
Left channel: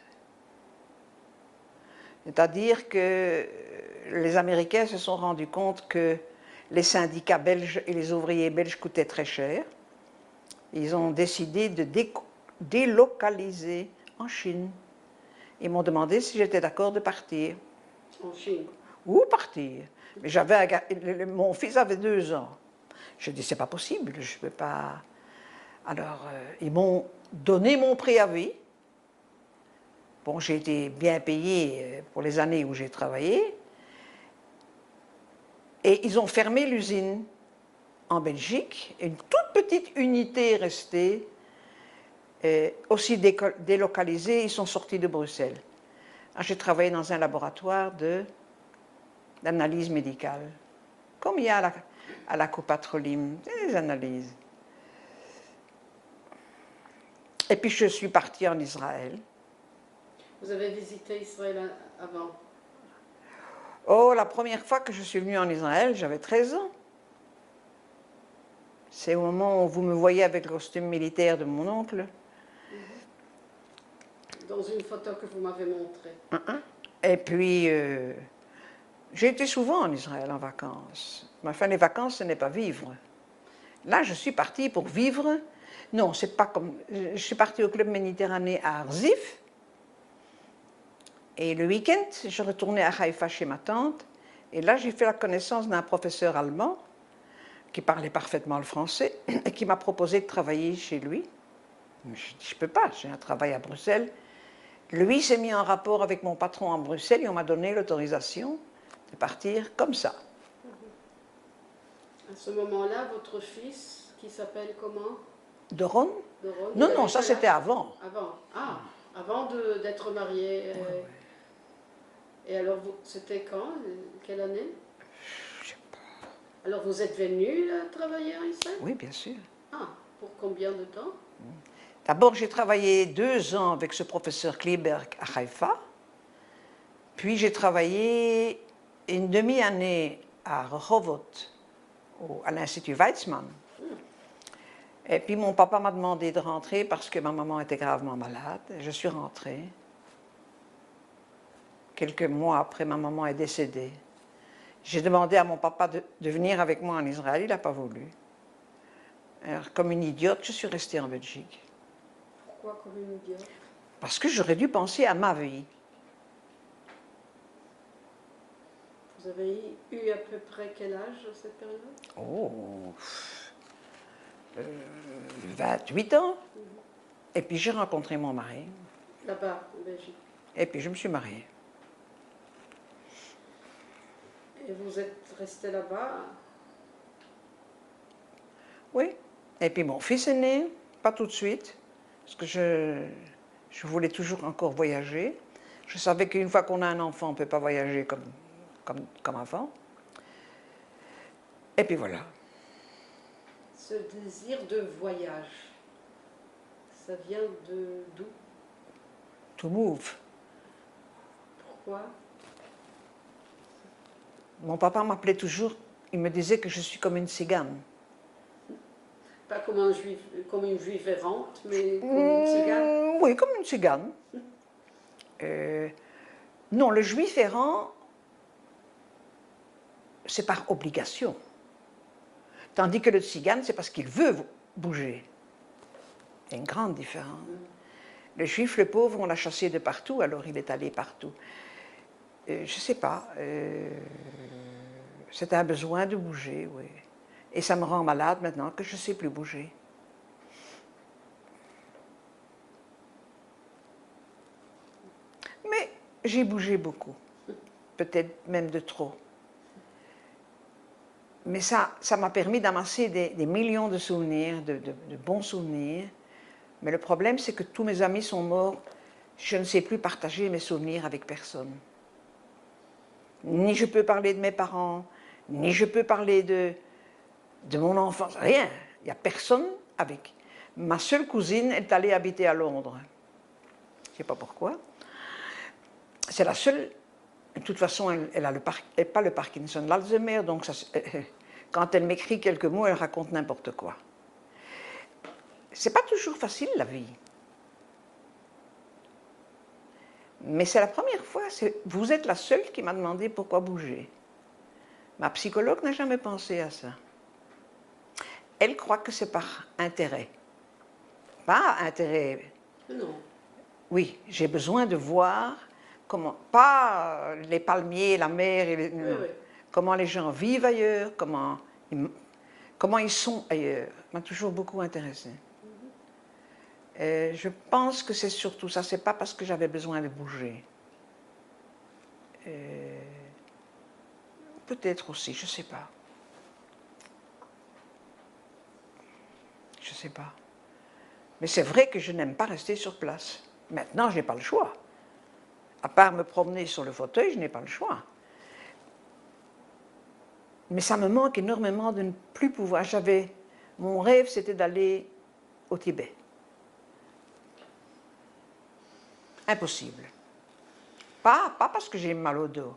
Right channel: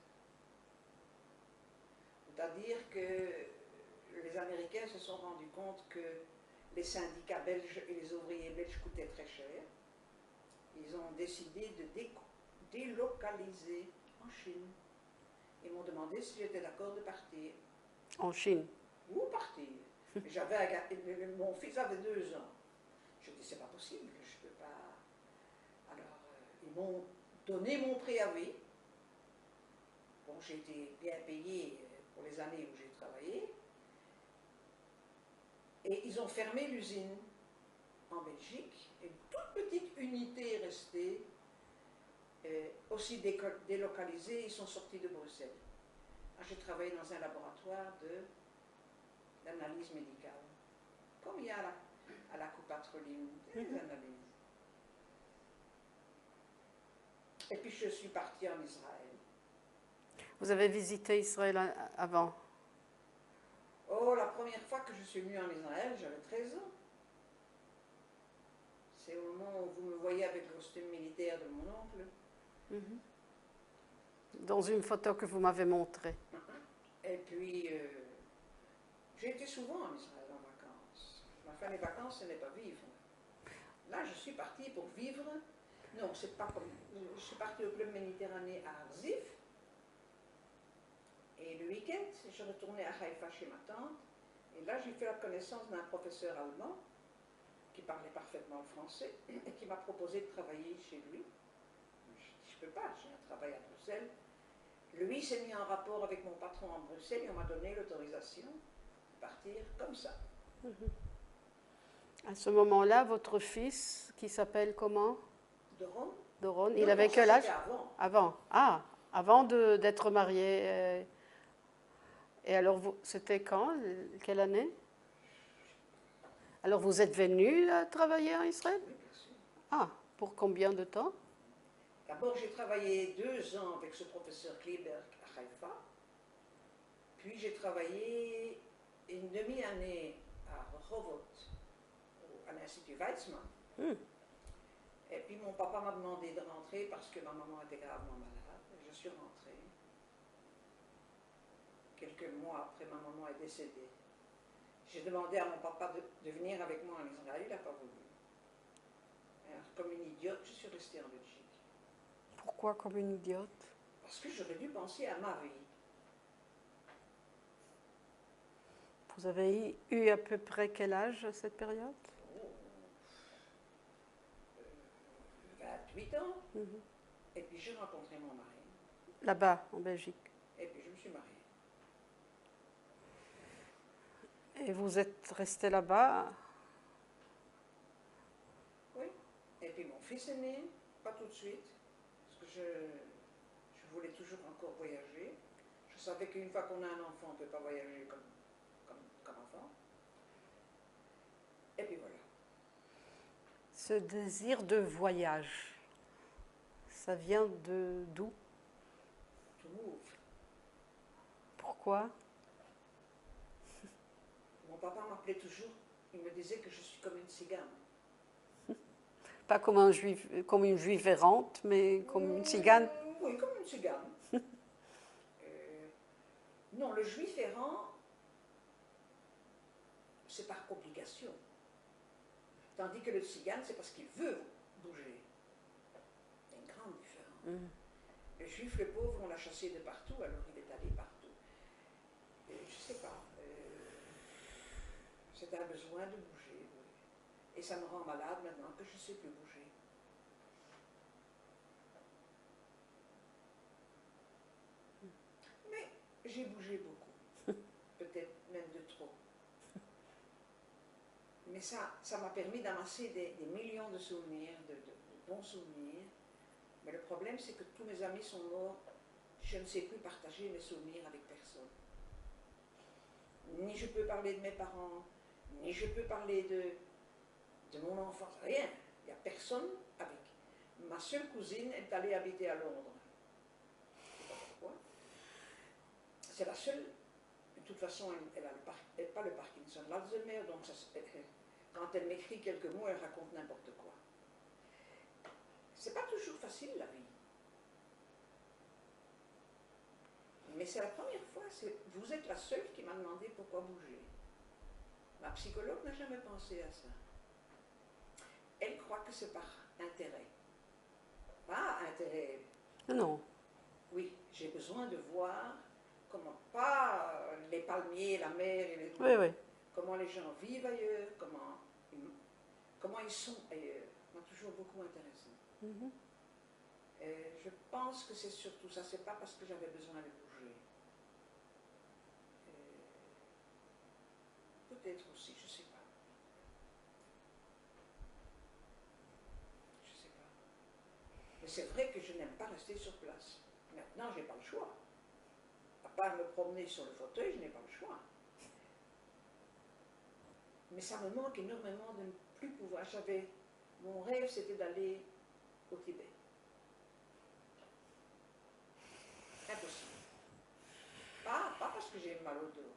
c'est-à-dire que les Américains se sont rendus compte que les syndicats belges et les ouvriers belges coûtaient très cher. Ils ont décidé de délocaliser en Chine. Ils m'ont demandé si j'étais d'accord de partir. En Chine? Où partir? Mais mon fils avait 2 ans. Je dis, c'est pas possible, je ne peux pas... Alors, ils m'ont donné mon préavis. Bon, j'ai été bien payée pour les années où j'ai travaillé. Et ils ont fermé l'usine en Belgique. Une toute petite unité est restée, aussi délocalisée. Ils sont sortis de Bruxelles. J'ai travaillé dans un laboratoire d'analyse médicale, comme il y a à la Copatrolim, des analyses. Et puis je suis partie en Israël. Vous avez visité Israël avant? Oh, la première fois que je suis venue en Israël, j'avais 13 ans. C'est au moment où vous me voyez avec le costume militaire de mon oncle. Dans une photo que vous m'avez montrée. Et puis, j'ai été souvent en Israël en vacances. Mais enfin, les vacances, ce n'est pas vivre. Là, je suis partie pour vivre. Non, c'est pas comme... Je suis partie au Club Méditerranée à Arzif. Et le week-end, je retournais à Haïfa chez ma tante. Et là, j'ai fait la connaissance d'un professeur allemand qui parlait parfaitement le français et qui m'a proposé de travailler chez lui. Je dis, je ne peux pas, j'ai un travail à Bruxelles. Lui s'est mis en rapport avec mon patron en Bruxelles et on m'a donné l'autorisation de partir comme ça. À ce moment-là, votre fils, qui s'appelle comment? Doron? Doron, Non, non, ça c'était avant. Avant. Ah, avant d'être marié. Et alors, c'était quand? Quelle année? Je sais pas. Alors, vous êtes venu travailler en Israël? Oui, bien sûr. Ah, pour combien de temps? D'abord, j'ai travaillé 2 ans avec ce professeur Kleberg à Haïfa. Puis j'ai travaillé une demi-année à Rehovot, à l'Institut Weizmann. Et puis mon papa m'a demandé de rentrer parce que ma maman était gravement malade. Je suis rentrée. Quelques mois après, ma maman est décédée. J'ai demandé à mon papa de venir avec moi en Israël, il n'a pas voulu. Alors, comme une idiote, je suis restée en Belgique. Pourquoi comme une idiote? Parce que j'aurais dû penser à ma vie. Vous avez eu à peu près quel âge à cette période? Oh, 28 ans. Et puis j'ai rencontré mon mari. Là-bas, en Belgique. Et puis je me suis mariée. Et vous êtes resté là-bas? Oui. Et puis mon fils est né, pas tout de suite, parce que je voulais toujours encore voyager. Je savais qu'une fois qu'on a un enfant, on ne peut pas voyager comme avant. Et puis voilà. Ce désir de voyage, ça vient d'où? To move. Pourquoi? Mon papa m'appelait toujours, il me disait que je suis comme une tzigane. Pas comme une juive errante, mais comme une tzigane. Oui, comme une tzigane. Non, le juif errant, c'est par obligation. Tandis que le tzigane, c'est parce qu'il veut bouger. Il y a une grande différence. Le juif, le pauvre, on l'a chassé de partout, alors il est allé partout. Je ne sais pas. C'est un besoin de bouger, oui. Et ça me rend malade maintenant que je ne sais plus bouger. Mais j'ai bougé beaucoup. Peut-être même de trop. Mais ça m'a permis d'amasser des millions de souvenirs, de bons souvenirs. Mais le problème, c'est que tous mes amis sont morts. Je ne sais plus partager mes souvenirs avec personne. Ni je peux parler de mes parents, ni je peux parler de mon enfance. Rien. Il n'y a personne avec. Ma seule cousine est allée habiter à Londres. Je ne sais pas pourquoi. C'est la seule. De toute façon, elle n'a pas le Parkinson, l'Alzheimer, donc quand elle m'écrit quelques mots, elle raconte n'importe quoi. C'est pas toujours facile, la vie. Mais c'est la première fois, vous êtes la seule qui m'a demandé pourquoi bouger. Ma psychologue n'a jamais pensé à ça. Elle croit que c'est par intérêt. Pas intérêt. Non. Oui, j'ai besoin de voir comment, pas les palmiers, la mer, Oui. comment les gens vivent ailleurs, comment ils sont ailleurs. Ça m'a toujours beaucoup intéressé. Je pense que c'est surtout ça, c'est pas parce que j'avais besoin de bouger. Peut-être aussi, je ne sais pas. Je ne sais pas. Mais c'est vrai que je n'aime pas rester sur place. Maintenant, je n'ai pas le choix. À part me promener sur le fauteuil, je n'ai pas le choix. Mais ça me manque énormément de ne plus pouvoir. Mon rêve, c'était d'aller au Tibet. Impossible. Pas parce que j'ai mal au dos.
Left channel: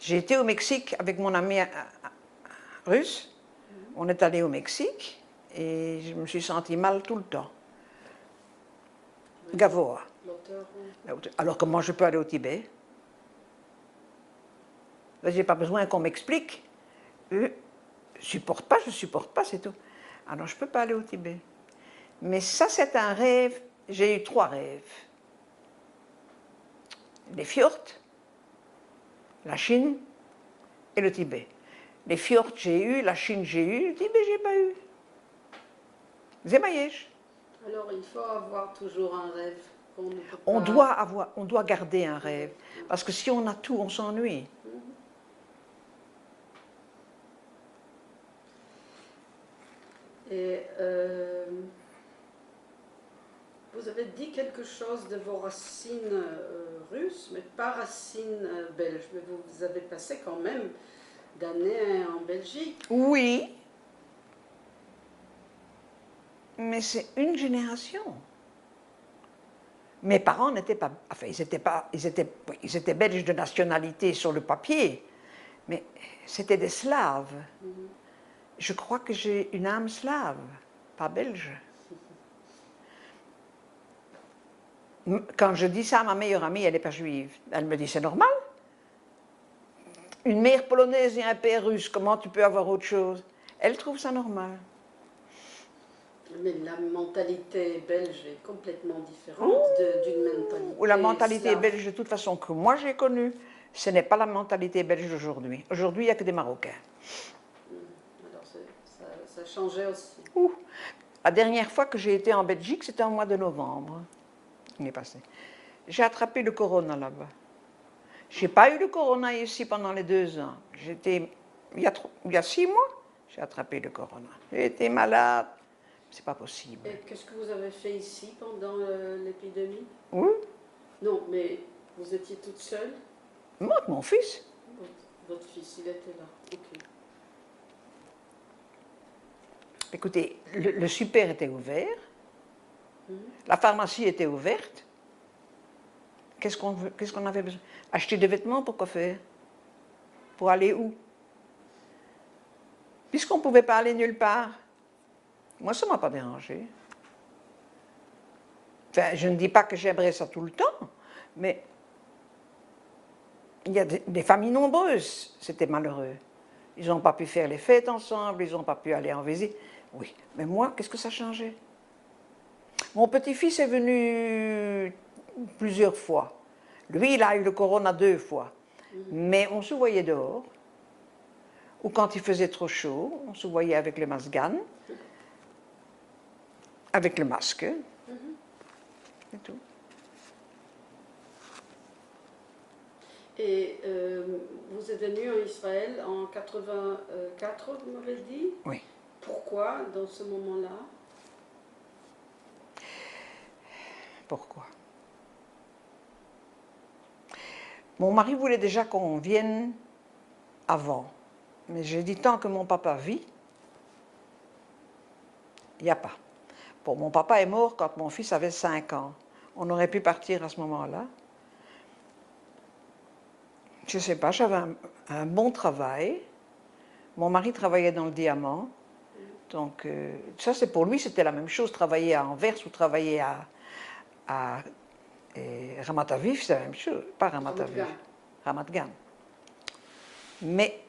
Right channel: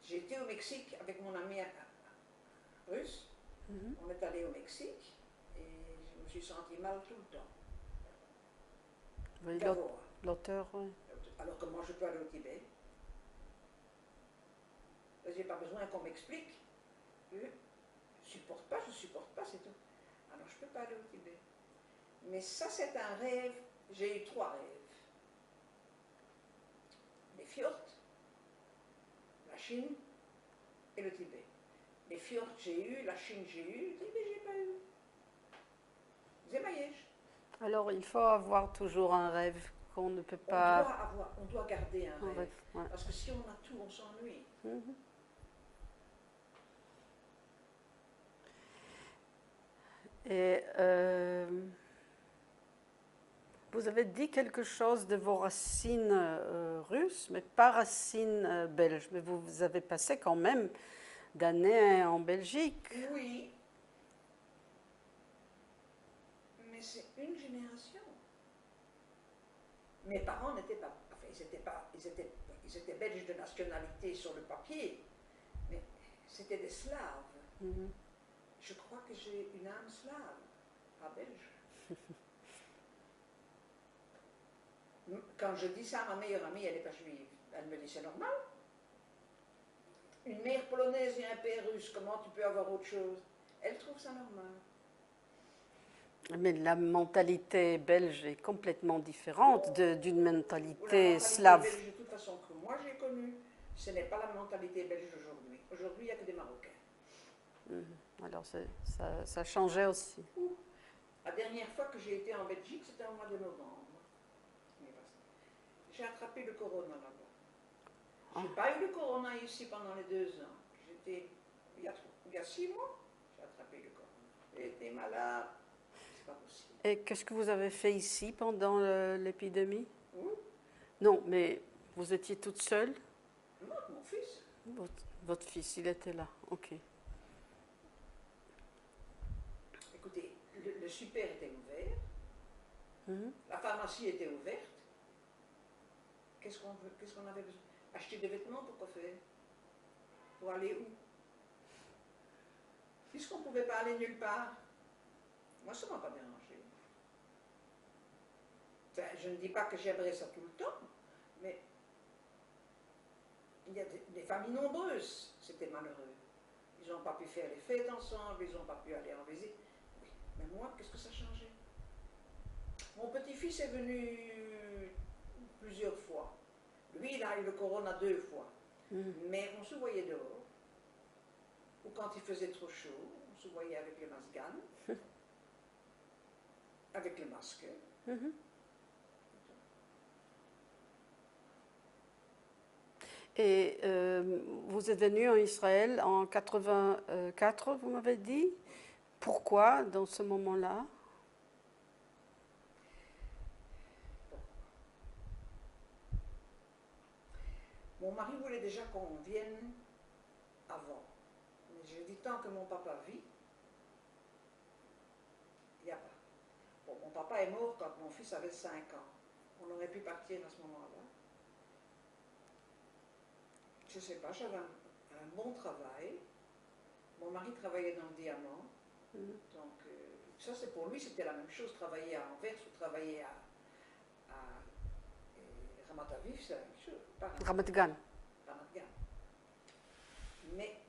J'ai été au Mexique avec mon ami russe. On est allé au Mexique et je me suis sentie mal tout le temps. Oui, Gavoa. l'auteur. Alors comment je peux aller au Tibet? Je n'ai pas besoin qu'on m'explique. Je ne supporte pas, c'est tout. Alors je ne peux pas aller au Tibet. Mais ça, c'est un rêve. J'ai eu 3 rêves. Les fjords, la Chine et le Tibet. Les fjords, j'ai eu, la Chine, j'ai eu, le Tibet, j'ai pas eu. Zemayesh. Alors, il faut avoir toujours un rêve qu'on ne peut On pas... doit garder un rêve. Ouais. Parce que si on a tout, on s'ennuie. Et vous avez dit quelque chose de vos racines russes, mais pas racines belges. Mais vous avez passé quand même d'années en Belgique. Oui, mais c'est une génération. Mes parents n'étaient pas... Enfin, ils étaient belges de nationalité sur le papier, mais c'était des Slaves. Je crois que j'ai une âme slave, pas belge. Quand je dis ça à ma meilleure amie, elle n'est pas juive. Elle me dit, c'est normal. Une mère polonaise et un père russe, comment tu peux avoir autre chose? Elle trouve ça normal. Mais la mentalité belge est complètement différente d'une mentalité La mentalité slave. belge, de toute façon, que moi j'ai connue, ce n'est pas la mentalité belge d'aujourd'hui. Aujourd'hui, il n'y a que des Marocains. Alors ça changeait aussi. La dernière fois que j'ai été en Belgique, c'était au mois de novembre. Il est passé. J'ai attrapé le corona là-bas. Je n'ai pas eu le corona ici pendant les 2 ans. Il y a 6 mois, j'ai attrapé le corona. J'ai été malade. C'est pas possible. Et qu'est-ce que vous avez fait ici pendant l'épidémie? Oui, Non, mais vous étiez toute seule? moi, mon fils. Votre fils, il était là. Ok. Écoutez, le super était ouvert. La pharmacie était ouverte. Qu'est-ce qu'on avait besoin? Acheter des vêtements, pour quoi faire? Pour aller où? Puisqu'on ne pouvait pas aller nulle part. Moi, ça ne m'a pas dérangé. Enfin, je ne dis pas que j'aimerais ça tout le temps, mais il y a des familles nombreuses, c'était malheureux. Ils n'ont pas pu faire les fêtes ensemble, ils n'ont pas pu aller en visite. Oui, mais moi, qu'est-ce que ça changeait? Mon petit-fils est venu plusieurs fois. Lui, il a eu le corona 2 fois. Mais on se voyait dehors. Ou quand il faisait trop chaud, on se voyait avec le masgan, avec le masque. C'est tout. Et vous êtes venu en Israël en 84, vous m'avez dit? Oui. Pourquoi dans ce moment-là? Pourquoi? Mon mari voulait déjà qu'on vienne avant. Mais j'ai dit, tant que mon papa vit, il n'y a pas. Bon, mon papa est mort quand mon fils avait 5 ans. On aurait pu partir à ce moment-là. Je ne sais pas, j'avais un bon travail. Mon mari travaillait dans le diamant. Donc, ça, c'est pour lui, c'était la même chose. Travailler à Anvers ou travailler à Ramat Aviv, c'est la même chose. Pas Ramat Aviv. Ramat Gan. Mais,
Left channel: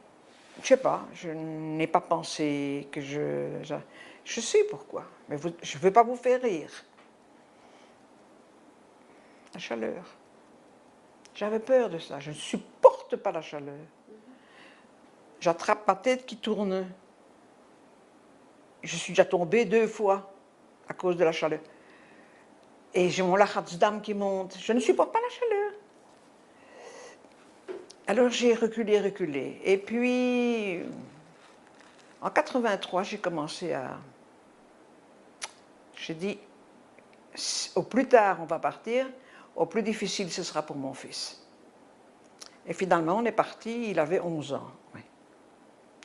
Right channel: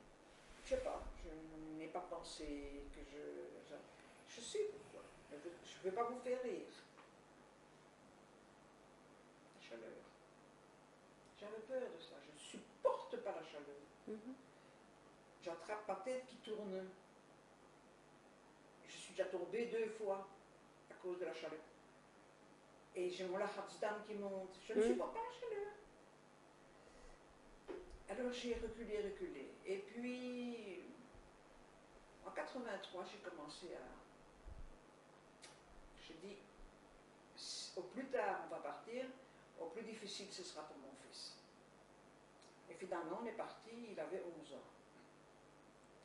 je ne sais pas, je n'ai pas pensé que je sais pourquoi, mais je ne veux pas vous faire rire. La chaleur. J'avais peur de ça, je ne supporte pas la chaleur. J'attrape ma tête qui tourne. Je suis déjà tombée 2 fois à cause de la chaleur. Et j'ai mon lachatzdam qui monte. Je ne supporte pas la chaleur. Alors j'ai reculé, reculé. Et puis, en 83, j'ai commencé à... J'ai dit, au plus tard on va partir, au plus difficile ce sera pour mon fils. Et finalement on est parti, il avait 11 ans. Oui.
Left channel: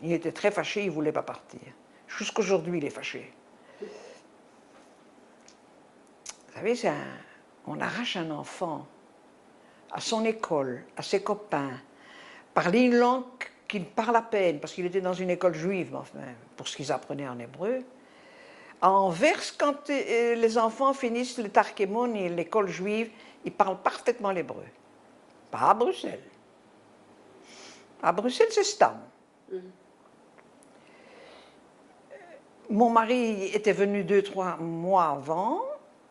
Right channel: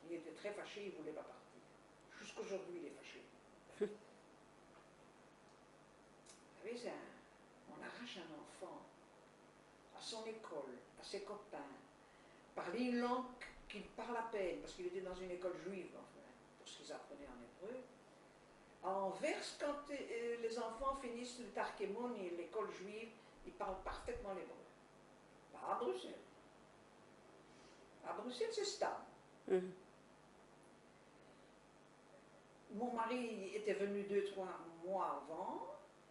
Il était très fâché, il ne voulait pas partir. Jusqu'aujourd'hui il est fâché. Vous savez, on arrache un enfant à son école, à ses copains, parler une langue qu'il parle à peine, parce qu'il était dans une école juive, enfin, pour ce qu'ils apprenaient en hébreu. À Anvers, quand les enfants finissent le Tarkemon et l'école juive, ils parlent parfaitement l'hébreu. Pas à Bruxelles. À Bruxelles, c'est Stam. Mon mari était venu 2-3 mois avant.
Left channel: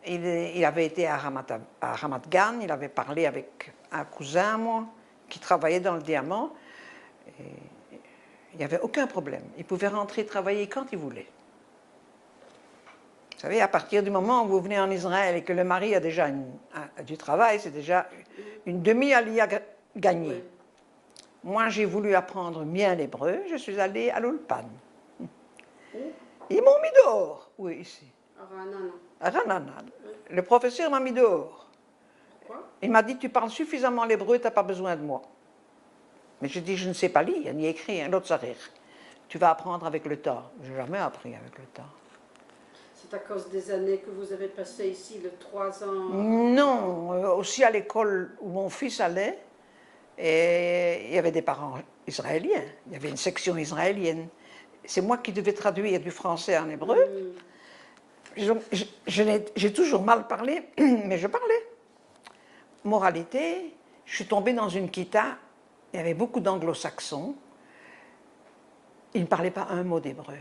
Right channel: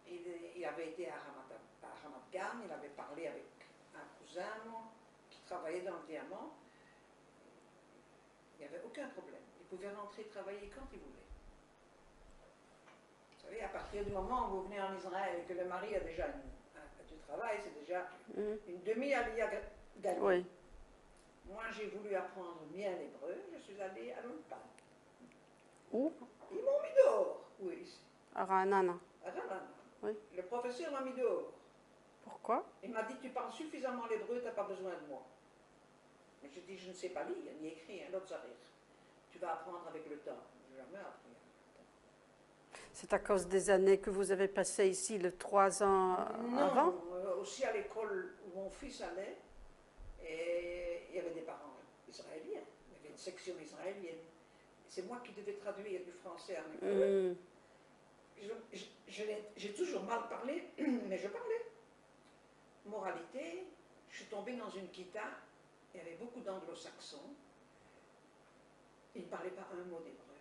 Il avait été à Ramat Gan, il avait parlé avec un cousin, moi, qui travaillait dans le diamant. Et il n'y avait aucun problème. Il pouvait rentrer travailler quand il voulait. Vous savez, à partir du moment où vous venez en Israël et que le mari a déjà du travail, c'est déjà une demi-alia gagnée. Oui. Moi, j'ai voulu apprendre bien l'hébreu, je suis allée à l'Ulpan. Ils m'ont mis dehors. Oui, ici. À Ra'anana. À Ra'anana. Oui. Le professeur m'a mis dehors. Pourquoi? Il m'a dit, tu parles suffisamment l'hébreu, tu n'as pas besoin de moi. Mais j'ai dit, je ne sais pas lire, ni écrire, l'autre sarir. Tu vas apprendre avec le temps. Je n'ai jamais appris avec le temps. C'est à cause des années que vous avez passées ici, le 3 ans? Non, aussi à l'école où mon fils allait, et il y avait des parents israéliens, il y avait une section israélienne. C'est moi qui devais traduire du français en hébreu. J'ai toujours mal parlé, mais je parlais. Moralité, je suis tombée dans une kita, il y avait beaucoup d'anglo-saxons, ils ne parlaient pas un mot d'hébreu.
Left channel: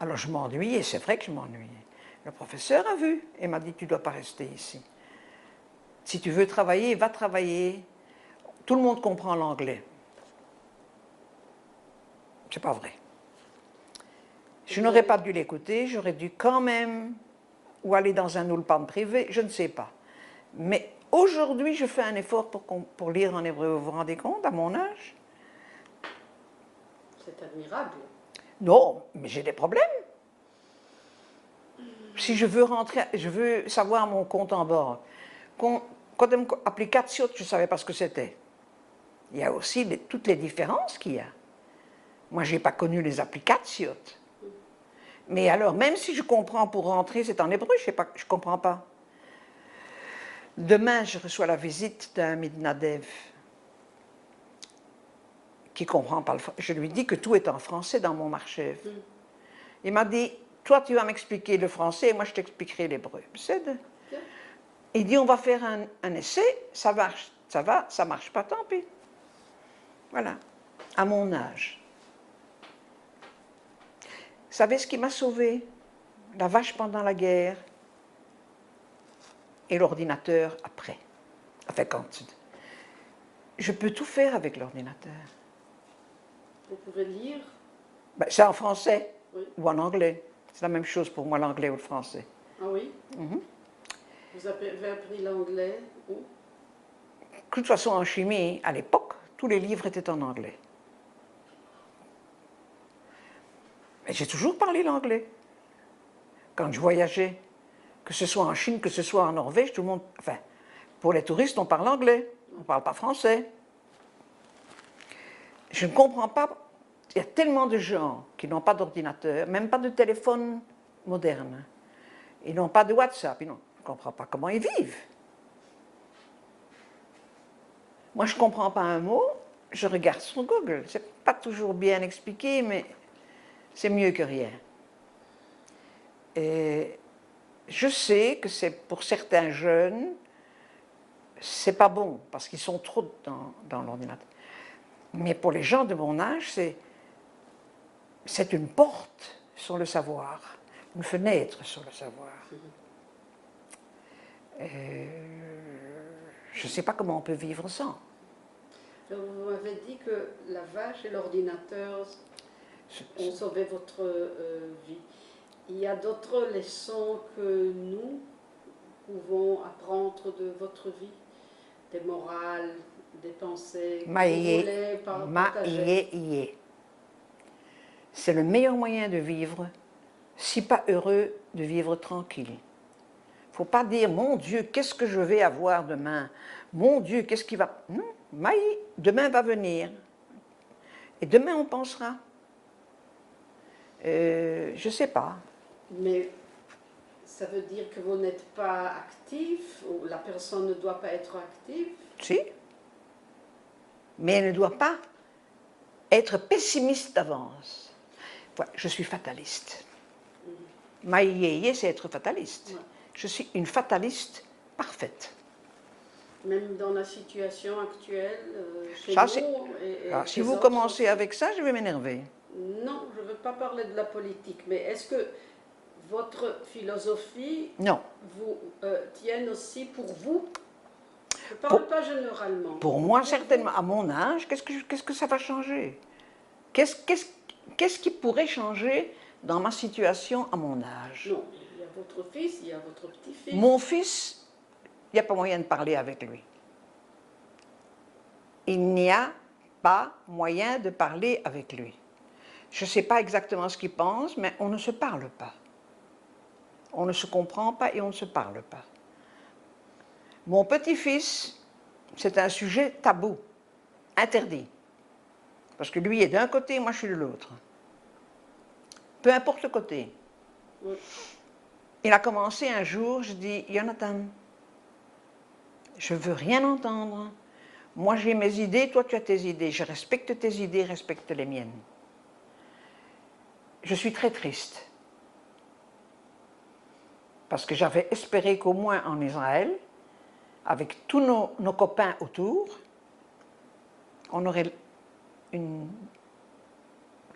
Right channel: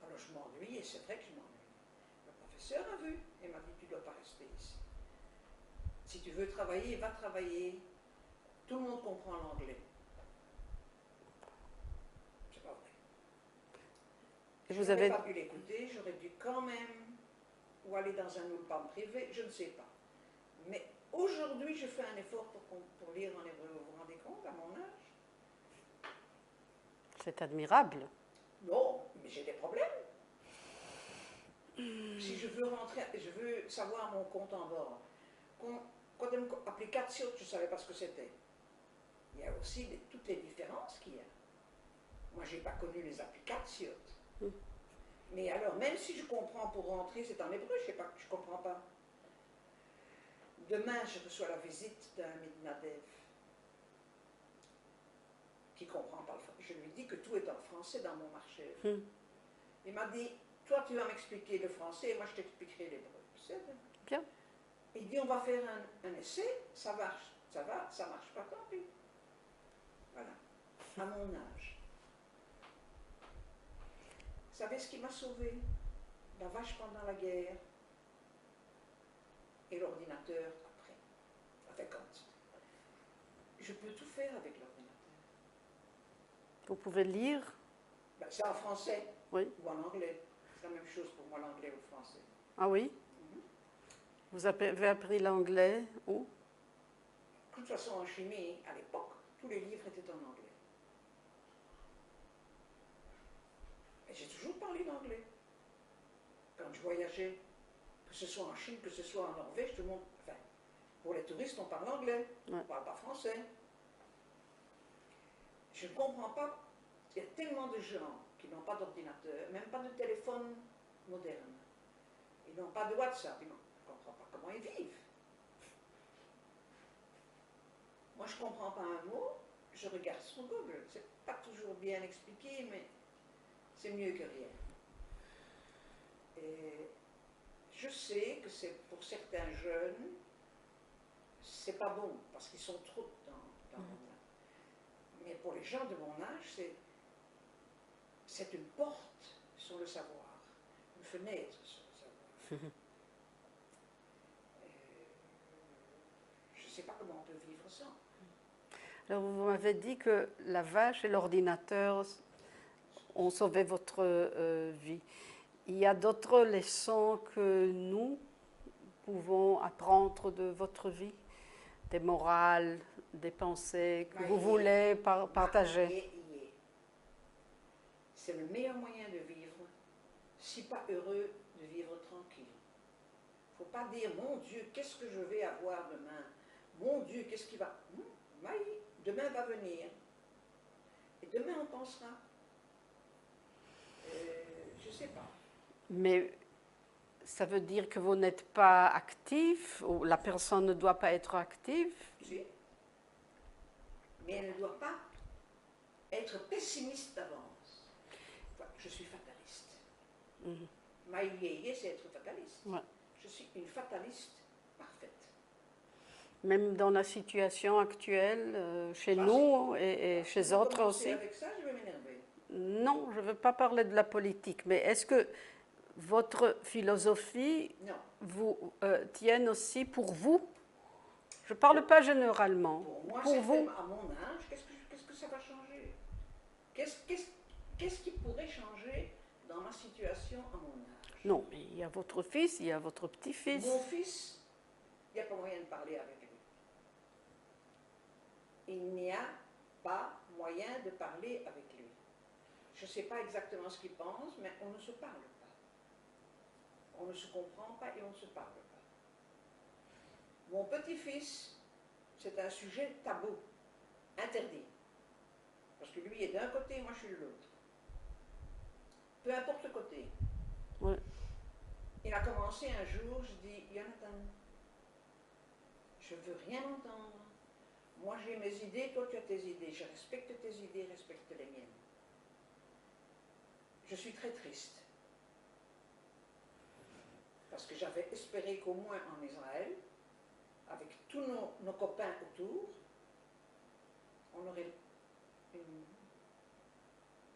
Alors je m'ennuyais, c'est vrai que je m'ennuyais. Le professeur a vu et m'a dit, tu ne dois pas rester ici. Si tu veux travailler, va travailler. Tout le monde comprend l'anglais. C'est pas vrai. Je n'aurais pas dû l'écouter, j'aurais dû quand même ou aller dans un ulpan privé, je ne sais pas. Mais aujourd'hui, je fais un effort pour lire en hébreu. Vous vous rendez compte, à mon âge? C'est admirable. Non, mais j'ai des problèmes. Si je veux rentrer, je veux savoir mon compte en banque. Quand application, je ne savais pas ce que c'était. Il y a aussi toutes les différences qu'il y a. Moi, je n'ai pas connu les applications. Mais alors, même si je comprends pour rentrer, c'est en hébreu, je ne comprends pas. Demain, je reçois la visite d'un Midnadev qui comprend pas le français. Je lui dis que tout est en français dans mon marché. Il m'a dit, toi, tu vas m'expliquer le français et moi, je t'expliquerai l'hébreu. Il dit, on va faire un essai, ça marche, ça va, ça marche pas, tant pis. Voilà, à mon âge. Vous savez ce qui m'a sauvé? La vache pendant la guerre et l'ordinateur après. Enfin, je peux tout faire avec l'ordinateur. Vous pouvez lire? Ben, c'est en français, oui, ou en anglais. C'est la même chose pour moi, l'anglais ou le français. Ah oui? Vous avez appris l'anglais où? De toute façon, en chimie, à l'époque, tous les livres étaient en anglais. Mais j'ai toujours parlé l'anglais. Quand je voyageais, que ce soit en Chine, que ce soit en Norvège, tout le monde... Enfin, pour les touristes, on parle anglais, on ne parle pas français. Je ne comprends pas, il y a tellement de gens qui n'ont pas d'ordinateur, même pas de téléphone moderne. Ils n'ont pas de WhatsApp, je ne comprends pas comment ils vivent. Moi, je ne comprends pas un mot, je regarde sur Google. Ce n'est pas toujours bien expliqué, mais c'est mieux que rien. Et je sais que c'est pour certains jeunes, c'est pas bon, parce qu'ils sont trop dans l'ordinateur. Mais pour les gens de mon âge, c'est une porte sur le savoir, une fenêtre sur le savoir. Je ne sais pas comment on peut vivre sans. Alors, vous m'avez dit que la vache et l'ordinateur ont sauvé votre vie. Il y a d'autres leçons que nous pouvons apprendre de votre vie, des morales, des pensées que Maïe, vous voulez partager. maïe. C'est le meilleur moyen de vivre, si pas heureux, de vivre tranquille. Il ne faut pas dire, mon Dieu, qu'est-ce que je vais avoir demain? Mon Dieu, qu'est-ce qui va... Non, maïe, demain va venir. Et demain, on pensera. Je ne sais pas. Mais ça veut dire que vous n'êtes pas actif, ou la personne ne doit pas être active? Si. Mais elle ne doit pas être pessimiste d'avance. Ouais, je suis fataliste. Maïe, c'est être fataliste. Ouais. Je suis une fataliste parfaite. Même dans la situation actuelle, chez Ça, nous et alors, chez si vous autres commencez aussi. avec ça, je vais m'énerver. Non, je ne veux pas parler de la politique, mais est-ce que votre philosophie Non. vous tienne aussi pour vous? Je ne parle pas généralement. Pour moi, vous. certainement. À mon âge, qu'est-ce que ça va changer? Qu'est-ce qui pourrait changer dans ma situation à mon âge? Non, il y a votre fils, il y a votre petit-fils. Mon fils, il n'y a pas moyen de parler avec lui. Il n'y a pas moyen de parler avec lui. Je ne sais pas exactement ce qu'il pense, mais on ne se parle pas. On ne se comprend pas et on ne se parle pas. Mon petit-fils, c'est un sujet tabou, interdit. Parce que lui est d'un côté, moi je suis de l'autre. Peu importe le côté. Oui. Il a commencé un jour, je dis, Jonathan, je ne veux rien entendre. Moi j'ai mes idées, toi tu as tes idées. Je respecte tes idées, respecte les miennes. Je suis très triste. Parce que j'avais espéré qu'au moins en Israël, avec tous nos copains autour, on aurait une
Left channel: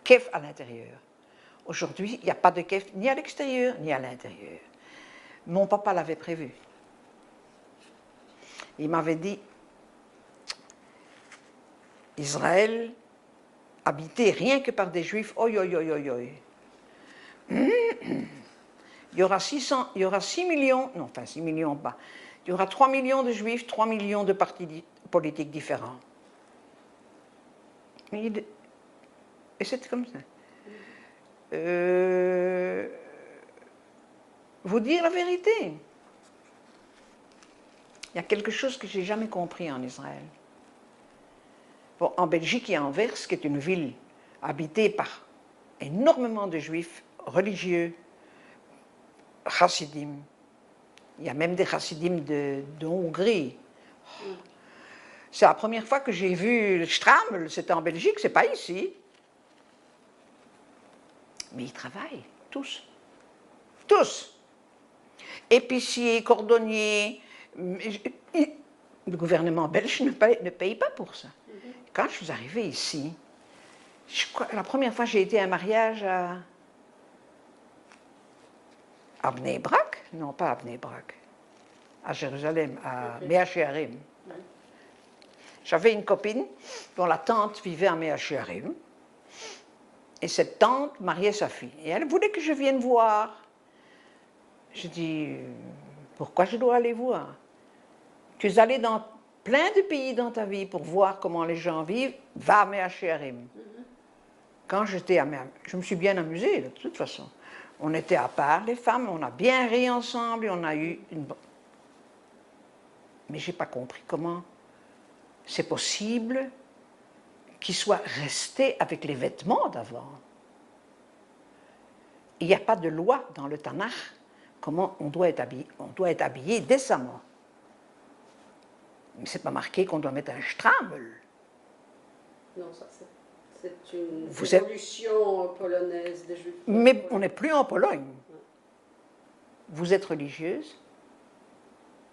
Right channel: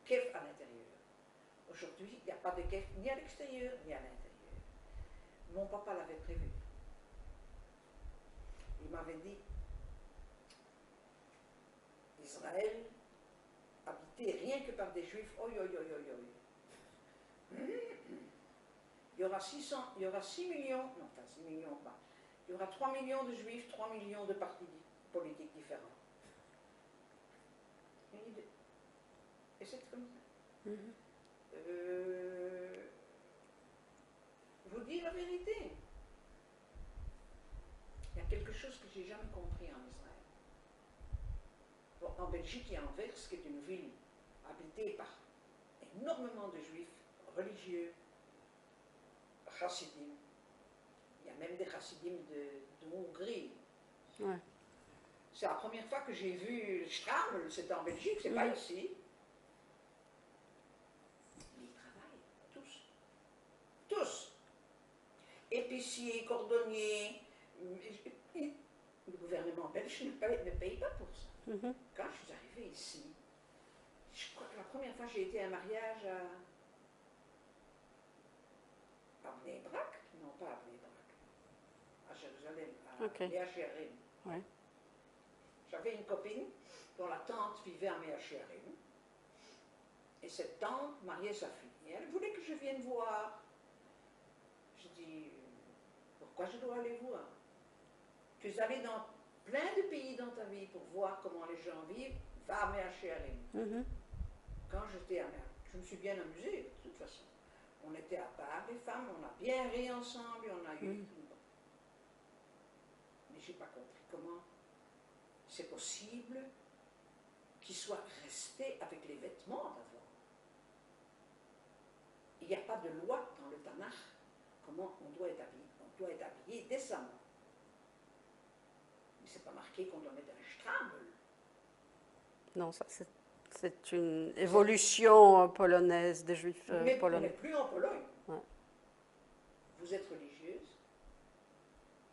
kef à l'intérieur. Aujourd'hui, il n'y a pas de kef ni à l'extérieur ni à l'intérieur. Mon papa l'avait prévu. Il m'avait dit, Israël, habité rien que par des juifs, oi, oi, oi, oi, oi. Il y aura 6 millions, non, enfin 6 millions pas, il y aura 3 millions de juifs, 3 millions de partis politiques différents. Et c'est comme ça. Vous dire la vérité, il y a quelque chose que je n'ai jamais compris en Israël. Bon, en Belgique, il y a Anvers, qui est une ville habitée par énormément de juifs religieux, chassidim. Il y a même des chassidim de Hongrie. Ouais. C'est la première fois que j'ai vu le Stramel, c'était en Belgique, c'est pas ici. Mais ils travaillent, tous. Tous. Épiciers, cordonniers. Le gouvernement belge ne paye pas pour ça. Quand je suis arrivée ici, la première fois j'ai été à un mariage à Bnei Brak, non pas à Bnei Brak, à Jérusalem, à Mea Shearim. Ouais. J'avais une copine dont la tante vivait à Mea Shearim. Et cette tante mariait sa fille. Et elle voulait que je vienne voir. Je dis, pourquoi je dois aller voir? Tu es allé dans plein de pays dans ta vie pour voir comment les gens vivent. Va à Mea Shearim. Quand j'étais à Mea, je me suis bien amusée, de toute façon. On était à part, les femmes, on a bien ri ensemble et on a eu une... Mais je n'ai pas compris comment c'est possible qu'il soit resté avec les vêtements d'avant. Il n'y a pas de loi dans le Tanakh comment on doit être habillé. On doit être habillé décemment. Mais ce n'est pas marqué qu'on doit mettre un stramel. Non, ça c'est une évolution polonaise des juifs. Mais polonais. on n'est plus en Pologne. Ouais. Vous êtes religieuse?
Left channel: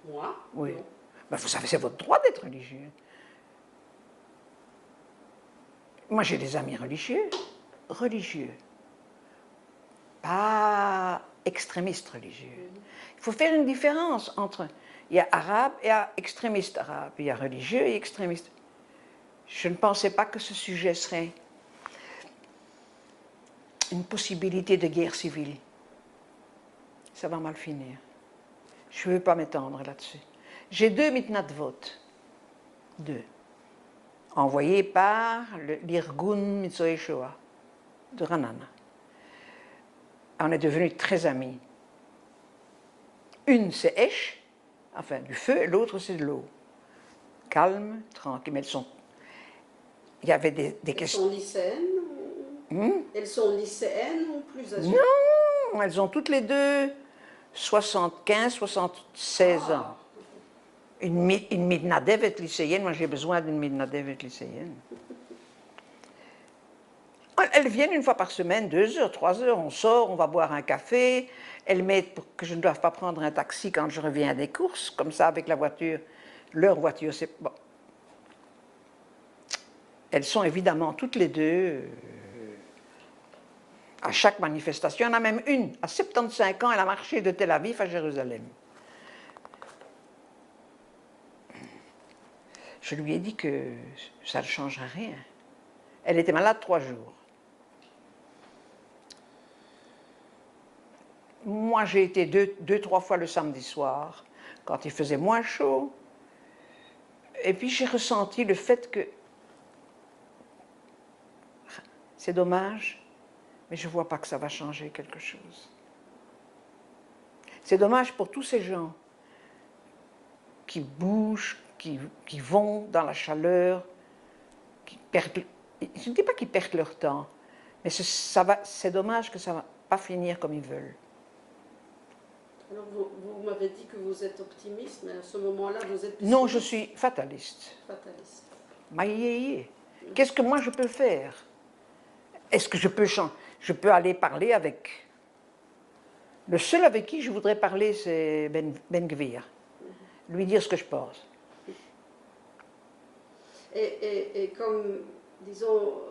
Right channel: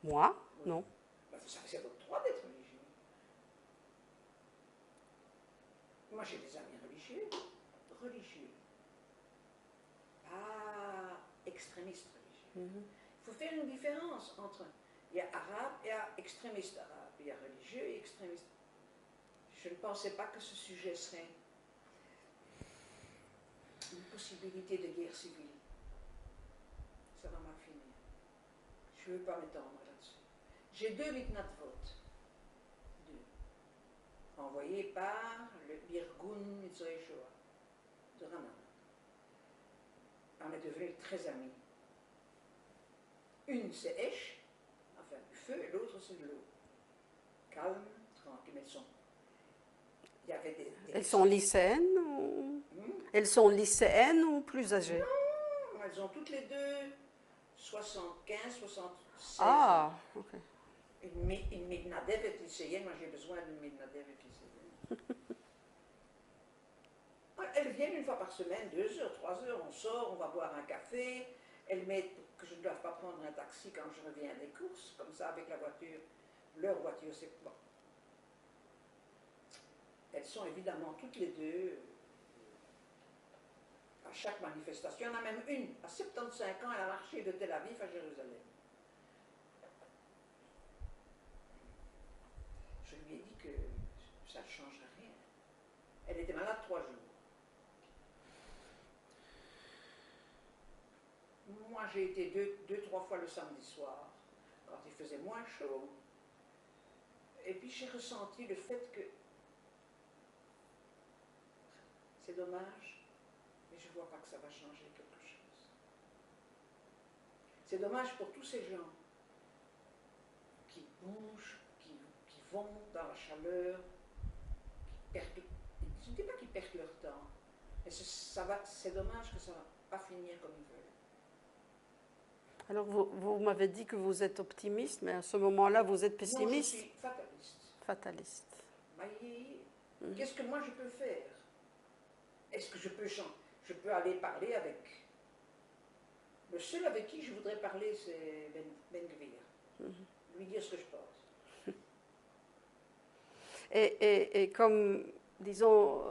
Moi? Oui. Non. Ben, vous savez, c'est votre droit d'être religieux. Moi, j'ai des amis religieux. Religieux. Pas extrémistes religieux. Il faut faire une différence entre... Il y a arabe et extrémiste arabe. Il y a religieux et extrémiste. Je ne pensais pas que ce sujet serait une possibilité de guerre civile. Ça va mal finir. Je ne veux pas m'étendre là-dessus. J'ai 2 mitnat de vote. 2. envoyé par l'Irgun Mitsoe Shoa de Ranana. On est devenus très amis. Une, c'est Esh, enfin du feu, et l'autre, c'est de l'eau. Calme, tranquille, mais il y avait des Elles questions. sont lycéennes Elles sont lycéennes ou plus âgées? Non, elles ont toutes les deux 75, 76 ans. Une midnadevet lycéenne, moi j'ai besoin d'une midnadevet lycéenne. Elles viennent une fois par semaine, 2 heures, 3 heures, on sort, on va boire un café. Elles m'aident pour que je ne doive pas prendre un taxi quand je reviens des courses, comme ça avec la voiture. Leur voiture, c'est bon. Elles sont évidemment toutes les deux à chaque manifestation. Il y en a même une, à 75 ans, elle a marché de Tel Aviv à Jérusalem. Je lui ai dit que ça ne changerait rien. Elle était malade 3 jours. Moi, j'ai été 2-3 fois le samedi soir, quand il faisait moins chaud. Et puis, j'ai ressenti le fait que c'est dommage, mais je ne vois pas que ça va changer quelque chose. C'est dommage pour tous ces gens qui bougent, qui vont dans la chaleur, qui perdent... Je ne dis pas qu'ils perdent leur temps, mais c'est dommage que ça ne va pas finir comme ils veulent. Alors, vous m'avez dit que vous êtes optimiste, mais à ce moment-là, vous êtes pessimiste? Non, je suis fataliste. Fataliste. Maïe, qu'est-ce que moi je peux faire? Est-ce que je peux aller parler avec... Le seul avec qui je voudrais parler, c'est Ben Gvir. Lui dire ce que je pense. Et comme, disons,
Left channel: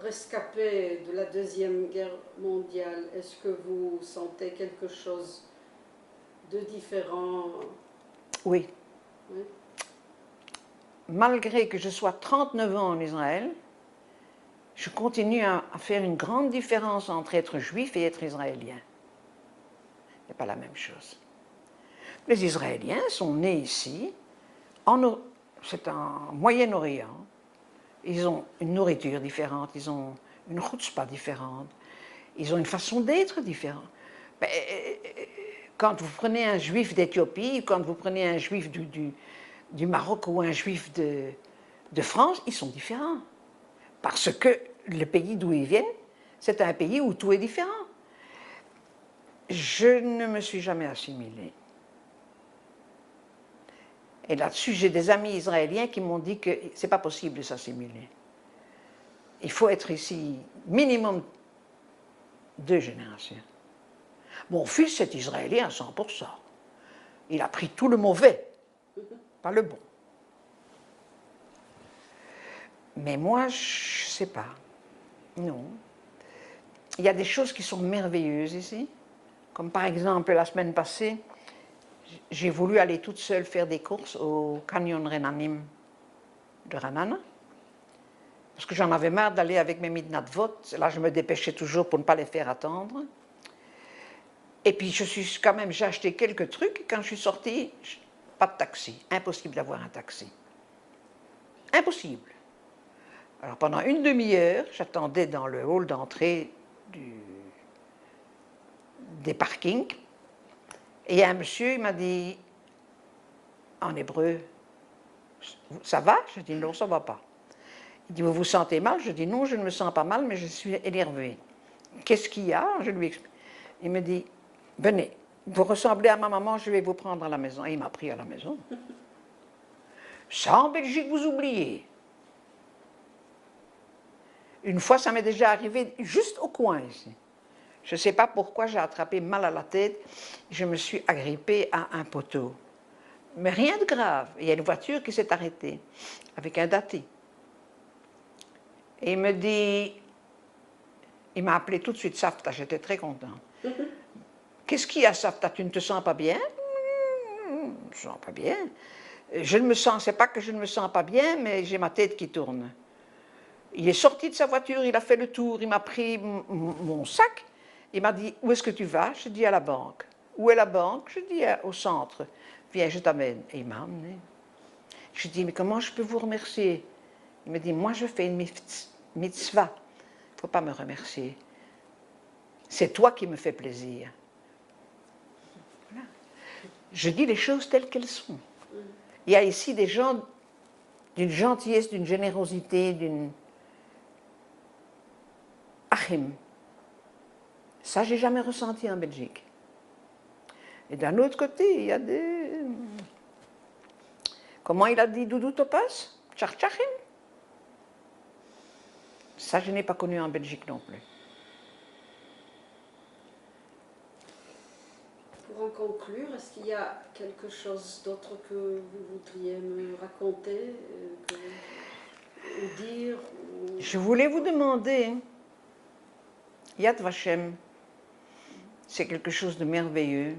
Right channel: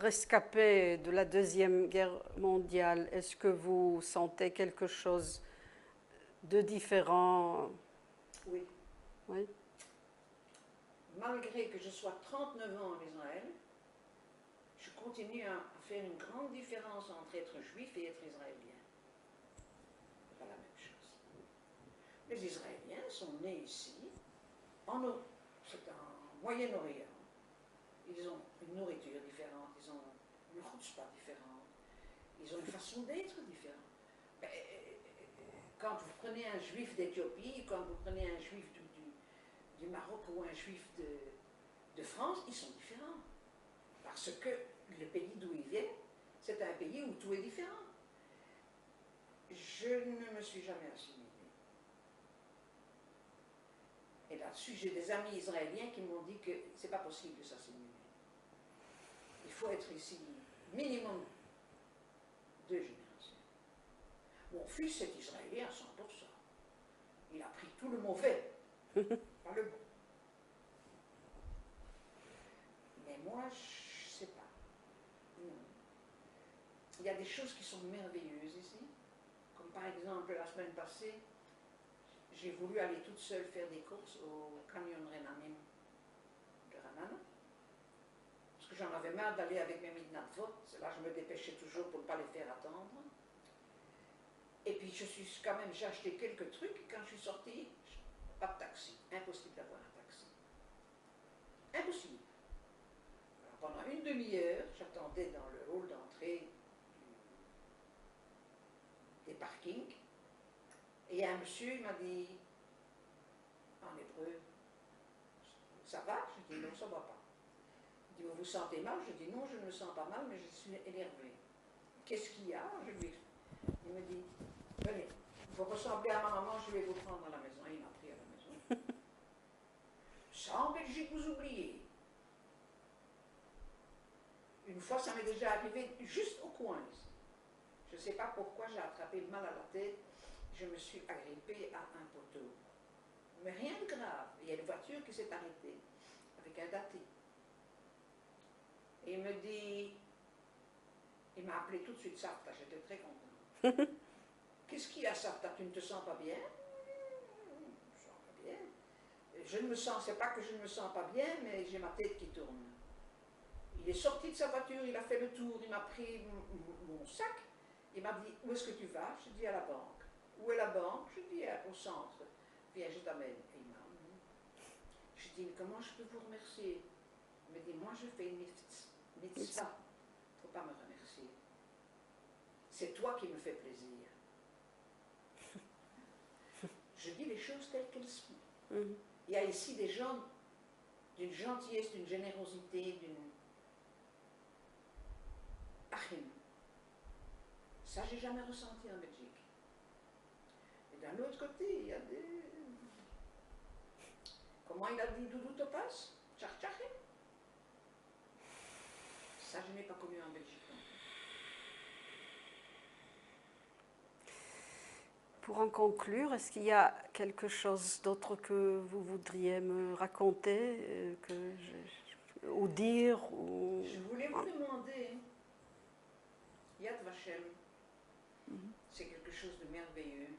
rescapé de la Deuxième Guerre mondiale, est-ce que vous sentez quelque chose de différent? Oui. Oui. Malgré que je sois 39 ans en Israël, je continue à faire une grande différence entre être juif et être israélien. Ce n'est pas la même chose. Les Israéliens sont nés ici, c'est en Moyen-Orient. Ils ont une nourriture différente, ils ont une chutzpah différente, ils ont une façon d'être différente. Quand vous prenez un juif d'Éthiopie, quand vous prenez un juif du Maroc ou un juif de France, ils sont différents. Parce que le pays d'où ils viennent, c'est un pays où tout est différent. Je ne me suis jamais assimilée. Et là-dessus, j'ai des amis israéliens qui m'ont dit que ce n'est pas possible de s'assimiler. Il faut être ici minimum 2 générations. Mon fils est israélien à 100%. Il a pris tout le mauvais, pas le bon. Mais moi, je ne sais pas. Non. Il y a des choses qui sont merveilleuses ici. Comme par exemple, la semaine passée, j'ai voulu aller toute seule faire des courses au Canyon Renanim de Ranana. Parce que j'en avais marre d'aller avec mes midnight votes. Là, je me dépêchais toujours pour ne pas les faire attendre. Et puis, j'ai acheté quelques trucs. Et quand je suis sortie, pas de taxi. Impossible d'avoir un taxi. Impossible. Alors, pendant une demi-heure, j'attendais dans le hall d'entrée des parkings. Et un monsieur, il m'a dit, en hébreu, « Ça va ?» Je dis, « Non, ça ne va pas. » Il dit, « Vous vous sentez mal ?» Je dis, « Non, je ne me sens pas mal, mais je suis énervée. » « Qu'est-ce qu'il y a ?» Je lui explique. Il me dit, « Venez, vous ressemblez à ma maman, je vais vous prendre à la maison. » Et il m'a pris à la maison. Ça, en Belgique, vous oubliez. Une fois, ça m'est déjà arrivé juste au coin ici. Je ne sais pas pourquoi j'ai attrapé mal à la tête. Je me suis agrippée à un poteau. Mais rien de grave. Il y a une voiture qui s'est arrêtée avec un dati. Et il me dit, il m'a appelé tout de suite Safta, j'étais très content. Qu'est-ce qu'il y a, Safta, tu ne te sens pas bien? Je ne me sens pas bien. Je ne me sens, c'est pas que je ne me sens pas bien, mais j'ai ma tête qui tourne. Il est sorti de sa voiture, il a fait le tour, il m'a pris mon sac, il m'a dit, où est-ce que tu vas? Je dis, à la banque. Où est la banque? Je dis, au centre. Viens, je t'amène. Et il m'a emmené. Je dis, mais comment je peux vous remercier? Il me dit, moi je fais une mitzvah. Il ne faut pas me remercier. C'est toi qui me fais plaisir. Voilà. Je dis les choses telles qu'elles sont. Il y a ici des gens d'une gentillesse, d'une générosité, d'une... Achim. Ça, j'ai jamais ressenti en Belgique. Et d'un autre côté, il y a des... Comment il a dit Doudou Topaz? Tchartchachim. Ça, je n'ai pas connu en Belgique non plus. Pour en conclure, est-ce qu'il y a quelque chose d'autre que vous voudriez me raconter ou dire Je voulais vous demander, Yad Vashem, c'est quelque chose de merveilleux.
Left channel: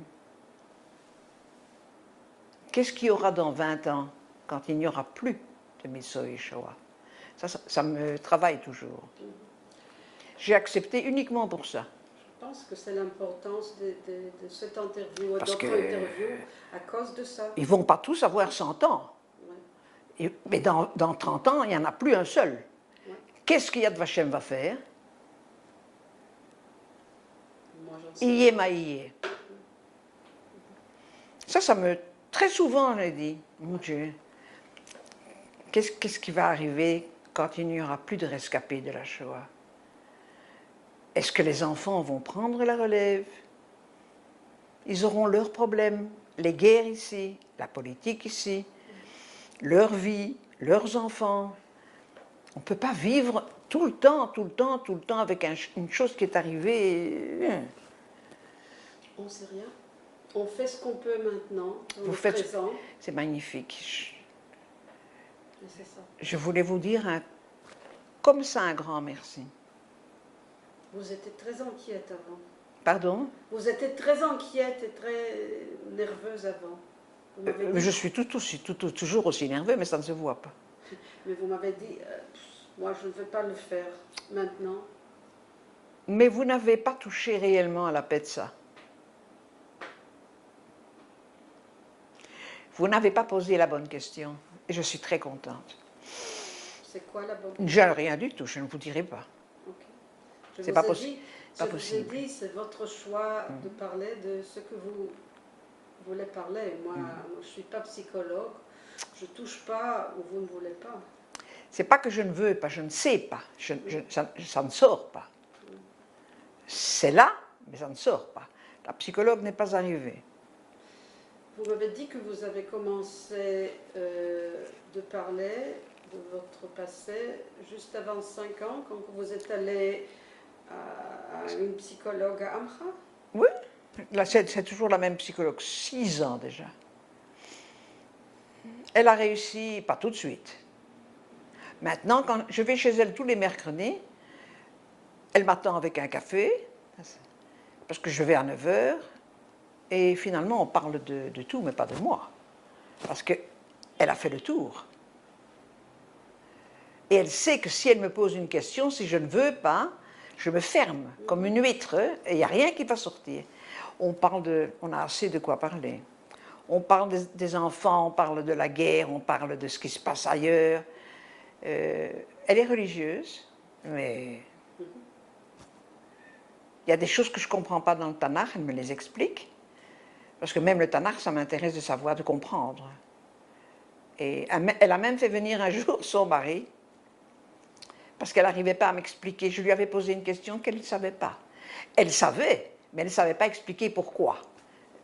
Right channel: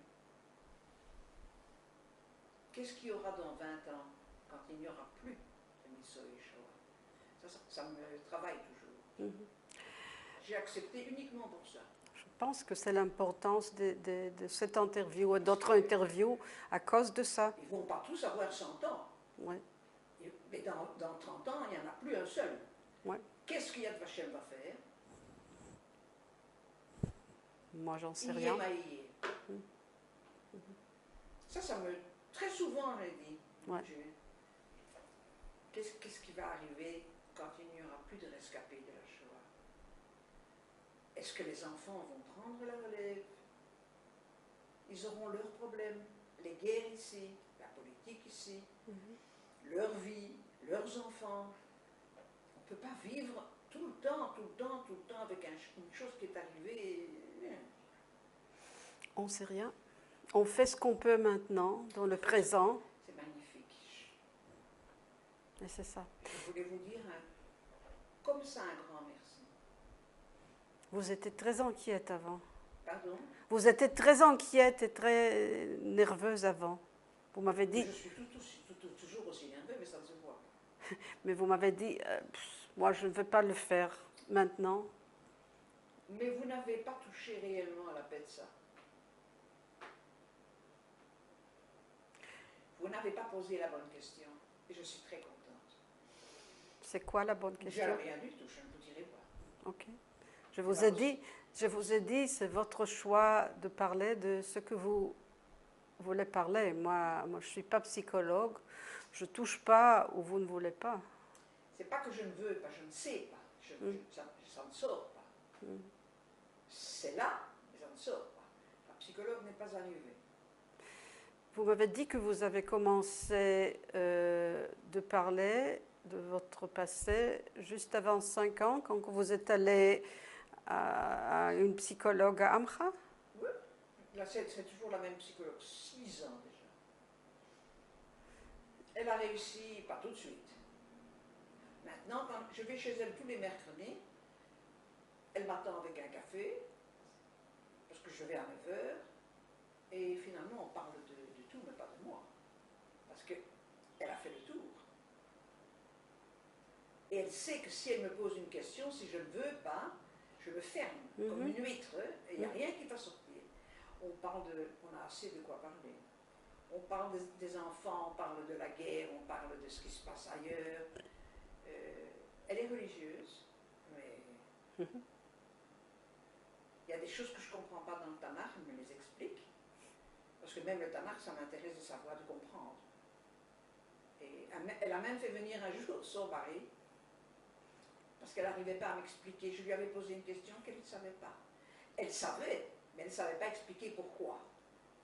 Qu'est-ce qu'il y aura dans 20 ans, quand il n'y aura plus de Mitso Yeshua? Ça me travaille toujours. J'ai accepté uniquement pour ça. Je pense que c'est l'importance de cette interview et Parce d'autres que- interviews à cause de ça. Ils ne vont pas tous avoir 100 ans. Ouais. Mais dans 30 ans, il n'y en a plus un seul. Ouais. Qu'est-ce que Yad Vashem va faire? Moi, j'en sais Iye rien. maïye. Ça me... Très souvent, je dis, mon Dieu, qu'est-ce qui va arriver quand il n'y aura plus de rescapés de la Shoah? Est-ce que les enfants vont prendre la relève? Ils auront leurs problèmes, les guerres ici, la politique ici, leur vie, leurs enfants. On ne peut pas vivre tout le temps avec une chose qui est arrivée. On ne sait rien. On fait ce qu'on peut maintenant, dans le faites- présent, C'est magnifique. et c'est ça. Je voulais vous dire comme ça un grand merci. Vous étiez très inquiète avant. Pardon? Vous étiez très inquiète et très nerveuse avant. Vous m'avez dit, Je suis toujours aussi nerveux, mais ça ne se voit pas. mais vous m'avez dit, moi je ne vais pas le faire maintenant. Mais vous n'avez pas touché réellement à la paix de ça. Vous n'avez pas posé la bonne question. Et je suis très contente. C'est quoi la bonne Je n'ai rien du tout, je ne vous dirai pas. Ok. Je C'est vous pas ai possi- dit, pas je vous ai possible. dit, c'est votre choix de parler de ce que vous voulez parler. Moi, je ne suis pas psychologue. Je ne touche pas où vous ne voulez pas. C'est pas que je ne veux pas, je ne sais pas. Ça ne sort pas. C'est là, mais ça ne sort pas. La psychologue n'est pas arrivée. Vous m'avez dit que vous avez commencé de parler de votre passé juste avant 5 ans, quand vous êtes allé à une psychologue à Amra. Oui, là, c'est toujours la même psychologue, 6 ans déjà. Elle a réussi, pas tout de suite. Maintenant, quand je vais chez elle tous les mercredis, elle m'attend avec un café, parce que je vais à 9h, et finalement on parle de tout, mais pas de moi, parce qu'elle a fait le tour. Et elle sait que si elle me pose une question, si je ne veux pas, je me ferme comme une huître, et il n'y a rien qui va sortir. On a assez de quoi parler. On parle des enfants, on parle de la guerre, on parle de ce qui se passe ailleurs. Elle est religieuse, mais il y a des choses que je ne comprends pas dans le Tanakh, elle me les explique. Parce que même le Tanakh, ça m'intéresse de savoir, de comprendre. Et elle a même fait venir un jour son mari, parce qu'elle n'arrivait pas à m'expliquer. Je lui avais posé une question qu'elle ne savait pas. Elle savait, mais elle ne savait pas expliquer pourquoi.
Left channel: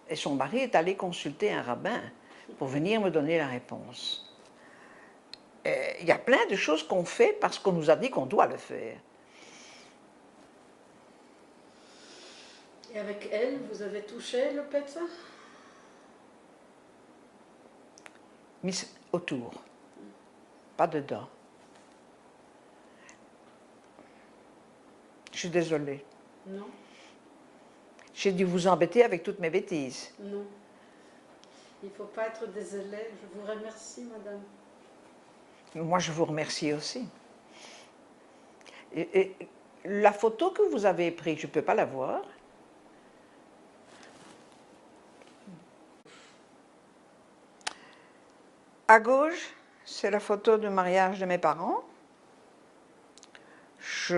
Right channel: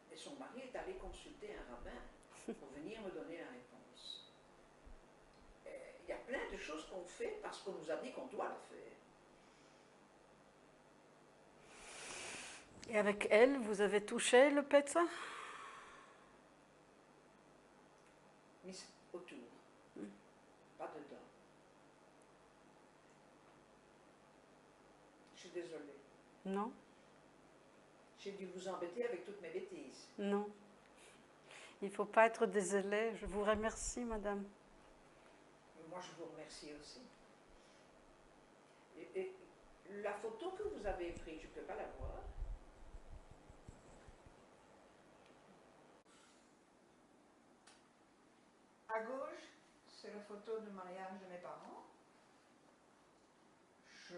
Et son mari est allé consulter un rabbin pour venir me donner la réponse. Il y a plein de choses qu'on fait parce qu'on nous a dit qu'on doit le faire. Et avec elle, vous avez touché le Petsah? Mais autour, pas dedans. Je suis désolée. Non? J'ai dû vous embêter avec toutes mes bêtises. Non. Il ne faut pas être désolé. Je vous remercie, madame. Moi, je vous remercie aussi. Et la photo que vous avez prise, je ne peux pas la voir. À gauche, c'est la photo de mariage de mes parents. Je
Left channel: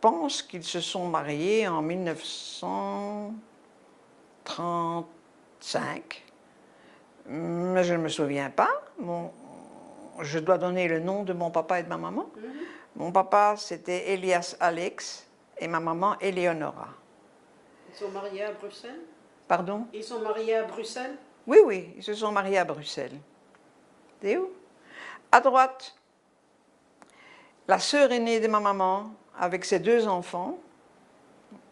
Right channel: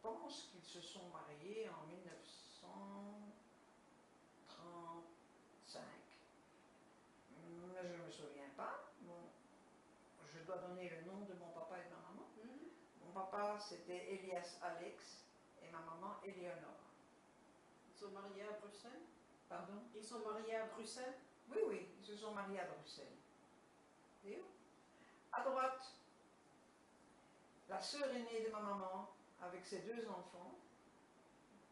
pense qu'ils se sont mariés en 1935, mais je ne me souviens pas. Je dois donner le nom de mon papa et de ma maman. Mon papa, c'était Elias Alex et ma maman, Eleonora. Ils sont mariés à Bruxelles? Pardon? Ils sont mariés à Bruxelles? Oui, oui, ils se sont mariés à Bruxelles. T'es où? À droite, la sœur aînée de ma maman, avec ses 2 enfants.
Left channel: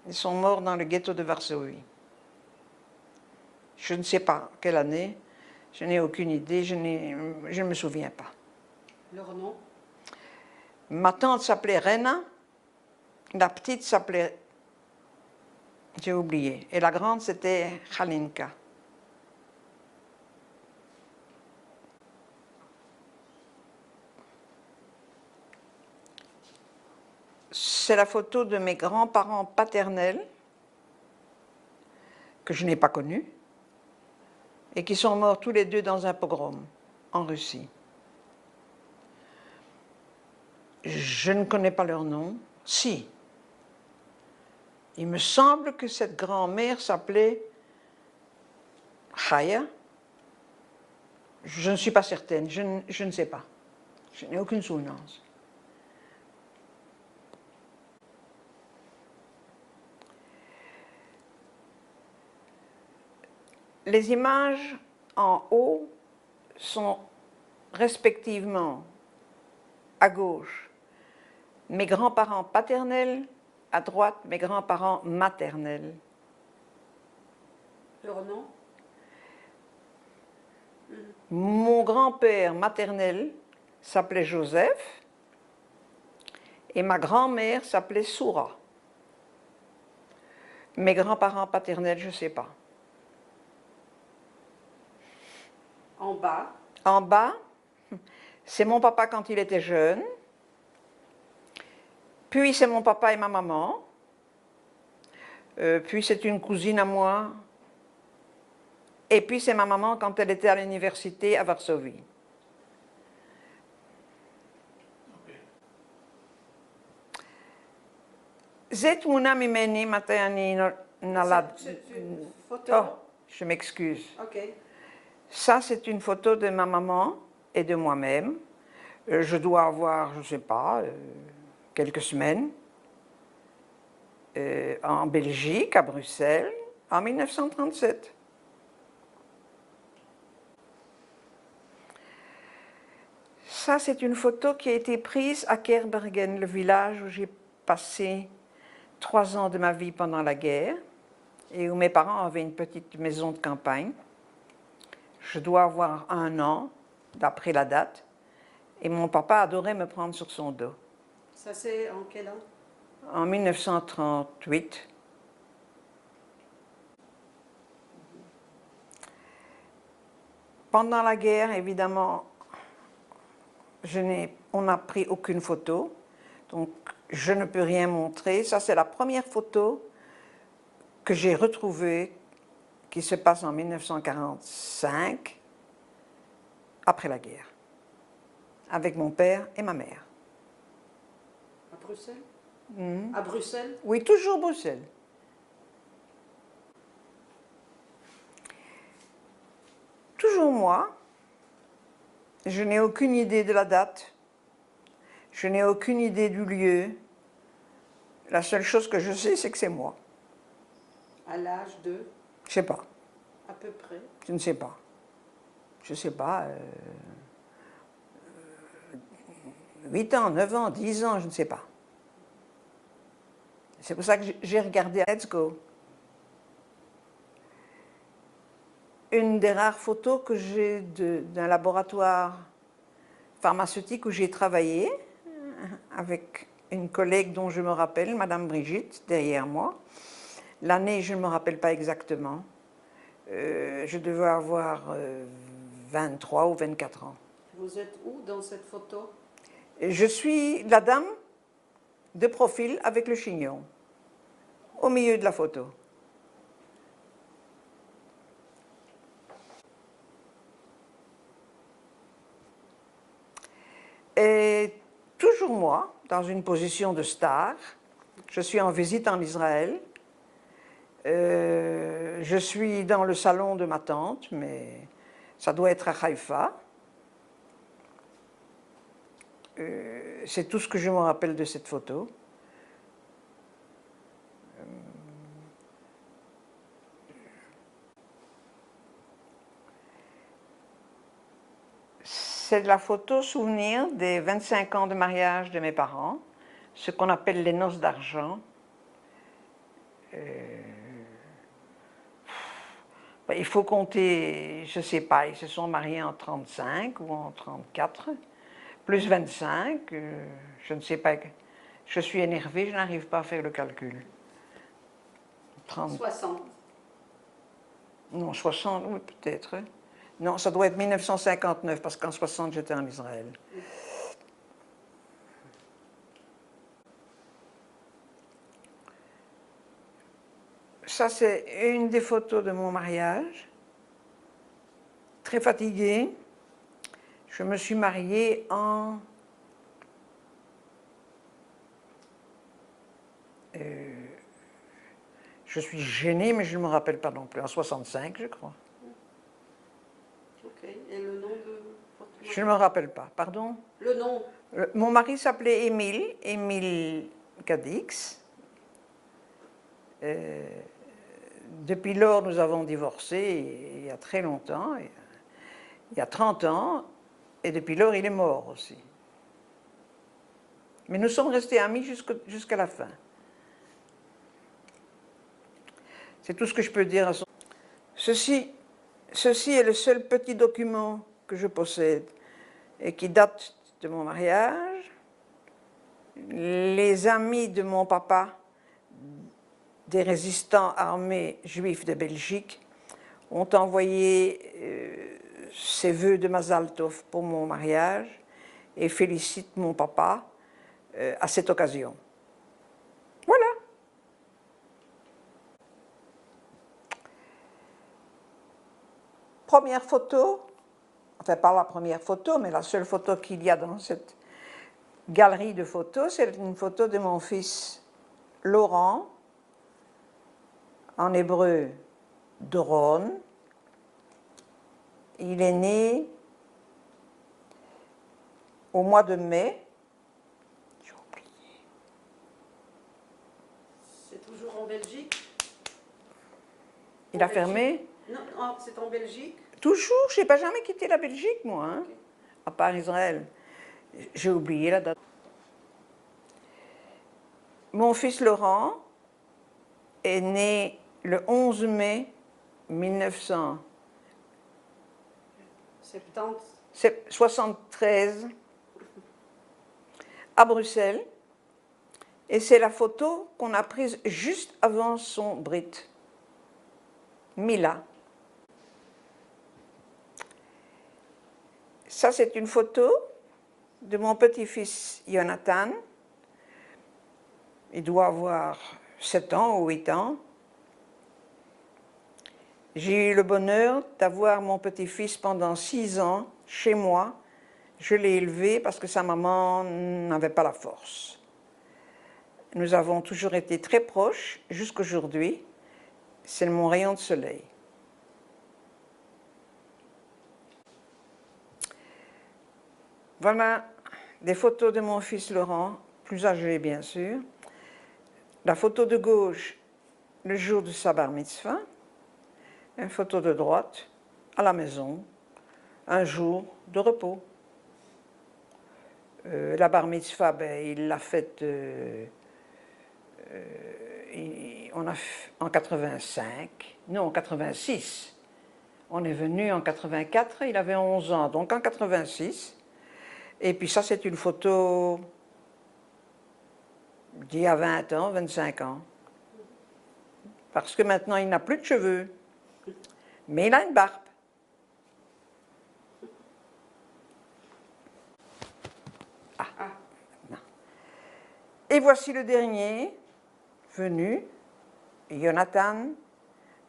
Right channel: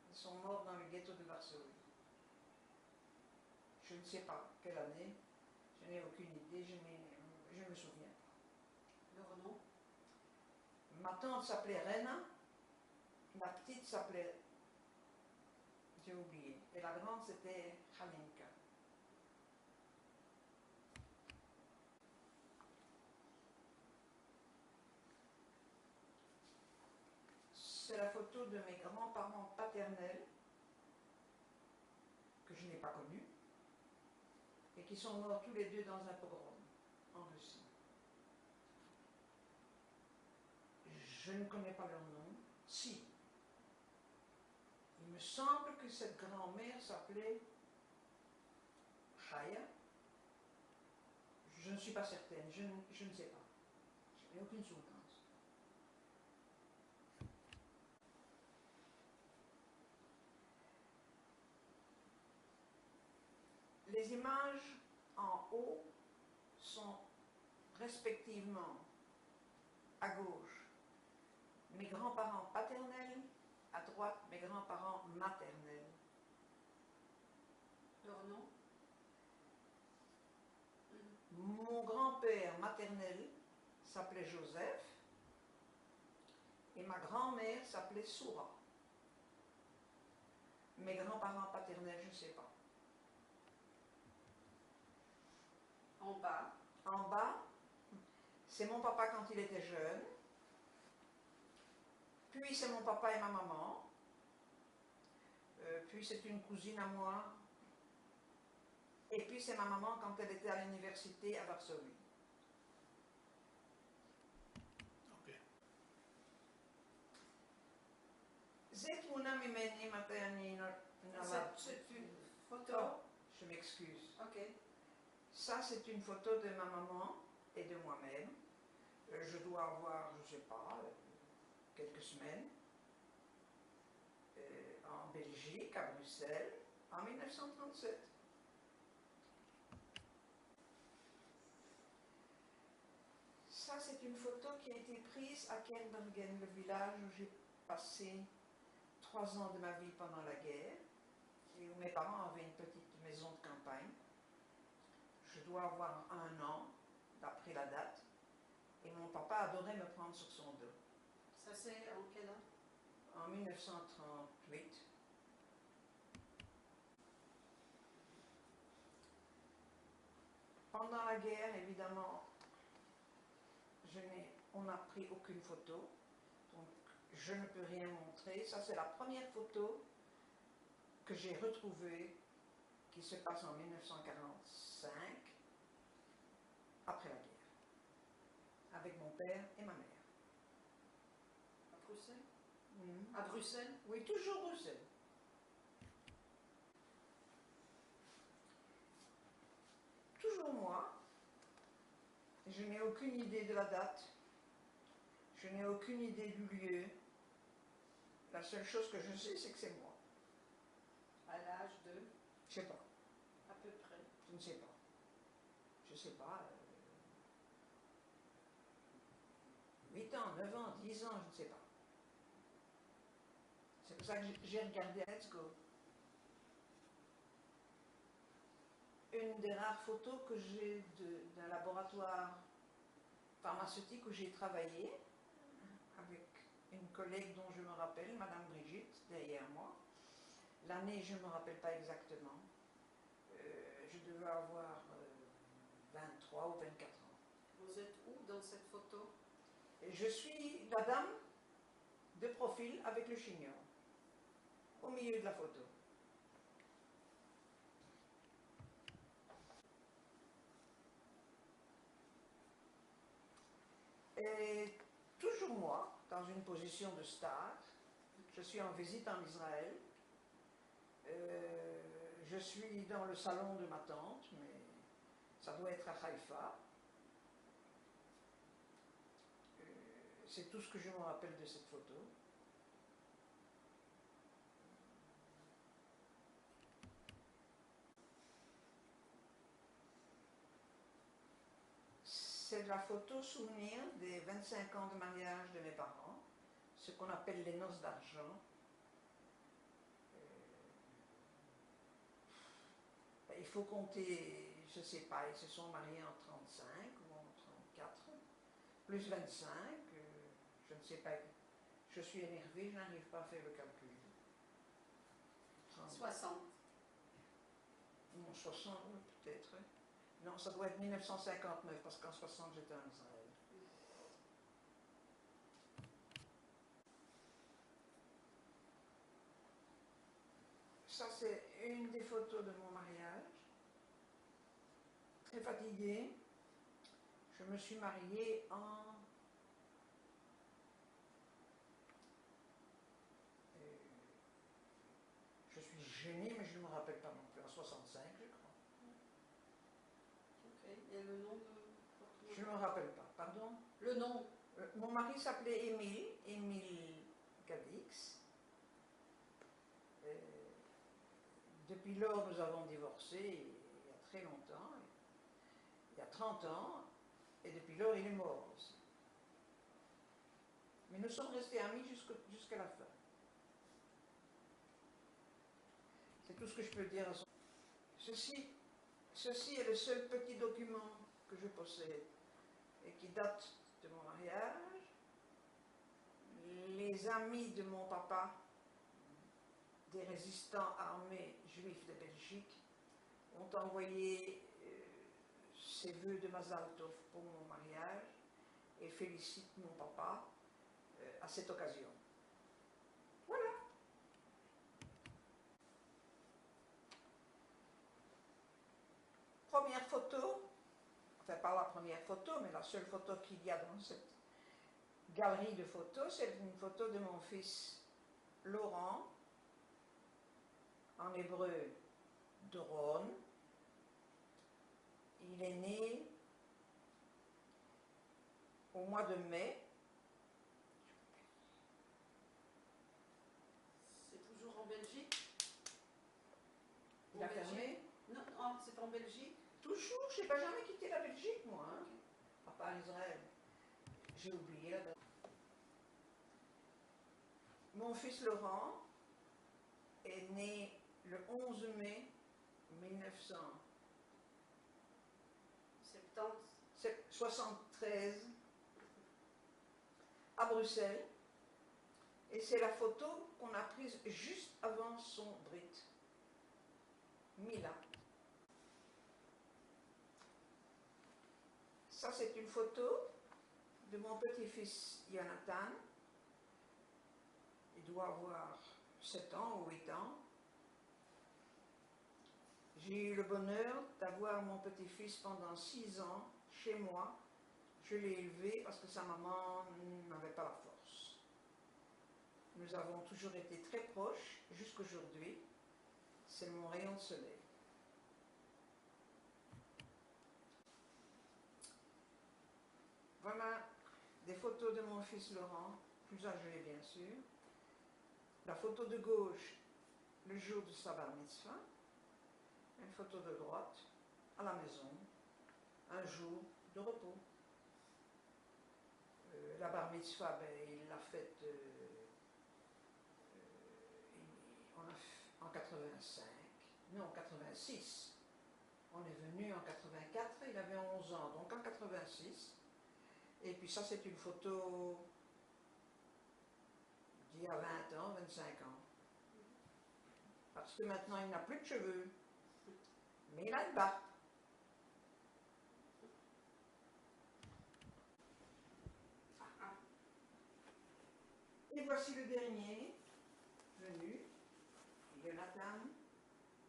Ils sont morts dans le ghetto de Varsovie. Je ne sais pas quelle année, je n'ai aucune idée, je ne me souviens pas. Leur nom? Ma tante s'appelait Rena, la petite s'appelait, j'ai oublié, et la grande c'était Halinka. C'est la photo de mes grands-parents paternels, que je n'ai pas connus, et qui sont morts tous les 2 dans un pogrom en Russie. Je ne connais pas leur nom. Si. Il me semble que cette grand-mère s'appelait Chaya. Je ne suis pas certaine, je ne sais pas. Je n'ai aucune souvenance. Les images en haut sont respectivement à gauche mes grands-parents paternels, à droite mes grands-parents maternels. Leur nom? Mon grand-père maternel s'appelait Joseph et ma grand-mère s'appelait Soura. Mes grands-parents paternels, je ne sais pas. En bas? En bas, c'est mon papa quand il était jeune, puis c'est mon papa et ma maman, puis c'est une cousine à moi, et puis c'est ma maman quand elle était à l'université à Varsovie. C'est une photo? Oh, je m'excuse. Ok. Ça, c'est une photo de ma maman et de moi-même. Je dois avoir, je ne sais pas, quelques semaines, en Belgique, à Bruxelles, en 1937. Ça, c'est une photo qui a été prise à Kerbergen, le village où j'ai passé 3 ans de ma vie pendant la guerre et où mes parents avaient une petite maison de campagne. Je dois avoir 1 an, d'après la date, et mon papa adorait me prendre sur son dos. Ça, c'est en quel an? En 1938. Pendant la guerre, évidemment, on n'a pris aucune photo, donc je ne peux rien montrer. Ça, c'est la première photo que j'ai retrouvée, qui se passe en 1945, après la guerre, avec mon père et ma mère. À Bruxelles? À Bruxelles? Oui, toujours Bruxelles. Toujours moi. Je n'ai aucune idée de la date. Je n'ai aucune idée du lieu. La seule chose que je sais, c'est que c'est moi. À l'âge de? Je ne sais pas. À peu près? Je ne sais pas. Je ne sais pas. 8 ans, 9 ans, 10 ans, je ne sais pas. C'est pour ça que j'ai regardé Let's Go. Une des rares photos que j'ai d'un laboratoire pharmaceutique où j'ai travaillé avec une collègue dont je me rappelle, Madame Brigitte, derrière moi. L'année, je ne me rappelle pas exactement. Je devais avoir 23 ou 24 ans. Vous êtes où dans cette photo? Je suis la dame de profil avec le chignon, au milieu de la photo. Et toujours moi, dans une position de star. Je suis en visite en Israël. Je suis dans le salon de ma tante, mais ça doit être à Haïfa. C'est tout ce que je me rappelle de cette photo. C'est la photo souvenir des 25 ans de mariage de mes parents, ce qu'on appelle les noces d'argent. Il faut compter, je ne sais pas, ils se sont mariés en 35 ou en 34, plus 25, je ne sais pas, je suis énervée, je n'arrive pas à faire le calcul. 60. Non, 60, oui, peut-être. Non, ça doit être 1959, parce qu'en 60, j'étais en Israël. Ça, c'est une des photos de mon mariage. Très fatiguée. Je me suis mariée en... je suis gênée, mais je ne me rappelle pas non plus. En 65, je crois. Ok. Et le nom de votre mari? Je ne me rappelle pas. Pardon? Le nom? Mon mari s'appelait Émile Cadix. Depuis lors, nous avons divorcé il y a très longtemps, il y a 30 ans, et depuis lors, il est mort aussi. Mais nous sommes restés amis jusqu'à la fin. C'est tout ce que je peux dire à son... Ceci est le seul petit document que je possède et qui date de mon mariage. Les amis de mon papa, des résistants armés juifs de Belgique, ont envoyé ses vœux de Mazal Tov pour mon mariage et félicitent mon papa à cette occasion. Voilà. Première photo, enfin pas la première photo, mais la seule photo qu'il y a dans cette galerie de photos, c'est une photo de mon fils Laurent, en hébreu Doron. Il est né au mois de mai. J'ai oublié. C'est toujours en Belgique? Il a fermé? Non, c'est en Belgique? Toujours, je n'ai pas jamais quitté la Belgique, moi, hein, okay. À part Israël. J'ai oublié la date. Mon fils Laurent est né le 11 mai 1973 à Bruxelles. Et c'est la photo qu'on a prise juste avant son brit. Mila. Ça, c'est une photo de mon petit-fils Jonathan. Il doit avoir 7 ans ou 8 ans. J'ai eu le bonheur d'avoir mon petit-fils pendant 6 ans chez moi. Je l'ai élevé parce que sa maman n'avait pas la force. Nous avons toujours été très proches jusqu'aujourd'hui. C'est mon rayon de soleil. Voilà des photos de mon fils Laurent, plus âgé bien sûr. La photo de gauche, le jour de sa bar mitzvah. Une photo de droite, à la maison, un jour de repos. La bar mitzvah, ben, il l'a faite en 85, non en 86. On est venu en 84, il avait 11 ans, donc en 86. Et puis ça, c'est une photo d'il y a 20 ans, 25 ans. Parce que maintenant, il n'a plus de cheveux. Mais il a une barbe. Ah. Non. Et voici le dernier venu, Jonathan,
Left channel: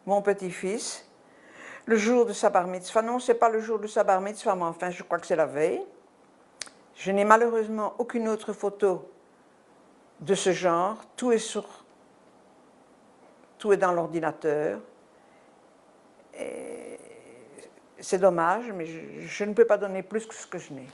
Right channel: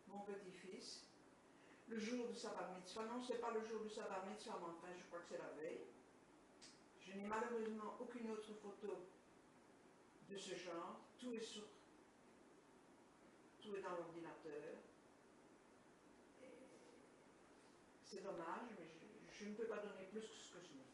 mon petit-fils, le jour de sa bar mitzvah. Non, ce n'est pas le jour de sa bar mitzvah, mais enfin, je crois que c'est la veille. Je n'ai malheureusement aucune autre photo de ce genre. Tout est dans l'ordinateur. C'est dommage, mais je ne peux pas donner plus que ce que je n'ai.